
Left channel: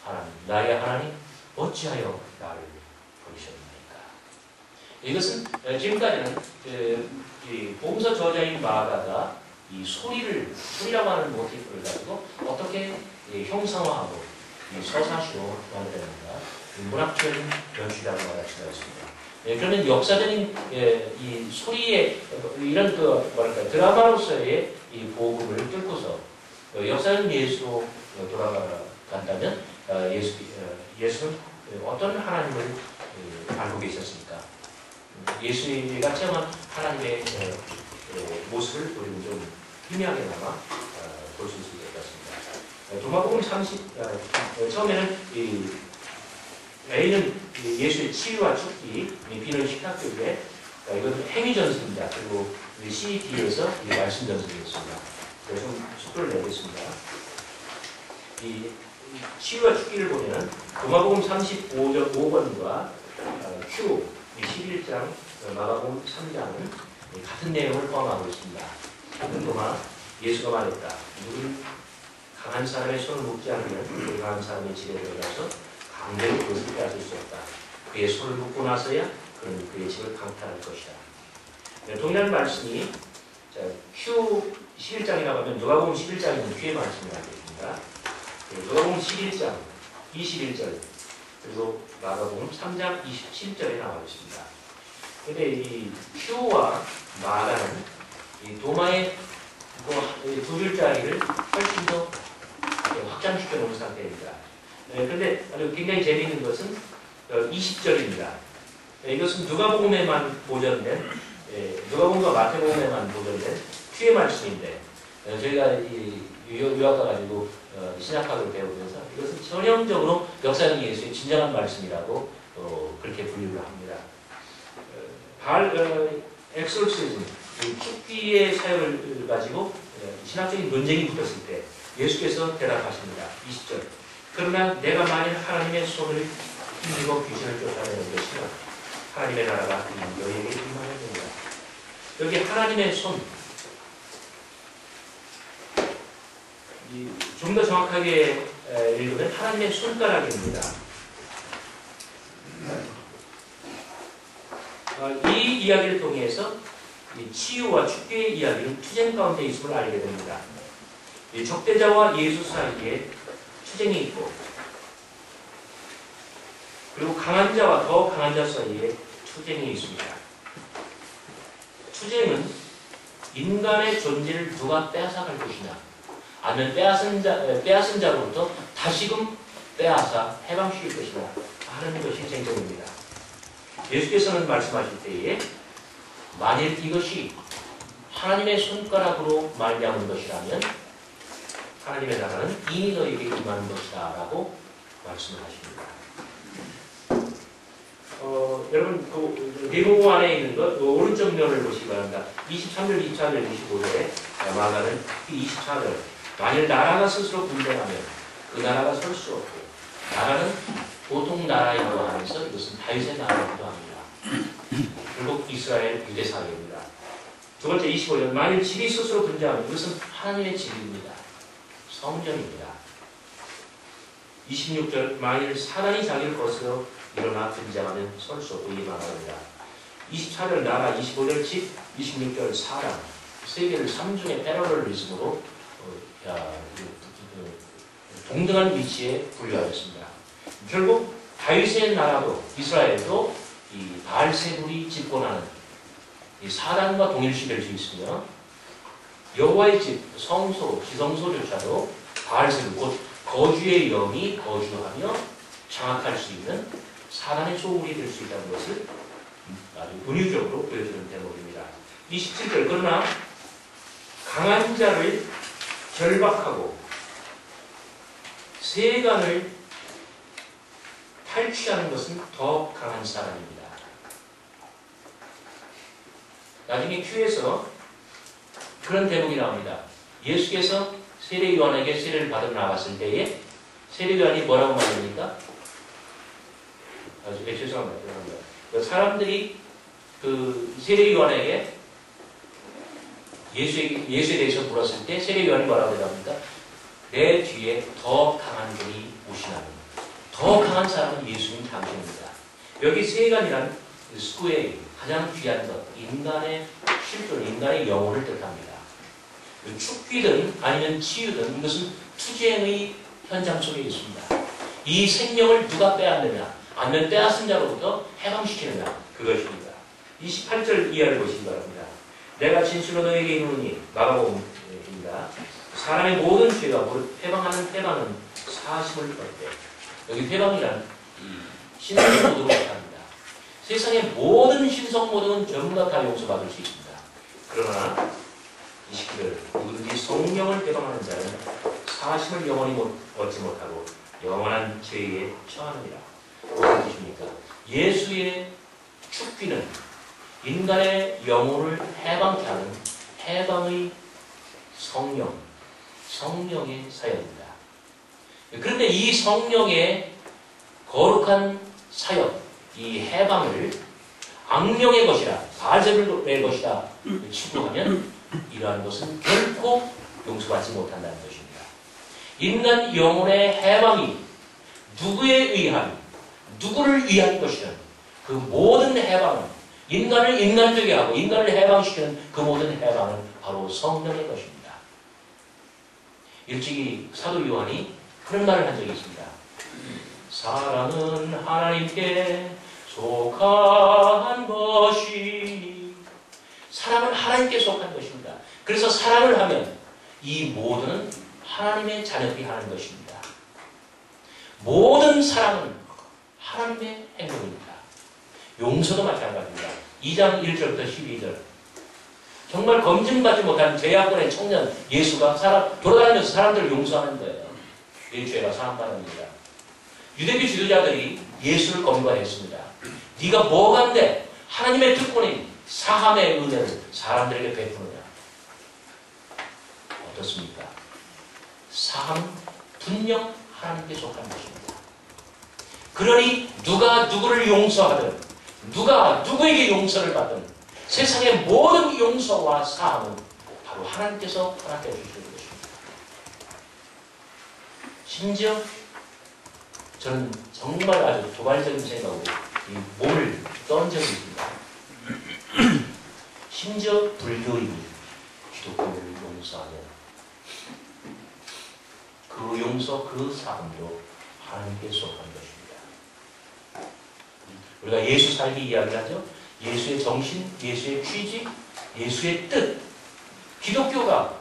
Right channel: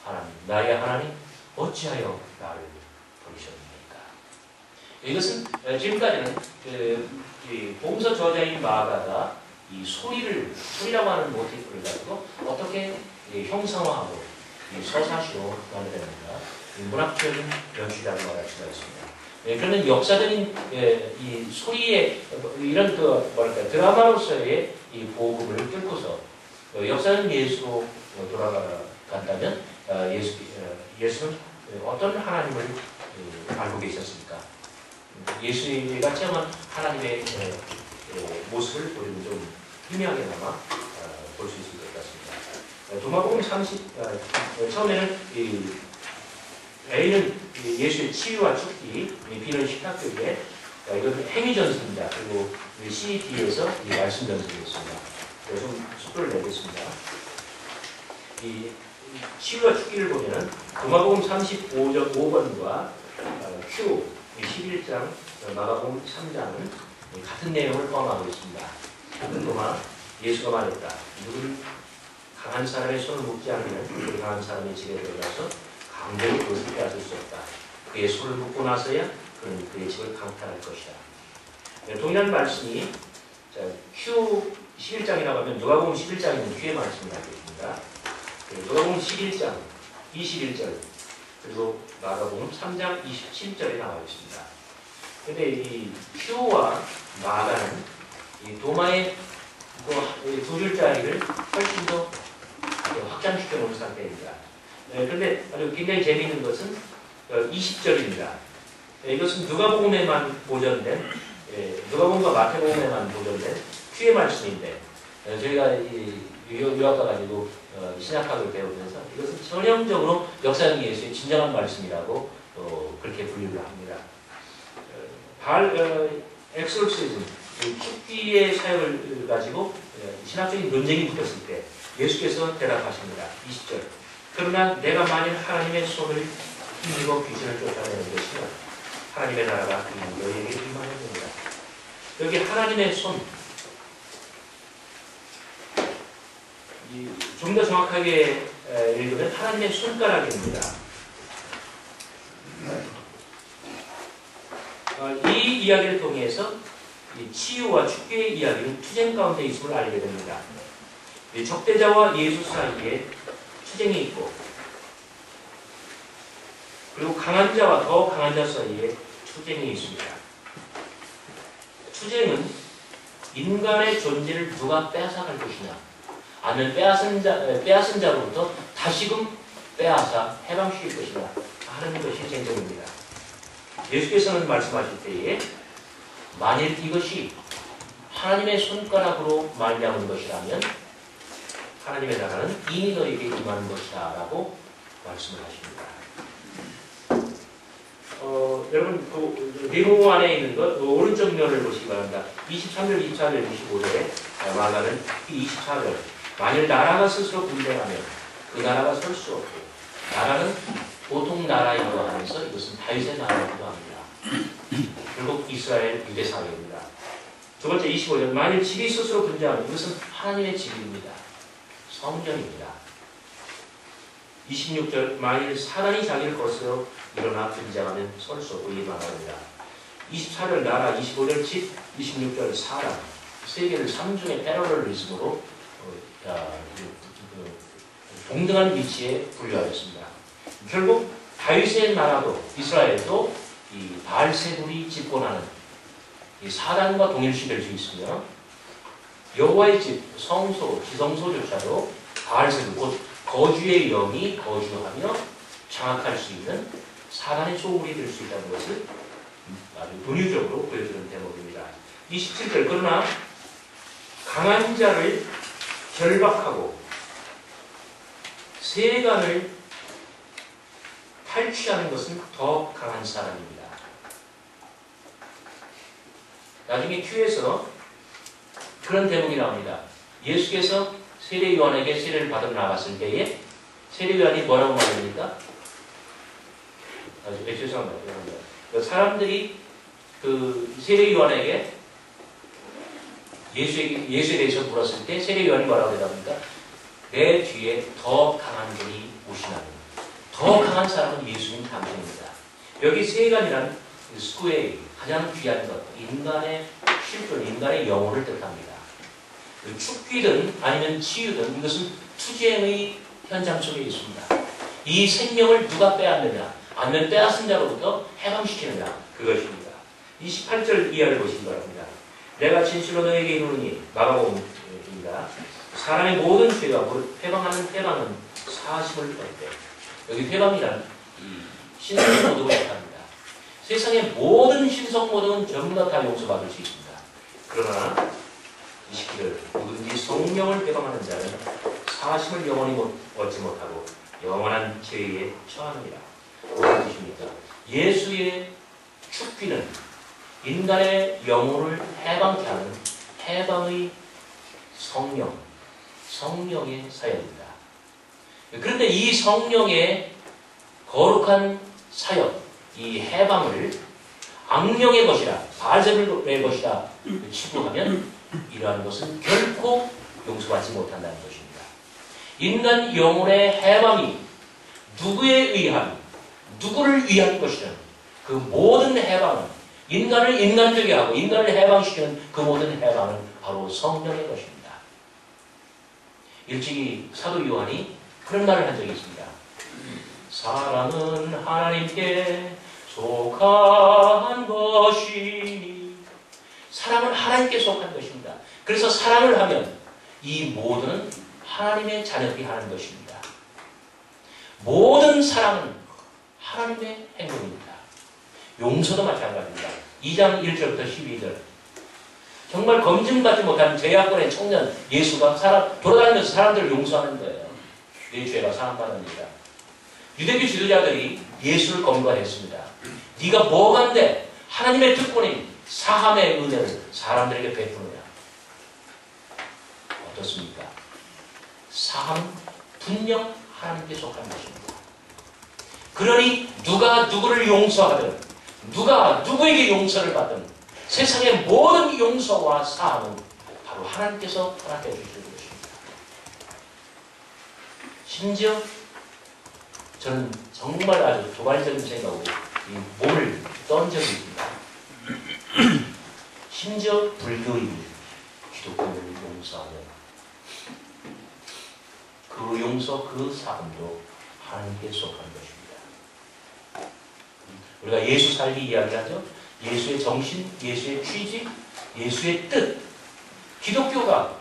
하나님 나의 하나님 어찌하여 나를 버리셨나이까. 이것은 지금까지는 복음서 저자인 마가가 이 소리라고 하는 모티프를 가지고 어떻게 형상화하고 서사시로 만들어냅니다. 문학적인 연출이라고 말할 수가 있습니다. 그러면 역사적인 이 소리의 이런 드라마로서의 이 복음을 뚫고서 역사적인 예수로 돌아간다면 예수는 어떤 하나님을 알고 계셨습니까? 예수가 체험한 하나님의 모습을 우리는 좀 희미하게나마 볼 수 있을 것 같습니다. 도마복음 30 처음에는 A는 예수의 치유와 축기, B는 식탁교회, 이것은 행위전승입니다. 그리고 C, D에서 말씀전승이었습니다. 좀 속도를 내겠습니다. 이 치유와 축기를 보면 도마복음 35번과 Q 11장, 마가복음 3장은 같은 내용을 포함하고 있습니다. 도마, 예수가 말했다. 누구는 강한 사람의 손을 묶지 않으면 그 강한 사람의 집에 들어가서 강제로 그것을 빼앗을 수 없다. 그의 손을 묶고 나서야 그는 그의 집을 강탈할 것이다. 동일한 말씀이 Q 11장이라고 하면 누가복음 11장이면 Q의 말씀이 나오겠습니다. 누가복음 11장 21절 그리고 마가복음 3장 27절에 나와 있습니다. 그런데 이 Q와 마가는 이 도마의 두 글자를 훨씬 더 확장시켜 놓은 상태입니다. 그런데 아주 굉장히 재미있는 것은 20절입니다. 이것은 누가복음에만 보존된 누가복음과 마태복음에만 보존된 Q의 말씀인데 저희가 유학 가가지고 신약학을 배우면서 이것은 전형적으로 역사적 예수의 진정한 말씀이라고 그렇게 분류를 합니다. 엑솔시즘, 축기의 사역을 가지고 신학적인 논쟁이 붙었을 때 예수께서 대답하십니다. 20절. 그러나 내가 만일 하나님의 손을 힘주고 귀신을 쫓아내는 것이면 하나님의 나라가 너희에게 임하는 겁니다. 여기 하나님의 손, 좀 더 정확하게 읽으면 하나님의 손가락입니다. 이 이야기를 통해서 치유와 축기의 이야기는 투쟁 가운데 있음을 알게 됩니다. 적대자와 예수 사이에 투쟁이 있고 그리고 강한 자와 더 강한 자 사이에 투쟁이 있습니다. 투쟁은 인간의 존재를 누가 빼앗아갈 것이냐 아니면 빼앗은 자로부터 다시금 빼앗아 해방시킬 것이냐 하는 것이 쟁점입니다. 예수께서는 말씀하실 때에 만일 이것이 하나님의 손가락으로 말미암은 것이라면 하나님의 나라는 이미 너에게 임하는 것이다 라고 말씀을 하십니다. 여러분 네모 안에 있는 것 오른쪽 면을 보시기 바랍니다. 23절, 24절, 25절에 마가는 24절 만일 나라가 스스로 분쟁하면 그 나라가 설 수 없고 나라는 보통 나라이기도 하면서 이것은 다윗의 나라이기도 합니다. 결국 이스라엘 유대 사회입니다. 두 번째 25절. 만일 집이 스스로 분쟁하면 이것은 하나님의 집입니다. 성전입니다. 26절. 만일 사단이 자기를 거스러 일어나 분쟁하면 설 수 없고 이만합니다. 24절 나라, 25절 집, 26절 사람. 세 개를 삼중의 패러럴리즘으로 동등한 위치에 분류하였습니다. 결국 다윗의 나라도 이스라엘도 이 바알세불이 집권하는 이 사단과 동일시될 수 있으며 여호와의 집 성소 지성소조차도 바알세불 곧 거주의 영이 거주하며 장악할 수 있는 사단의 소굴이 될 수 있다는 것을 아주 은유적으로 보여주는 대목입니다. 27절 그러나 강한 자를 결박하고 세간을 탈취하는 것은 더 강한 사람입니다. 나중에 큐에서 그런 대목이 나옵니다. 예수께서 세례요한에게 세례를 받으러 나갔을 때에 세례요한이 뭐라고 말합니까? 죄송합니다. 사람들이 그 세례요한에게 예수에 대해서 물었을 때 세례요한이 뭐라고 대답합니까? 내 뒤에 더 강한 분이 오시나니 더 강한 사람은 예수님 당신입니다. 여기 세간이란 스쿠에 가장 귀한 것, 인간의 실존, 인간의 영혼을 뜻합니다. 축기든 아니면 치유든 이것은 투쟁의 현장 속에 있습니다. 이 생명을 누가 빼앗느냐, 아니면 빼앗은 자로부터 해방시키느냐, 그것입니다. 28절 이하를 보시기 바랍니다. 내가 진실로 너에게 이르노니 마가복음입니다. 사람의 모든 죄가 해방하는 해방은 사심을 얻되 여기 해방이란 신성모독을 뜻합니다. 세상의 모든 신성모독은 전부 다 용서받을 수 있습니다. 그러나 29절 누구든지 성령을 해방하는 자는 사심을 영원히 얻지 못하고 영원한 죄에 처하느니라. 무슨 뜻입니까? 예수의 축기는 인간의 영혼을 해방케 하는 해방의 성령의 사역입니다. 그런데 이 성령의 거룩한 사역, 이 해방을 악령의 것이라, 바알세불의 것이라 치부하면 이러한 것은 결코 용서받지 못한다는 것입니다. 인간 영혼의 해방이 누구를 위한 것이든 그 모든 해방은 인간을 인간되게 하고 인간을 해방시키는 그 모든 해방은 바로 성령의 것입니다. 일찍이 사도 요한이 그런 말을 한 적이 있습니다. 사랑은 하나님께 속한 것이니 사랑은 하나님께 속한 것입니다. 그래서 사랑을 하면 이 모두는 하나님의 자녀들이 하는 것입니다. 모든 사랑은 하나님의 행동입니다. 용서도 마찬가지입니다. 2장 1절부터 12절 정말 검증받지 못한 죄악권의 청년 예수가 돌아다니면서 사람들을 용서하는 거예요. 이 죄가 사함받습니다. 유대교 지도자들이 예수를 검거했습니다. 네가 뭐가 한데 하나님의 특권인 사함의 은혜를 사람들에게 베푸느냐. 어떻습니까? 사함 분명 하나님께 속한 것입니다. 그러니 누가 누구를 용서하든 누가 누구에게 용서를 받든 세상의 모든 용서와 사함은 바로 하나님께서 허락해 주시는 것입니다. 심지어 저는 정말 아주 도발적인 생각으로 이 몸을 떤 적이 있습니다. 심지어 불교인이 기독교를 용서하면 그 용서, 그 사함도 하나님께 속한 것입니다. 우리가 예수 살기 이야기하죠. 예수의 정신, 예수의 취지, 예수의 뜻. 기독교가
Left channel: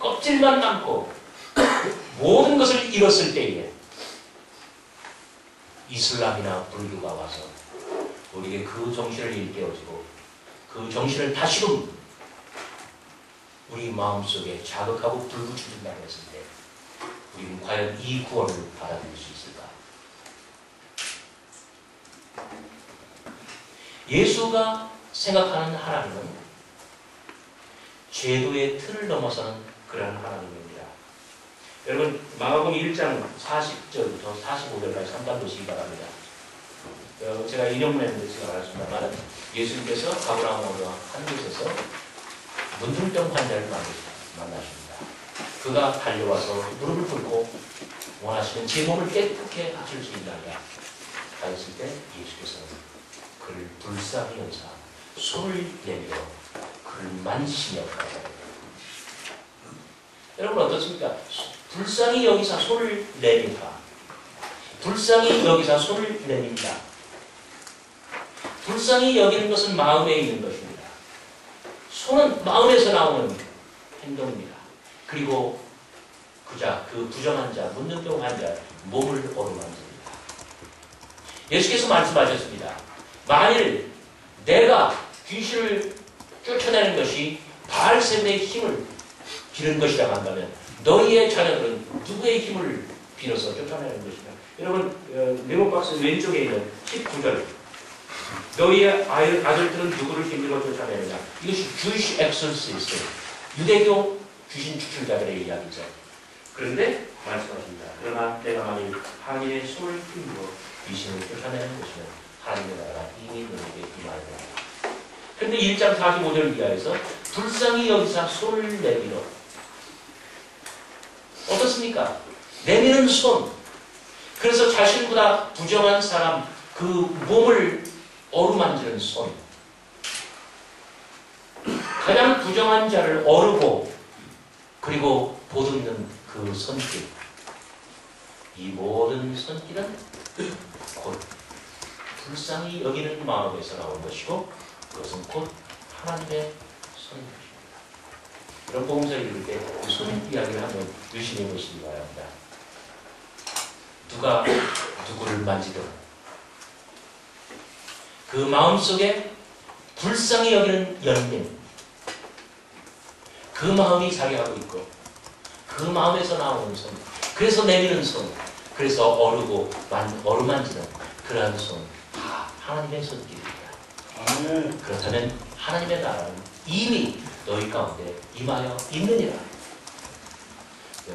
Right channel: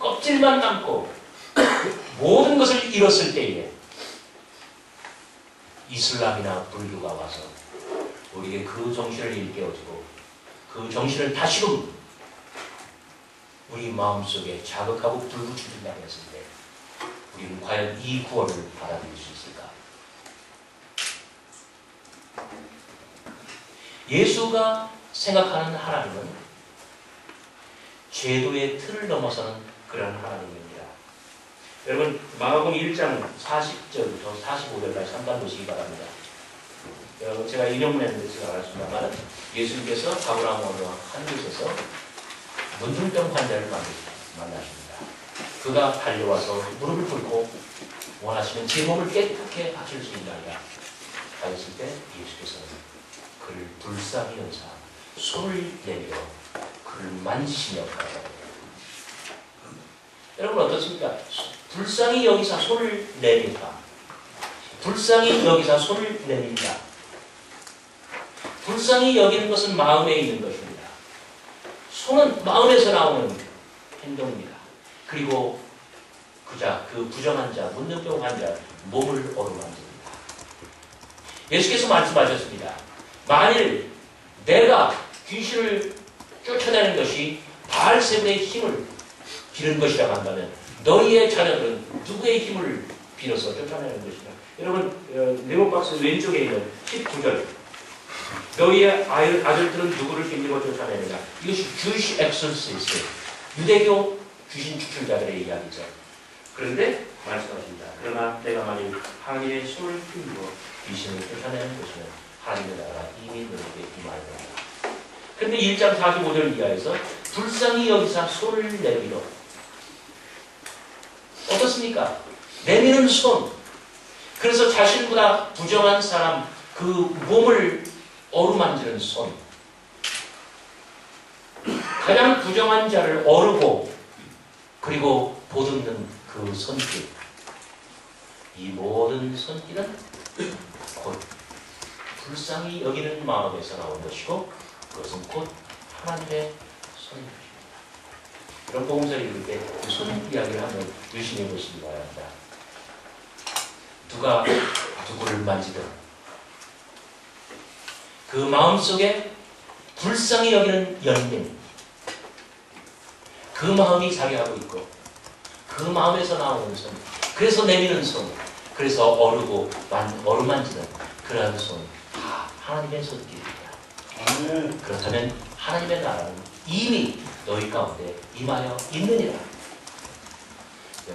껍질만 남고 모든 것을 잃었을 때에 이슬람이나 불교가 와서 우리에게 그 정신을 일깨워주고 그 정신을 다시금 우리 마음속에 자극하고 불붙여준다고 했을 때 우리는 과연 이 구원을 받아들일 수 있을까? 예수가 생각하는 하나님은 제도의 틀을 넘어서는 그런 하나님입니다. 여러분 마가복음 1장 40절부터 45절까지 잠깐 보시기 바랍니다. 제가 인용문에는 제가 알았습니다만 예수님께서 가브라함으로 한 곳에서 문둥병 환자를 만나십니다. 그가 달려와서 무릎을 꿇고 원하시면 제 몸을 깨끗게 하실 수 있나이다 하였을 때 예수께서는 그를 불쌍히 여기사 손을 내밀어 그를 만지시며 가라사대. 여러분 어떻습니까? 불쌍히 여기사 손을 내밀다. 불쌍히 여기사 손을 내민다. 불쌍히 여기는 것은 마음에 있는 것입니다. 손은 마음에서 나오는 행동입니다. 그리고 그 부정한 자, 문둥병 환자 몸을 어루만집니다. 예수께서 말씀하셨습니다. 만일 내가 귀신을 쫓아내는 것이 바알세불의 힘을 빌은 것이라 한다면 너희의 자녀들은 누구의 힘을 빌어서 쫓아내는 것이다. 여러분 레몬박스 왼쪽에 있는 19절 너희의 아들들은 누구를 힘입어 쫓아내느냐. 이것이 Jewish exorcist, 유대교 귀신 추출자들의 이야기죠. 그런데 말씀하십니다. 그러나 내가 만일 하나님의 손을 힘입어 귀신을 쫓아내는 것이면 하나님의 나라가 이미 너에게 임하리라. 그런데 1장 45절 이하에서 불쌍히 여기사 손을 내밀어. 어떻습니까? 내미는 손. 그래서 자신보다 부정한 사람 그 몸을 어루만지는 손. 가장 부정한 자를 어루고 그리고 보듬는 그 손길. 이 모든 손길은 곧 불쌍히 여기는 마음에서 나온 것이고 그것은 곧 하나님의 손인 것입니다. 이런 복음서를 읽을 때 그 손 이야기를 한번 유심히 보시기 바랍니다. 누가 누구를 만지든 그 마음속에 불쌍히 여기는 연민, 그 마음이 자기하고 있고 그 마음에서 나오는 손, 그래서 내미는 손, 그래서 어루만지는 그러한 손, 다 하나님의 손길입니다. 그렇다면 하나님의 나라는 이미 너희 가운데 임하여 있느니라.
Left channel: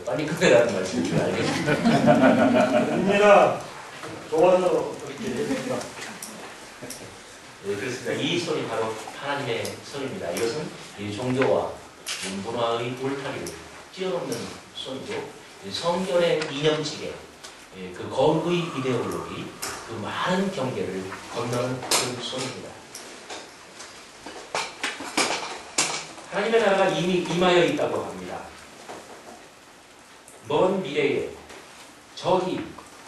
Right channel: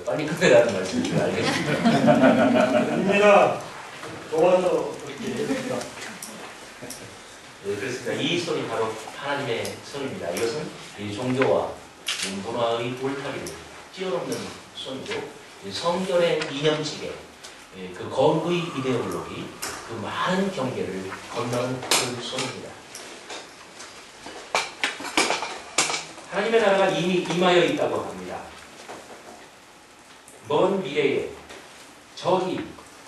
빨리 끝내라는 말씀인 줄 알겠습니다. 입니다. 좋아서 그렇게 했습니다. 네, 그렇습니다. 이 손이 바로 하나님의 손입니다. 이것은 이 종교와 문화의 울타리를 뛰어넘는 손이고 성결의 이념치계, 그 거룩의 이데올로기, 그 많은 경계를 건너는 그 손입니다. 하나님의 나라가 이미 임하여 있다고 합니다. 먼 미래에 저희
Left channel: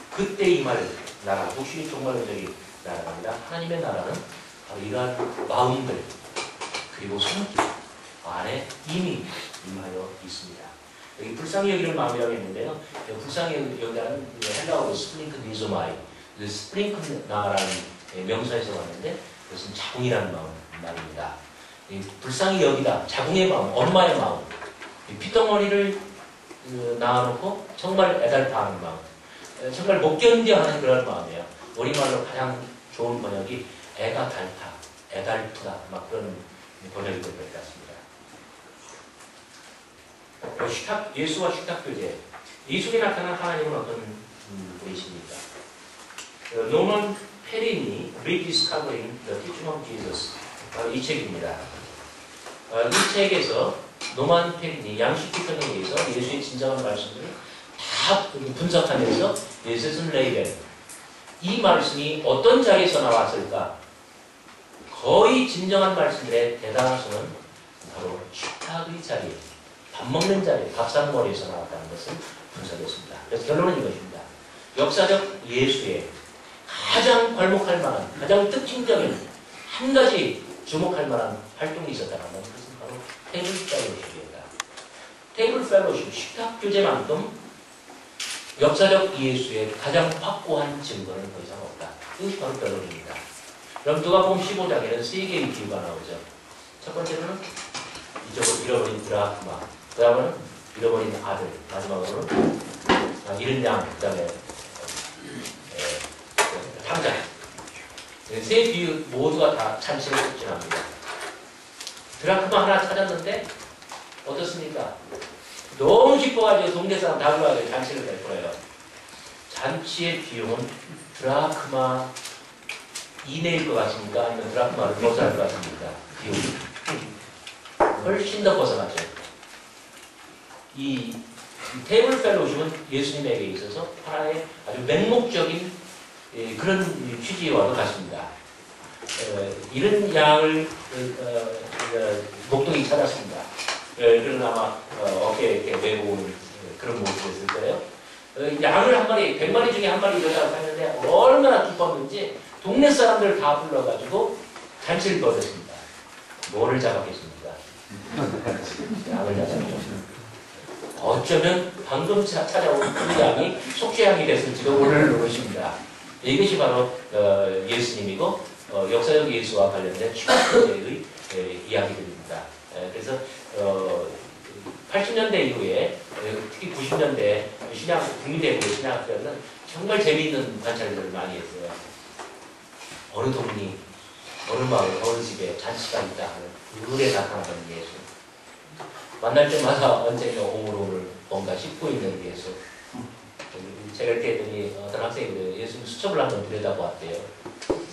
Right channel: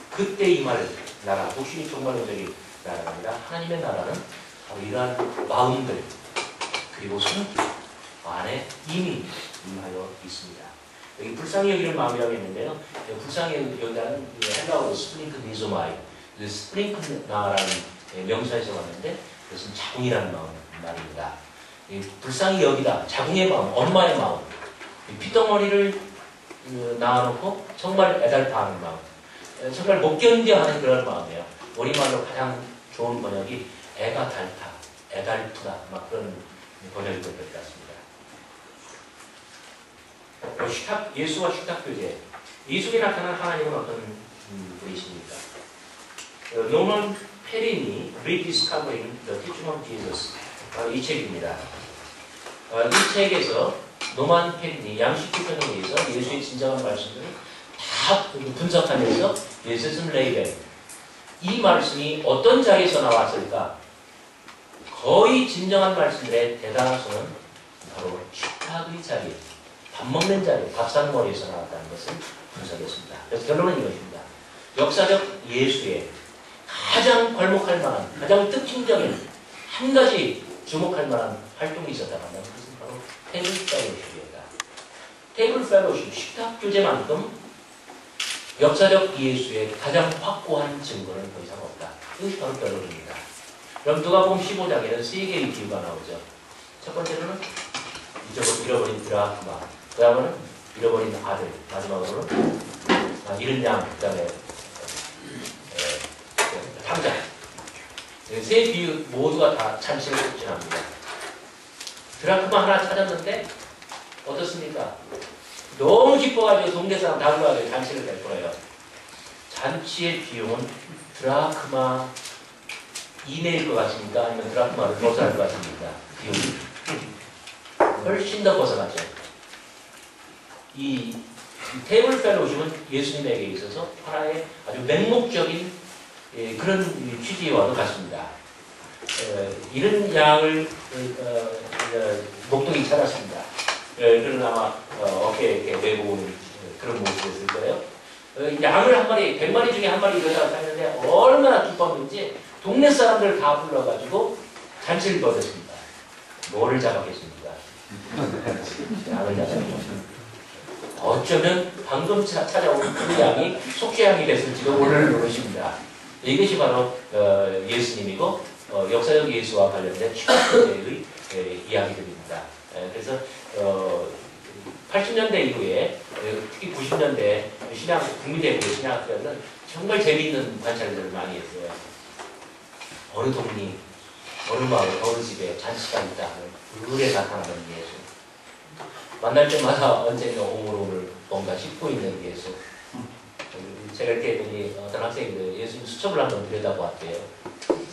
그때 임할 나라, 독신이 종말론적인 나라가 아니라 하나님의 나라는 바로 이러한 마음들 그리고 손길 안에 이미 임하여 있습니다. 여기 불쌍히 여기는 마음이라고 했는데요. 불쌍히 여기라는 헬라어로 스프링크 미조마이, 스프링크나라는 명사에서 왔는데 그것은 자궁이라는 말입니다. 불쌍히 여기다, 자궁의 마음, 엄마의 마음, 핏덩어리를 낳아놓고 정말 애달파하는 마음, 정말 못 견뎌하는 그런 마음이에요. 우리말로 가장 좋은 번역이 애가 닳다, 애달프다, 막 그런 번역이 될 것 같습니다. 예수와 식탁교제, 이 속에 나타난 하나님은 어떤 분이십니까? 노먼 페린이 Rediscovering the Teaching of Jesus, 바로 이 책입니다. 이 책에서 노만 페린이 양식 비평에 의해서 예수의 진정한 말씀들을 다 분석하면서 예수는 레이벨, 이 말씀이 어떤 자리에서 나왔을까? 거의 진정한 말씀들의 대다수는 바로 식탁의 자리, 밥 먹는 자리, 밥상머리에서 나왔다는 것을 분석했습니다. 그래서 결론은 이것입니다. 역사적 예수의 가장 괄목할 만한, 가장 특징적인 한 가지 주목할 만한 활동이 있었다면 그것은 바로 테이블 펠로십이었다. 테이블 펠로십, 식탁 교제만큼 역사적 예수의 가장 확고한 증거는 더 이상 없다. 이것이 바로 결론입니다. 그럼 누가복음 15장에는 세 개의 비유가 나오죠. 첫 번째로는 잃어버린 드라크마, 그 다음은 잃어버린 아들, 마지막으로는 잃은 양, 그 다음에 탕자. 세 비유 모두가 다 찬치를 촉진합니다. 드라크마 하나 찾았는데 어떻습니까? 너무 기뻐가지고 동네 사람 다 불러가지고 잔치를 낼 거예요. 잔치의 비용은 드라크마 이내일 것 같습니까? 아니면 드라크마를 더 살 것 같습니까? 비용이. 훨씬 더 벗어났죠. 이 테이블 펠로우십은 예수님에게 있어서 하나의 아주 맹목적인 그런 취지와도 같습니다. 이런 양을 목동이 찾았습니다. 그런 아마 어깨에 이렇게 메고 오는 그런 모습이었을 거예요. 양을 한 마리, 100마리 중에 한 마리 이러다가 샀는데 얼마나 기뻤는지 동네 사람들 다 불러가지고 잔치를 벌였습니다. 뭐를 잡았겠습니까? 양을 잡았습니다. 어쩌면 방금 찾아온 그 양이 속죄양이 됐을지도 모르십니다. 이것이 바로 예수님이고 역사적 예수와 관련된 최초의 이야기들입니다. 그래서 80년대 이후에 특히 90년대 국민대학교 신학교는 정말 재미있는 관찰들을 많이 했어요. 어느 동리, 어느 마을, 어느 집에 잔치가 있다 하는 그에 나타나는 예수. 만날 때마다 언젠가 오물오물 뭔가 씹고 있는 예수. 제가 이렇게 했더니 어떤 학생이 예수님 수첩을 한번 들여다보았대요.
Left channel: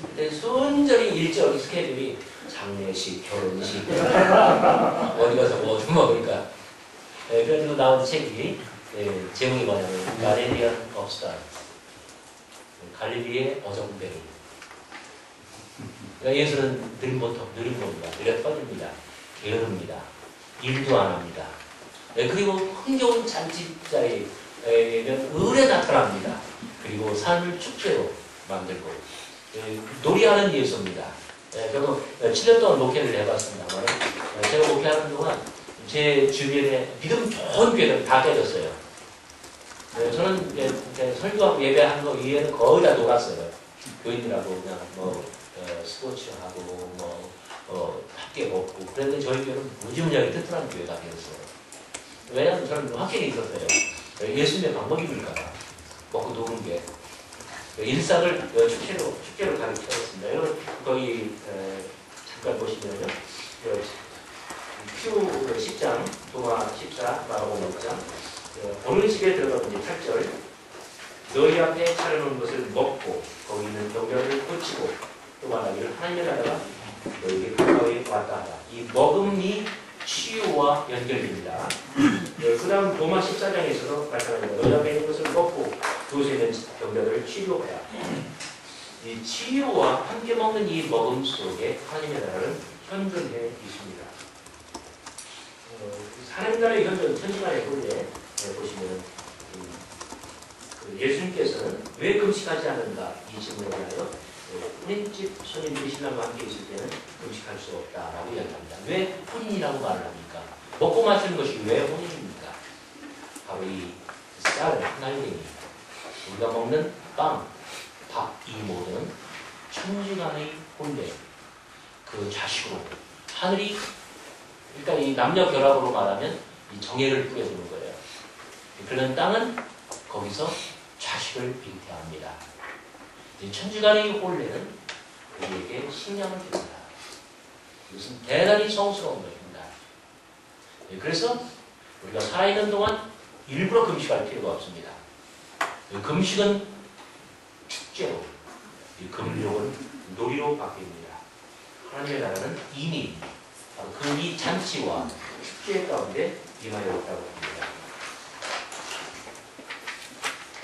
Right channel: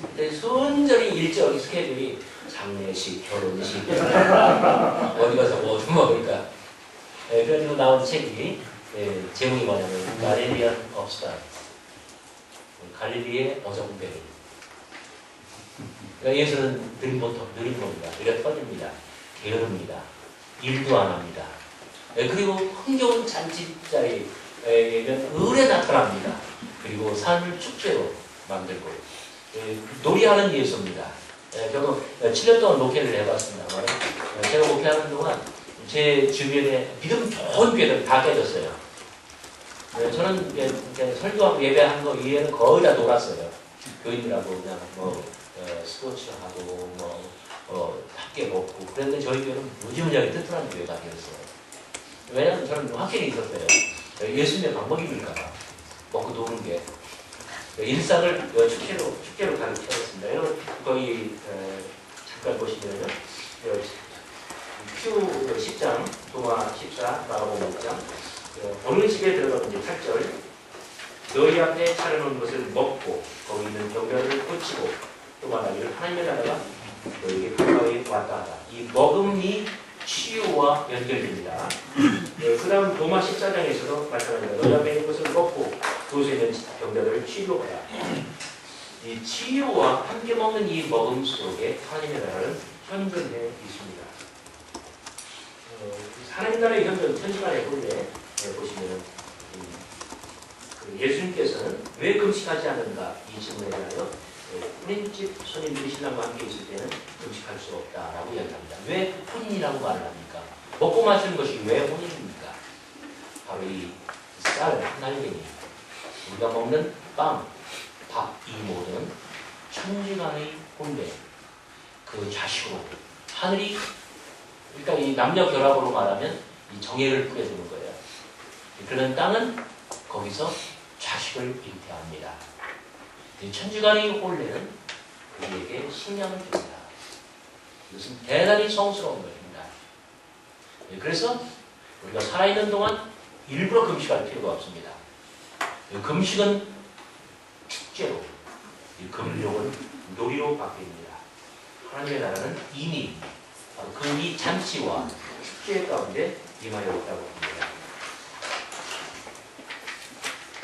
근데 순전히 일정 스케줄이 장례식, 결혼식, 어디 가서 뭐 좀 먹으니까. 그래서 나온 책이 제목이 뭐냐면 갈릴리안 업스타, 갈릴리의 어정배로. 그러니까 예수는 느린 겁니다. 느려 터집니다. 게으릅니다. 일도 안 합니다. 그리고 흥겨운 잔치자리에는 을에 나타납니다. 그리고 삶을 축제로 만들고 놀이하는 예수입니다. 저도 7년 동안 목회를 해봤습니다만 제가 목회하는 동안 제 주변에 믿음 좋은 교회들 다 깨졌어요. 저는 이제 설교하고 예배하는 거 이외에는 거의 다 놀았어요. 교인이라고 그냥 스포츠하고 함께 먹고. 그런데 저희 교회는 무지무지하게 튼튼한 교회가 되었어요. 왜냐하면 저는 확신이 있었어요. 예수님의 방법입니까? 먹고 노는 게. 일상을 축제로 가르쳐줬습니다. 여러분 거기 잠깐 보시면요. 큐 10장, 도마 14, 마가복음 6장. 어느 집에 들어가면 이제 8절. 너희 앞에 차려놓은 것을 먹고 거기 있는 병변을 고치고 또 말하기를 하나님의 나라가 너희에게 가까이 왔다 하다. 이 먹음이 치유와 연결됩니다. 그 다음 도마 14장에서도 마찬가지입니다. 너희 앞에 있는 것을 먹고 그곳에 있는 병들을 치유하라. 이 치유와 함께 먹는 이 먹음 속에 하나님의 나라는 현존해 있습니다. 하나님 나라의 현존, 천지만의 본래 보시면은 예수님께서는 왜 금식하지 않는가 이 질문에 대하여 혼인집 손님들이 신랑과 함께 있을 때는 금식할 수 없다라고 이야기합니다. 왜 혼인이라고 말을 합니까? 먹고 마시는 것이 왜 혼인입니까? 바로 이 쌀, 하나님이 우리가 먹는 빵, 밥, 이 모든 천지간의 혼례, 그 자식으로 하늘이 그러니까 이 남녀 결합으로 말하면 이 정예를 뿌려주는 거예요. 그런 땅은 거기서 자식을 잉태합니다. 천지간의 혼례는 우리에게 식량을 줍니다. 이것은 대단히 성스러운 것입니다. 그래서 우리가 살아있는 동안 일부러 금식할 필요가 없습니다. 금식은 축제로, 금욕은 놀이로 바뀝니다. 하나님의 나라는 이미 바로 그 이 잔치와 축제 가운데 임하여 있다고 합니다.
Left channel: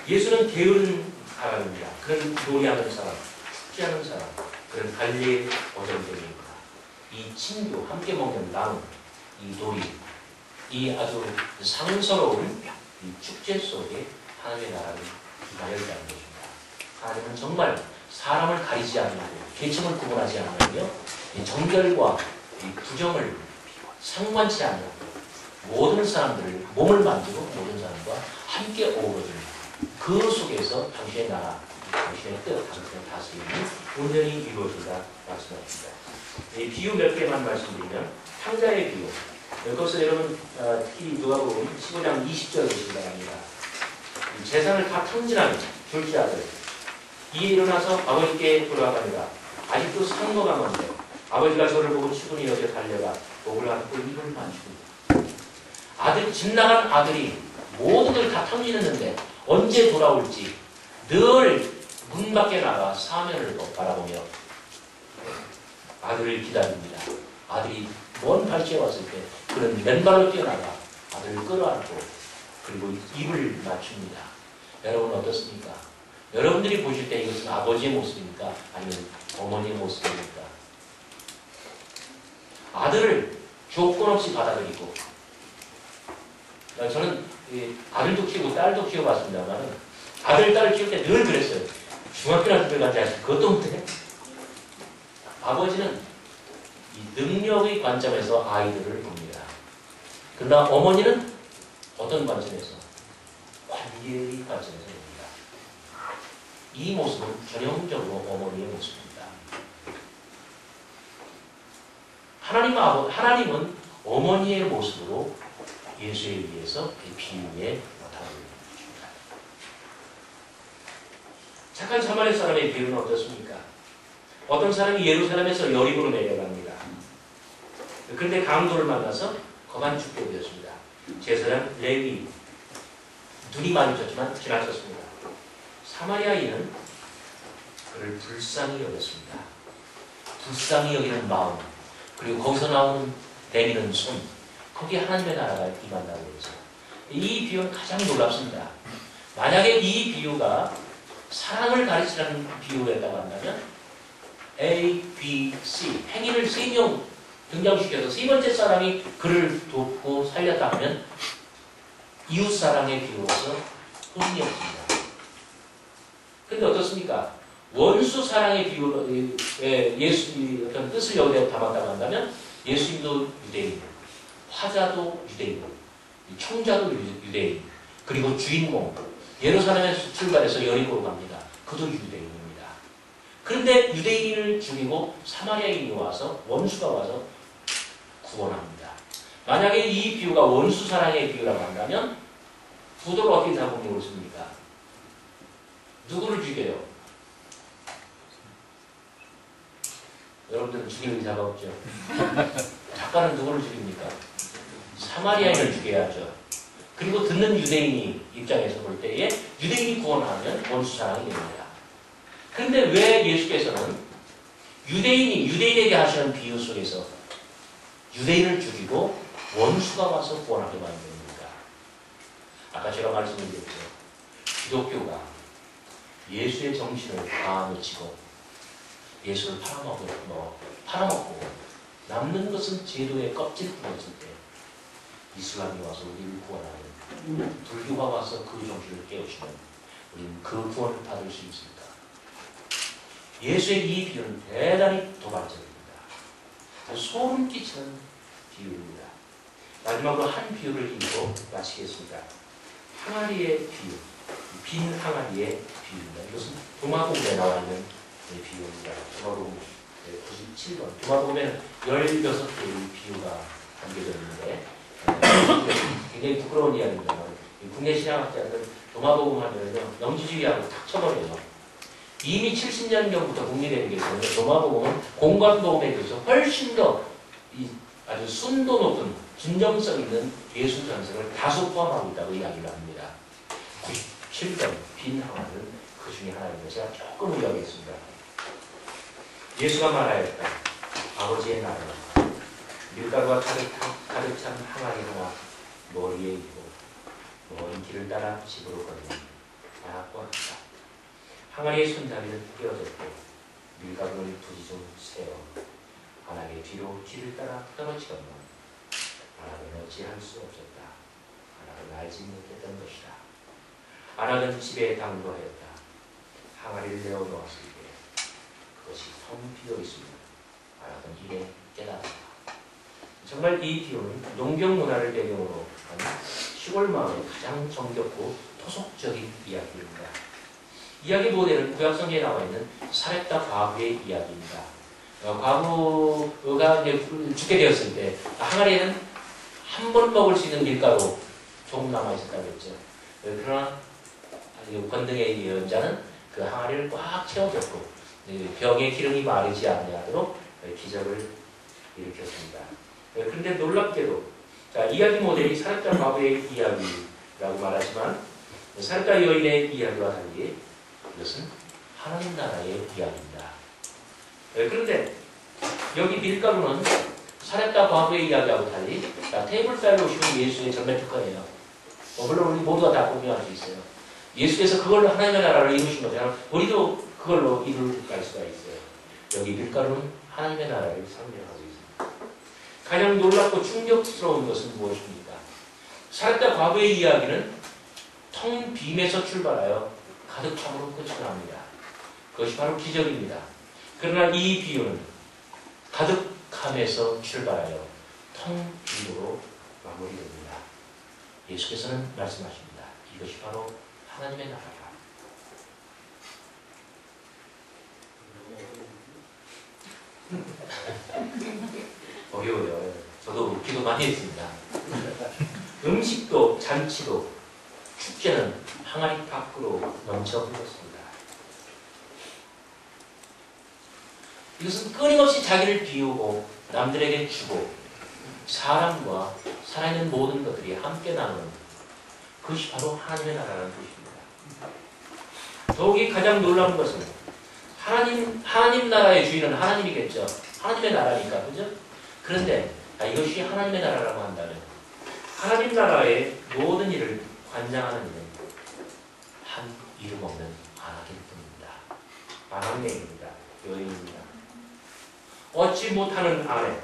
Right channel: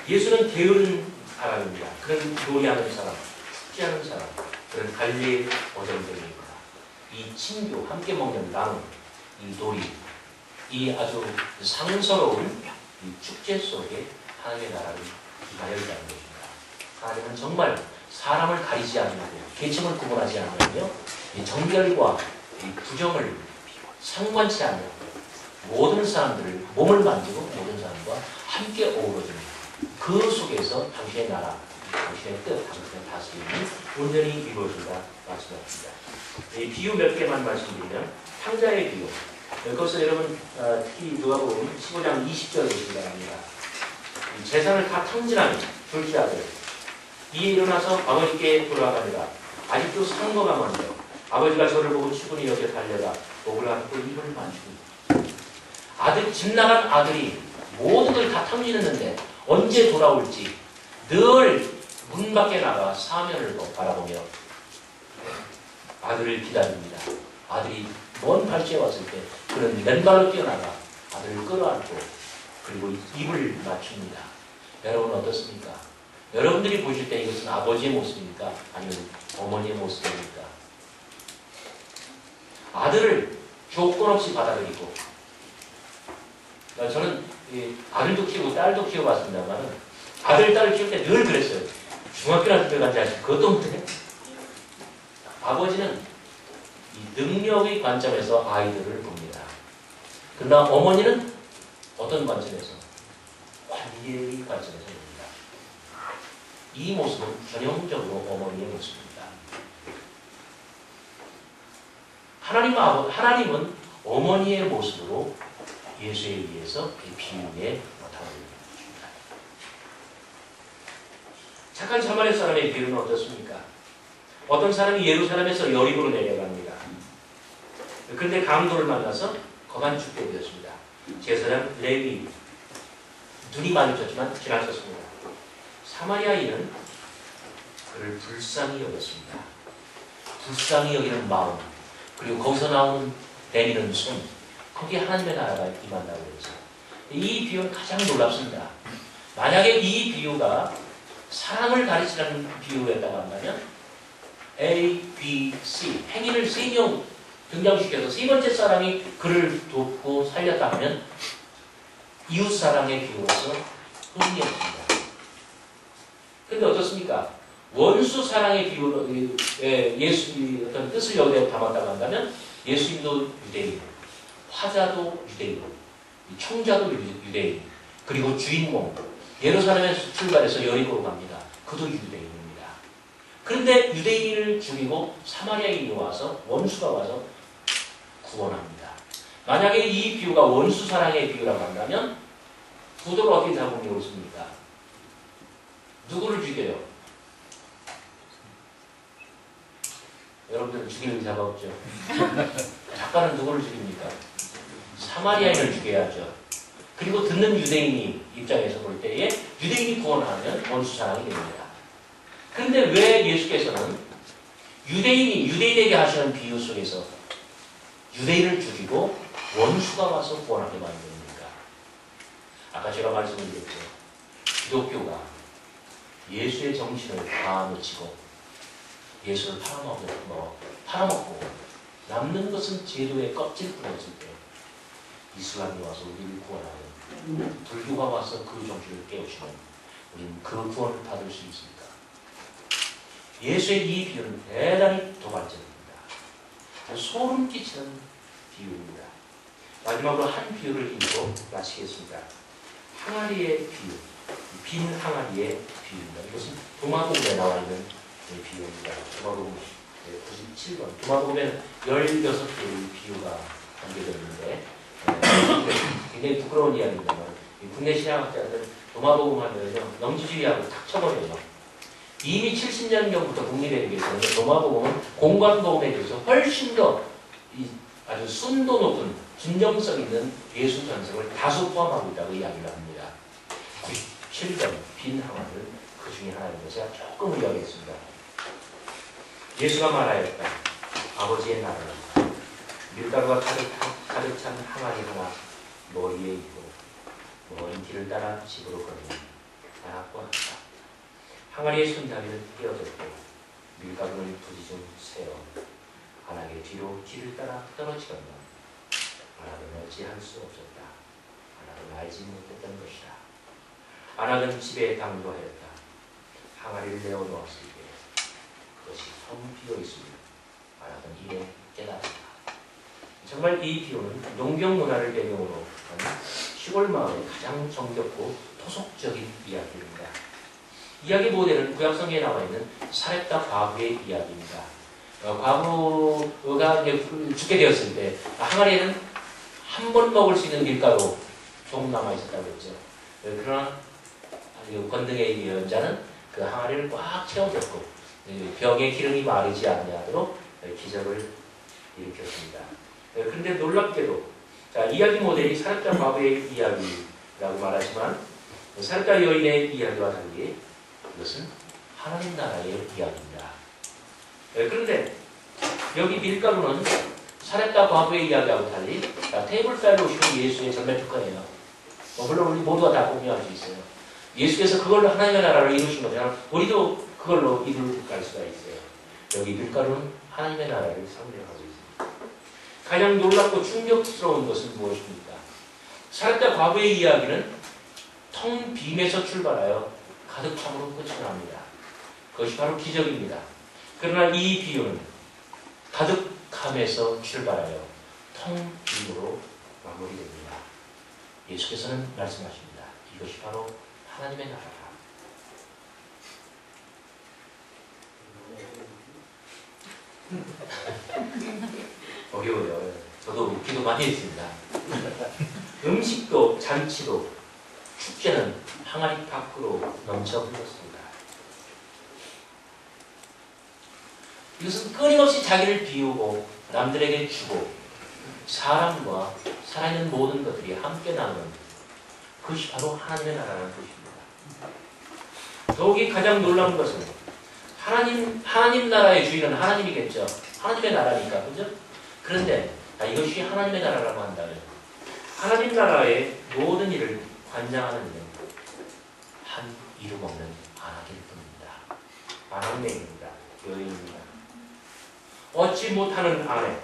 예수는 게으른 사람입니다. 그런 놀이하는 사람, 축제하는 사람, 그런 갈릴리 어정쩡입니다. 이 친교, 함께 먹는 나눔, 이 놀이, 이 아주 상스러운 이 축제 속에 하나님의 나라를 임하여 있다는 것입니다. 하나님은 정말 사람을 가리지 않고 계층을 구분하지 않으며 이 정결과 이 부정을 상관치 않고 모든 사람들을 몸을 만지고 모든 사람과 함께 어우러집니다. 그 속에서 당신의 나라, 당신의 뜻, 당신의 다스림이 온전히 이루어진다 말씀하십니다. 이 비유 몇 개만 말씀드리면 탕자의 비유. 그것을 여러분 특히 누가복음 15장 20절을 보시기 바랍니다. 재산을 다 탕진한 둘째 아들 이에 일어나서 아버지께 돌아가니라. 아직도 상고가 많은데 아버지가 저를 보고 추근히 여겨 달려가 목을 안고 입을 만지고 집 나간 아들이 모든 걸 다 탕진했는데 언제 돌아올지 늘 문 밖에 나가 사면을 바라보며 아들을 기다립니다. 아들이 먼 발치에 왔을 때 그는 맨발로 뛰어나가 아들을 끌어안고 그리고 입을 맞춥니다. 여러분 어떻습니까? 여러분들이 보실 때 이것은 아버지의 모습입니까? 아니면 어머니의 모습입니까? 아들을 조건 없이 받아들이고, 저는 아들도 키우고 딸도 키워봤습니다만 아들, 딸을 키울 때 늘 그랬어요. 중학교나 집에 간지 아시고 그것도 못해. 아버지는 이 능력의 관점에서 아이들을 봅니다. 그러나 어머니는 어떤 관점에서? 관계의 관점에서 봅니다. 이 모습은 전형적으로 어머니의 모습입니다. 하나님은 어머니의 모습으로 예수에 의해서 비유에 나타나고 있습니다. 착한 사마리아 사람의 비유는 어떻습니까? 어떤 사람이 예루살렘에서 여리고로 내려갑니다. 그런데 강도를 만나서 거만 죽게 되었습니다. 제사장 레위, 눈이 마주쳤지만 지나쳤습니다. 사마리아인은 그를 불쌍히 여겼습니다. 불쌍히 여기는 마음, 그리고 거기서 나오는 내미는 손, 거기에 하나님의 나라가 임한다고 했죠. 이 비유는 가장 놀랍습니다. 만약에 이 비유가 사랑을 가르치는 비유였다고 한다면 A, B, C 행위를 3명 등장시켜서 3번째 사람이 그를 돕고 살렸다 하면 이웃사랑의 비유로서 흥미없습니다. 그런데 어떻습니까? 원수사랑의 비유로 예수의 어떤 뜻을 여기에 담았다고 한다면 예수님도 유대인, 화자도 유대인, 청자도 유대인, 그리고 주인공 예루살렘에서 출발해서 여리고로 갑니다. 그도 유대인입니다. 그런데 유대인을 죽이고 사마리아인이 와서 원수가 와서 구원합니다. 만약에 이 비유가 원수사랑의 비유라고 한다면 구도를 어떻게 잡으면 옳습니까? 누구를 죽여요? 여러분들은 죽일 의사가 없죠. 작가는 누구를 죽입니까? 사마리아인을 죽여야죠. 그리고 듣는 유대인이 입장에서 볼 때에 유대인이 구원하면 원수사랑이 됩니다. 그런데 왜 예수께서는 유대인에게 하시는 비유 속에서 유대인을 죽이고 원수가 와서 구원하게 만듭니까? 아까 제가 말씀드렸죠. 기독교가 예수의 정신을 다 놓치고 예수를 팔아먹고 남는 것은 제도의 껍질뿐이었을 때 이슬람이 와서 우리를 구원하면, 불교가 와서 그 정신을 깨우치면 우리는 그 구원을 받을 수 있습니까? 예수의 이 비유는 대단히 도발적입니다. 소름 끼치는 비유입니다. 마지막으로 한 비유를 읽고 마치겠습니다. 항아리의 비유, 빈 항아리의 비유입니다. 이것은 도마복음에 나와 있는 비유입니다. 도마복음 97번. 도마복음에는 16개의 비유가 담겨져 있는데 굉장히 부끄러운 이야기입니다만 국내 신학학자들은 도마복음 하면요 영지주의하고 탁 쳐버려요. 이미 70년경부터 국립에 계시는 도마복음은 공관복음에 비해서 훨씬 더 아주 순도 높은 진정성 있는 예술 전승을 다소 포함하고 있다고 이야기를 합니다. 97번 빈 항아리는 그 중에 하나인데 제가 조금 의아하겠습니다. 예수가 말하였다. 아버지의 나라는 밀가루가 가득 찬 항아리 하나 머리에 있고 먼 길을 따라 집으로 걷는 나락과 같다. 항아리의 손잡이는 떼어졌고 밀가루를 부지중 세어 안하게 뒤로 길을 따라 떨어지건만 안하는 어찌할 수 없었다. 안하는 알지 못했던 것이다. 안하는 집에 당도하였다. 항아리를 내어놓았을 때 그것이 텅 비어있으며 안하는 이에 깨달았다. 정말 이 비유는 농경 문화를 배경으로 한 시골 마을의 가장 정겹고 토속적인 이야기입니다. 이야기 모델은 구약성경에 나와 있는 사렙다 과부의 이야기입니다. 과부가 이제 죽게 되었을 때 항아리에는 한 번 먹을 수 있는 밀가루 조금 남아 있었다고 했죠. 그러나 권능의 예언자는 그 항아리를 꽉 채워줬고 병의 기름이 마르지 않도록 기적을 일으켰습니다. 그런데 놀랍게도 이야기 모델이 사렙다 과부의 이야기라고 말하지만 사렙다 여인의 이야기와 달리 이것은 하나님 나라의 이야기입니다. 그런데 여기 밀가루는 살았다 과부의 이야기하고 달리 자, 테이블사에 오시면 예수의 전면 특허예요. 물론 우리 모두가 다 공유할 수 있어요. 예수께서 그걸로 하나님의 나라를 이루신 것처럼 우리도 그걸로 이룰 수가 있어요. 여기 밀가루는 하나님의 나라를 상징하고 있습니다. 가장 놀랍고 충격스러운 것은 무엇입니까? 살았다 과부의 이야기는 텅 빔에서 출발하여 가득 참으로 끝이 납니다. 그것이 바로 기적입니다. 그러나 이 비유는 가득함에서 출발하여 텅 빔으로 마무리됩니다. 예수께서는 말씀하십니다. 이것이 바로 하나님의 나라다. 어려워요. 저도 기도 많이 했습니다. 음식도 잔치도 축제는 항아리 밖으로 넘쳐 흘렀습니다. 이것은 끊임없이 자기를 비우고 남들에게 주고 사람과 살아있는 모든 것들이 함께 나누는 그것이 바로 하나님의 나라라는 것입니다. 더욱이 가장 놀라운 것은 하나님 나라의 주인은 하나님이겠죠. 하나님의 나라니까, 그죠? 그런데 이것이 하나님의 나라라고 한다면 하나님 나라의 모든 일을 관장하는 일은 한 이름 없는 안악일 뿐입니다. 안악내입니다. 여인입니다. 얻지 못하는 아내,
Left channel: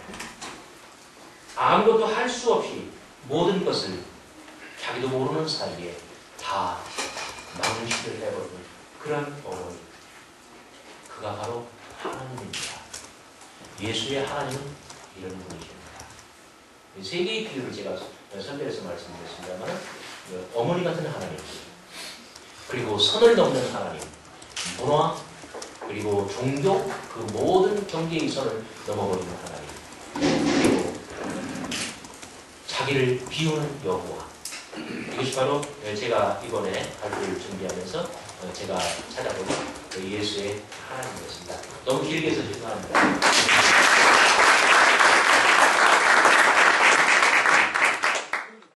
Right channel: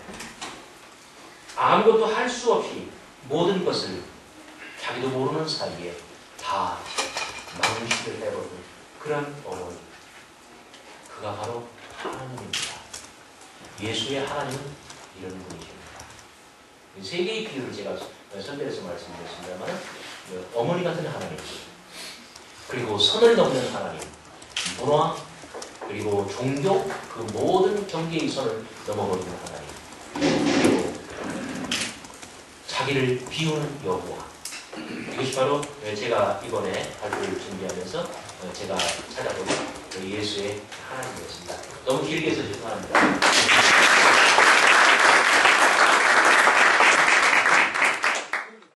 아무것도 할 수 없이 모든 것을 자기도 모르는 사이에 다 망실을 해버리는 그런 어머니, 그가 바로 하나님입니다. 예수의 하나님은 이런 분이십니다. 세 개의 비유를 제가 선별해서 말씀드렸습니다만 어머니 같은 하나님, 그리고 선을 넘는 하나님, 문화, 그리고 종교, 그 모든 경계의 선을 넘어버리는 하나님, 그리고 자기를 비우는 여호와. 이것이 바로 제가 이번에 발표를 준비하면서 제가 찾아본 예수의 하나님이었습니다. 너무 길게 해서 죄송합니다.